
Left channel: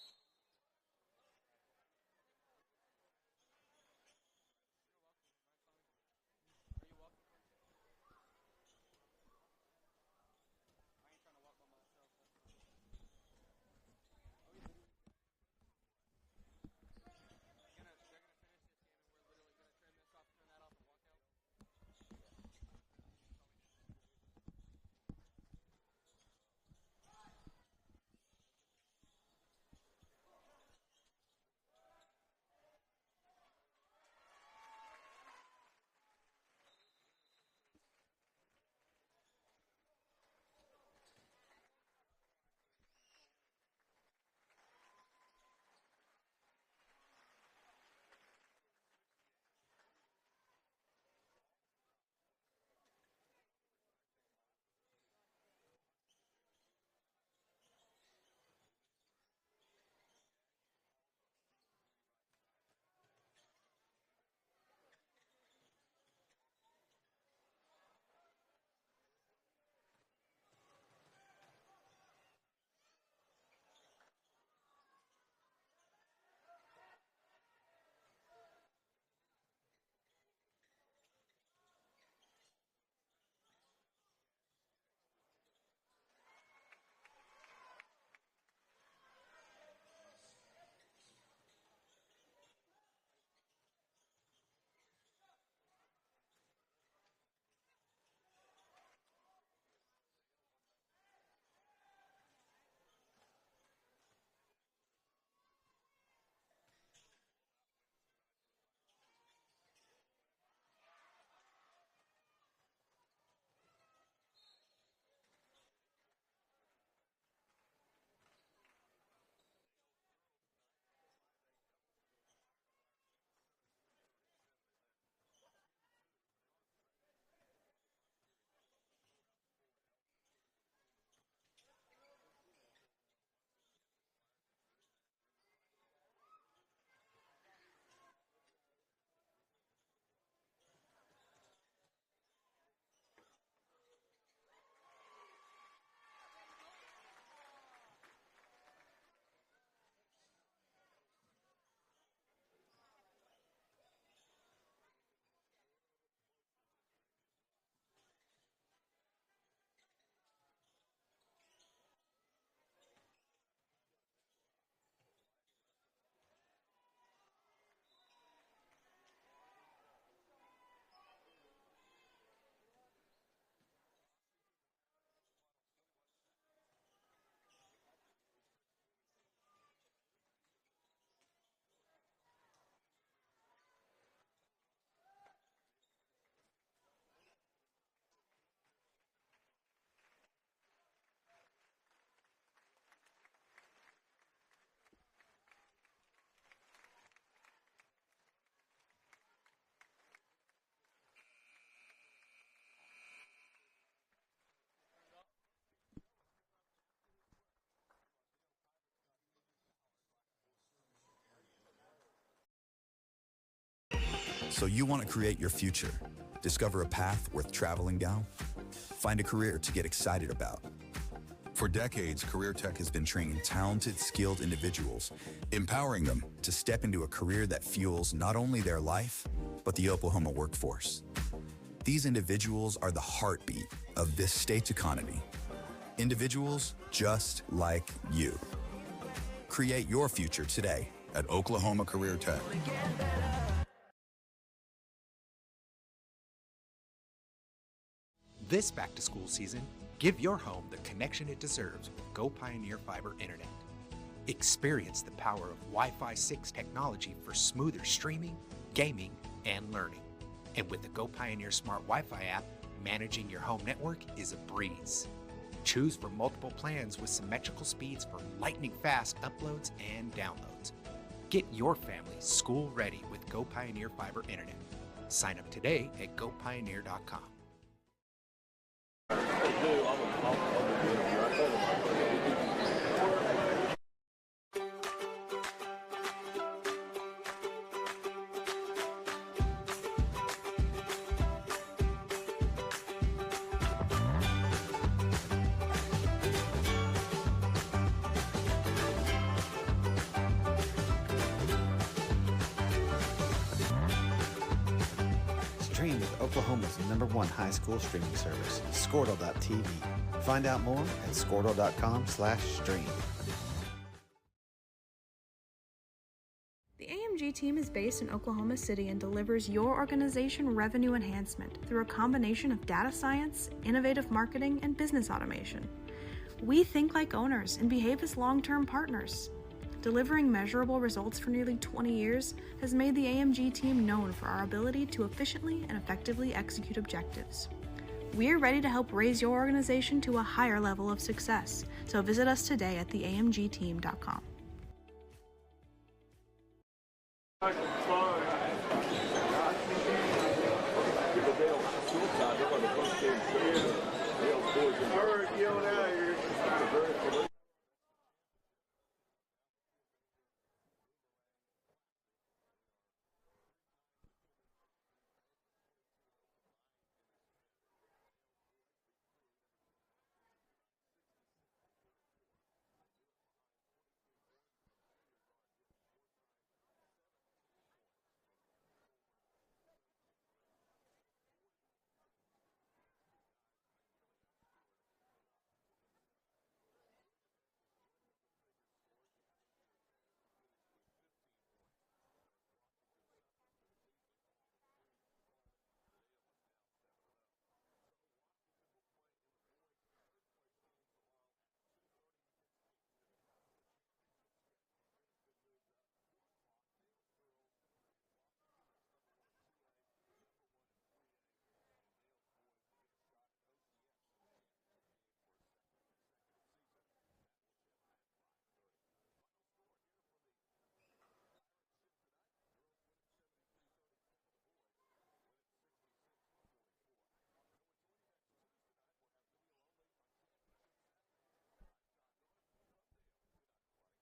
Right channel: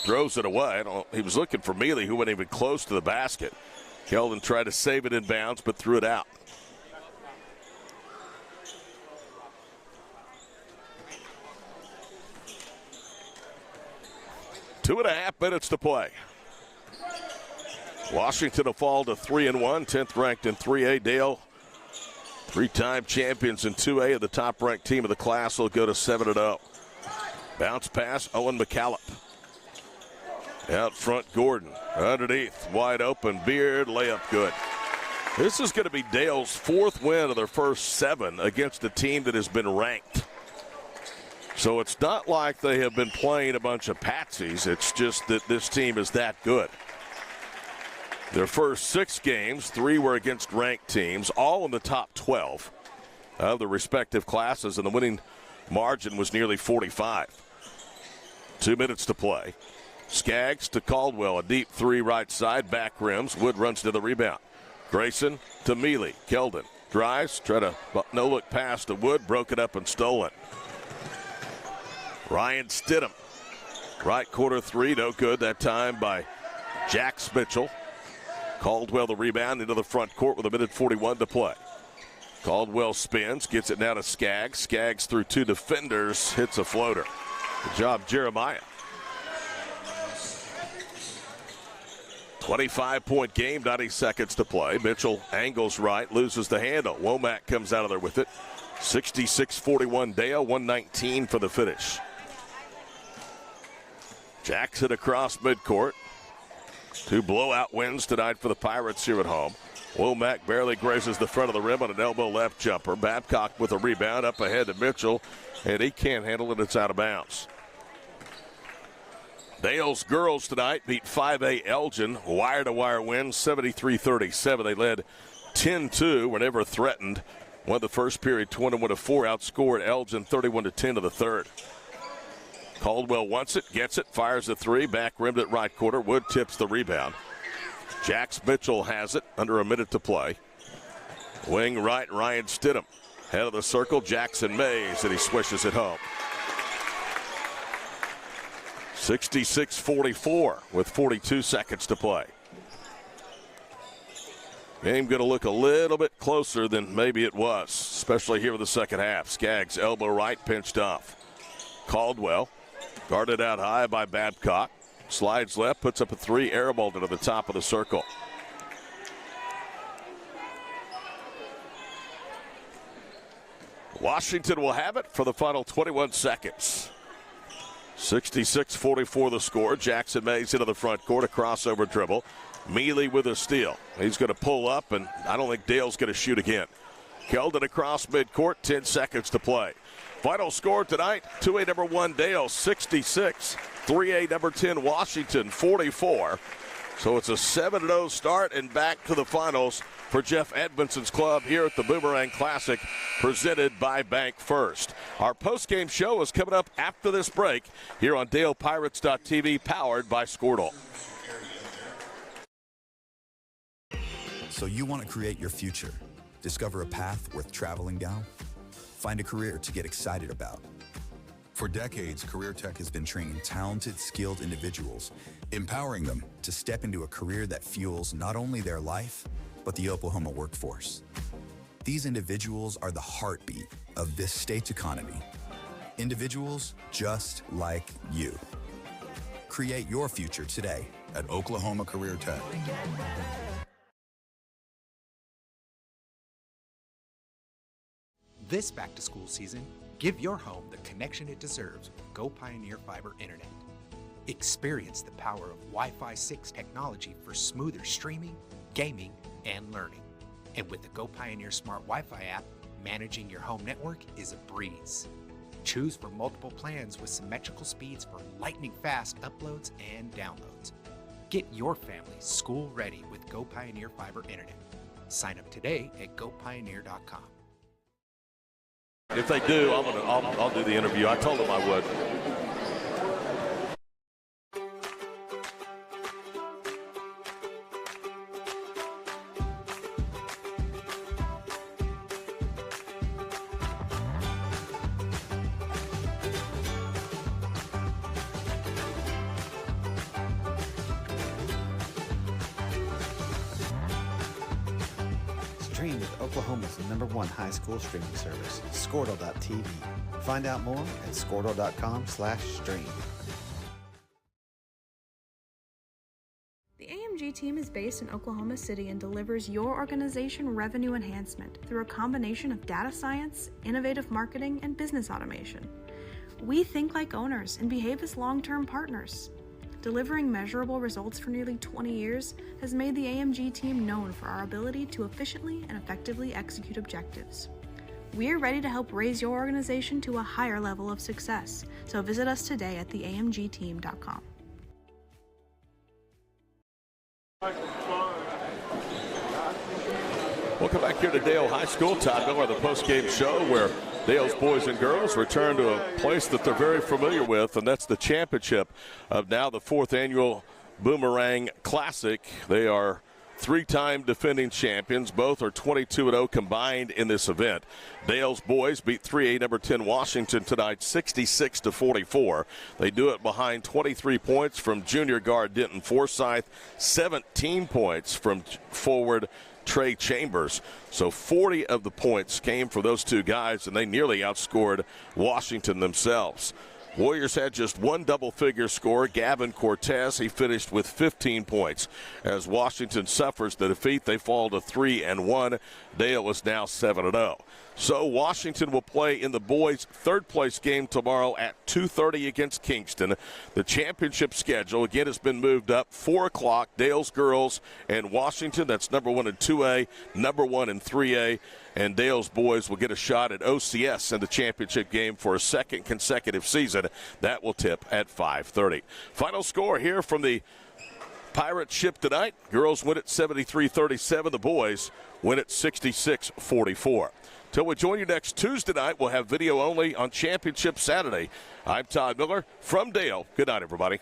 throws it away. He was looking for Mealy, who wasn't even close to the basket. Keldon tried to save it in bounds, but threw it out. Two and a half minutes to play. Washington will fall to 3-1, 10th ranked in 3A. Dale, three-time champions in 2A, the top-ranked team of the class, will go to 7-0. Bounce pass, Owen McCallum. Out front, Gordon. Underneath, wide open, Beard, layup good. This is going to be Dale's fourth win of their first 7 against a team that has been ranked. So it's not like they have been playing a bunch of patsies. It's just that this team is that good. Their first 6 games, 3 were against ranked teams, all in the top 12 of the respective classes, and the winning margin was nearly 45. 2 minutes to play. Skaggs to Caldwell, a deep 3 right side, back rims. Wood runs to the rebound. Grayson to Mealy. Keldon drives, try to no-look pass to Wood, broken up and stolen. Ryan Stidham, right quarter 3, no good that time by Jax Mitchell. Caldwell the rebound into the front court with 1:41 to play. Caldwell spins, gets it now to Skaggs. Skaggs through 2 defenders, hits a floater. Good job, Jeremiah. 25-point game, 90 seconds to play. Mitchell angles right, loses the handle. Womack comes out of there with it. 66-41 Dale, 119 for the finish. Jackson across midcourt. 2 blowout wins tonight for the Pirates here at home. Womack barely grazes the front of the rim on an elbow left jumper. Babcock with a rebound up ahead to Mitchell, and he can't handle it. It's out of bounds. Dale's girls tonight beat 5A Elgin. Wire-to-wire win, 73-37. They led 10-2, were never threatened. Won the first period 21-4, outscored Elgin 31-10 to the third. Caldwell wants it, gets it, fires a 3, back rimmed at right quarter. Wood tips the rebound. Jax Mitchell has it, under a minute to play. Wing right, Ryan Stidham. Head of the circle, Jackson Mays, and he swishes it home. 66-44 with 42 seconds to play. Game going to look a little bit closer than maybe it was, especially here in the second half. Skaggs, elbow right, pinched off. Caldwell, guarded out high by Babcock. Slides left, puts up a 3, airballed into the top of the circle. Washington will have it for the final 21 seconds. 66-44 the score. Jackson Mays into the front court, a crossover dribble. Mealy with a steal. He's going to pull up, and I don't think Dale's going to shoot again. Keldon across midcourt, 10 seconds to play. Final score tonight, 2A number 1 Dale 66, 3A number 10 Washington 44. So it's a 7-0 start and back to the finals for Jeff Edmondson's club here at the Boomerang Classic, presented by Bank First. Our postgame show is coming up after this break here on DalePirates.tv, powered by Squirtle. So you want to create your future, discover a path worth traveling down, find a career to get excited about. For decades, Career Tech has been training talented, skilled individuals, empowering them to step into a career that fuels not only their life, but the Oklahoma workforce. These individuals are the heartbeat of this state's economy. Individuals just like you. Create your future today at Oklahoma Career Tech. This back-to-school season, give your home the connection it deserves with Go Pioneer Fiber Internet. Experience the power of Wi-Fi 6 technology for smoother streaming, gaming, and learning. And with the Go Pioneer Smart Wi-Fi app, managing your home network is a breeze. Choose from multiple plans with symmetrical speeds for lightning-fast uploads and downloads. Get your family school-ready with Go Pioneer Fiber Internet. Sign up today at gopioneer.com. If they do, I'll do the interview. I told them I would. Stream with Oklahoma's #1 high school streaming service, Squirtle.tv. Find out more at Squirtle.com/stream. The AMG team is based in Oklahoma City and delivers your organization revenue enhancement through a combination of data science, innovative marketing, and business automation. We think like owners and behave as long-term partners. Delivering measurable results for nearly 20 years has made the AMG team known for our ability to efficiently and effectively execute objectives. We're ready to help raise your organization to a higher level of success, so visit us today at theamgteam.com. Welcome back here to Dale High School. Todd Miller, the postgame show where Dale's boys and girls return to a place that they're very familiar with, and that's the championship of now the 4th annual Boomerang Classic. They are 3-time defending champions. Both are 22-0 combined in this event. Dale's boys beat 3A number 10 Washington tonight 66-44. They do it behind 23 points from junior guard Denton Forsyth, 17 points from forward Trey Chambers. So 40 of the points came for those two guys, and they nearly outscored Washington themselves. Warriors had just one double-figure score, Gavin Cortez. He finished with 15 points. As Washington suffers the defeat, they fall to 3-1. Dale is now 7-0. So Washington will play in the boys' third-place game tomorrow at 2:30 against Kingston. The championship schedule, again, has been moved up. 4 o'clock, Dale's girls and Washington. That's number 1 in 2A, number 1 in 3A. And Dale's boys will get a shot at OCS in the championship game for a second consecutive season. That will tip at 5:30. Final score here from the Pirate ship tonight. Girls win at 73-37. The boys win at 66-44. Till we join you next Tuesday night, we'll have video only on Championship Saturday. I'm Todd Miller from Dale. Good night, everybody.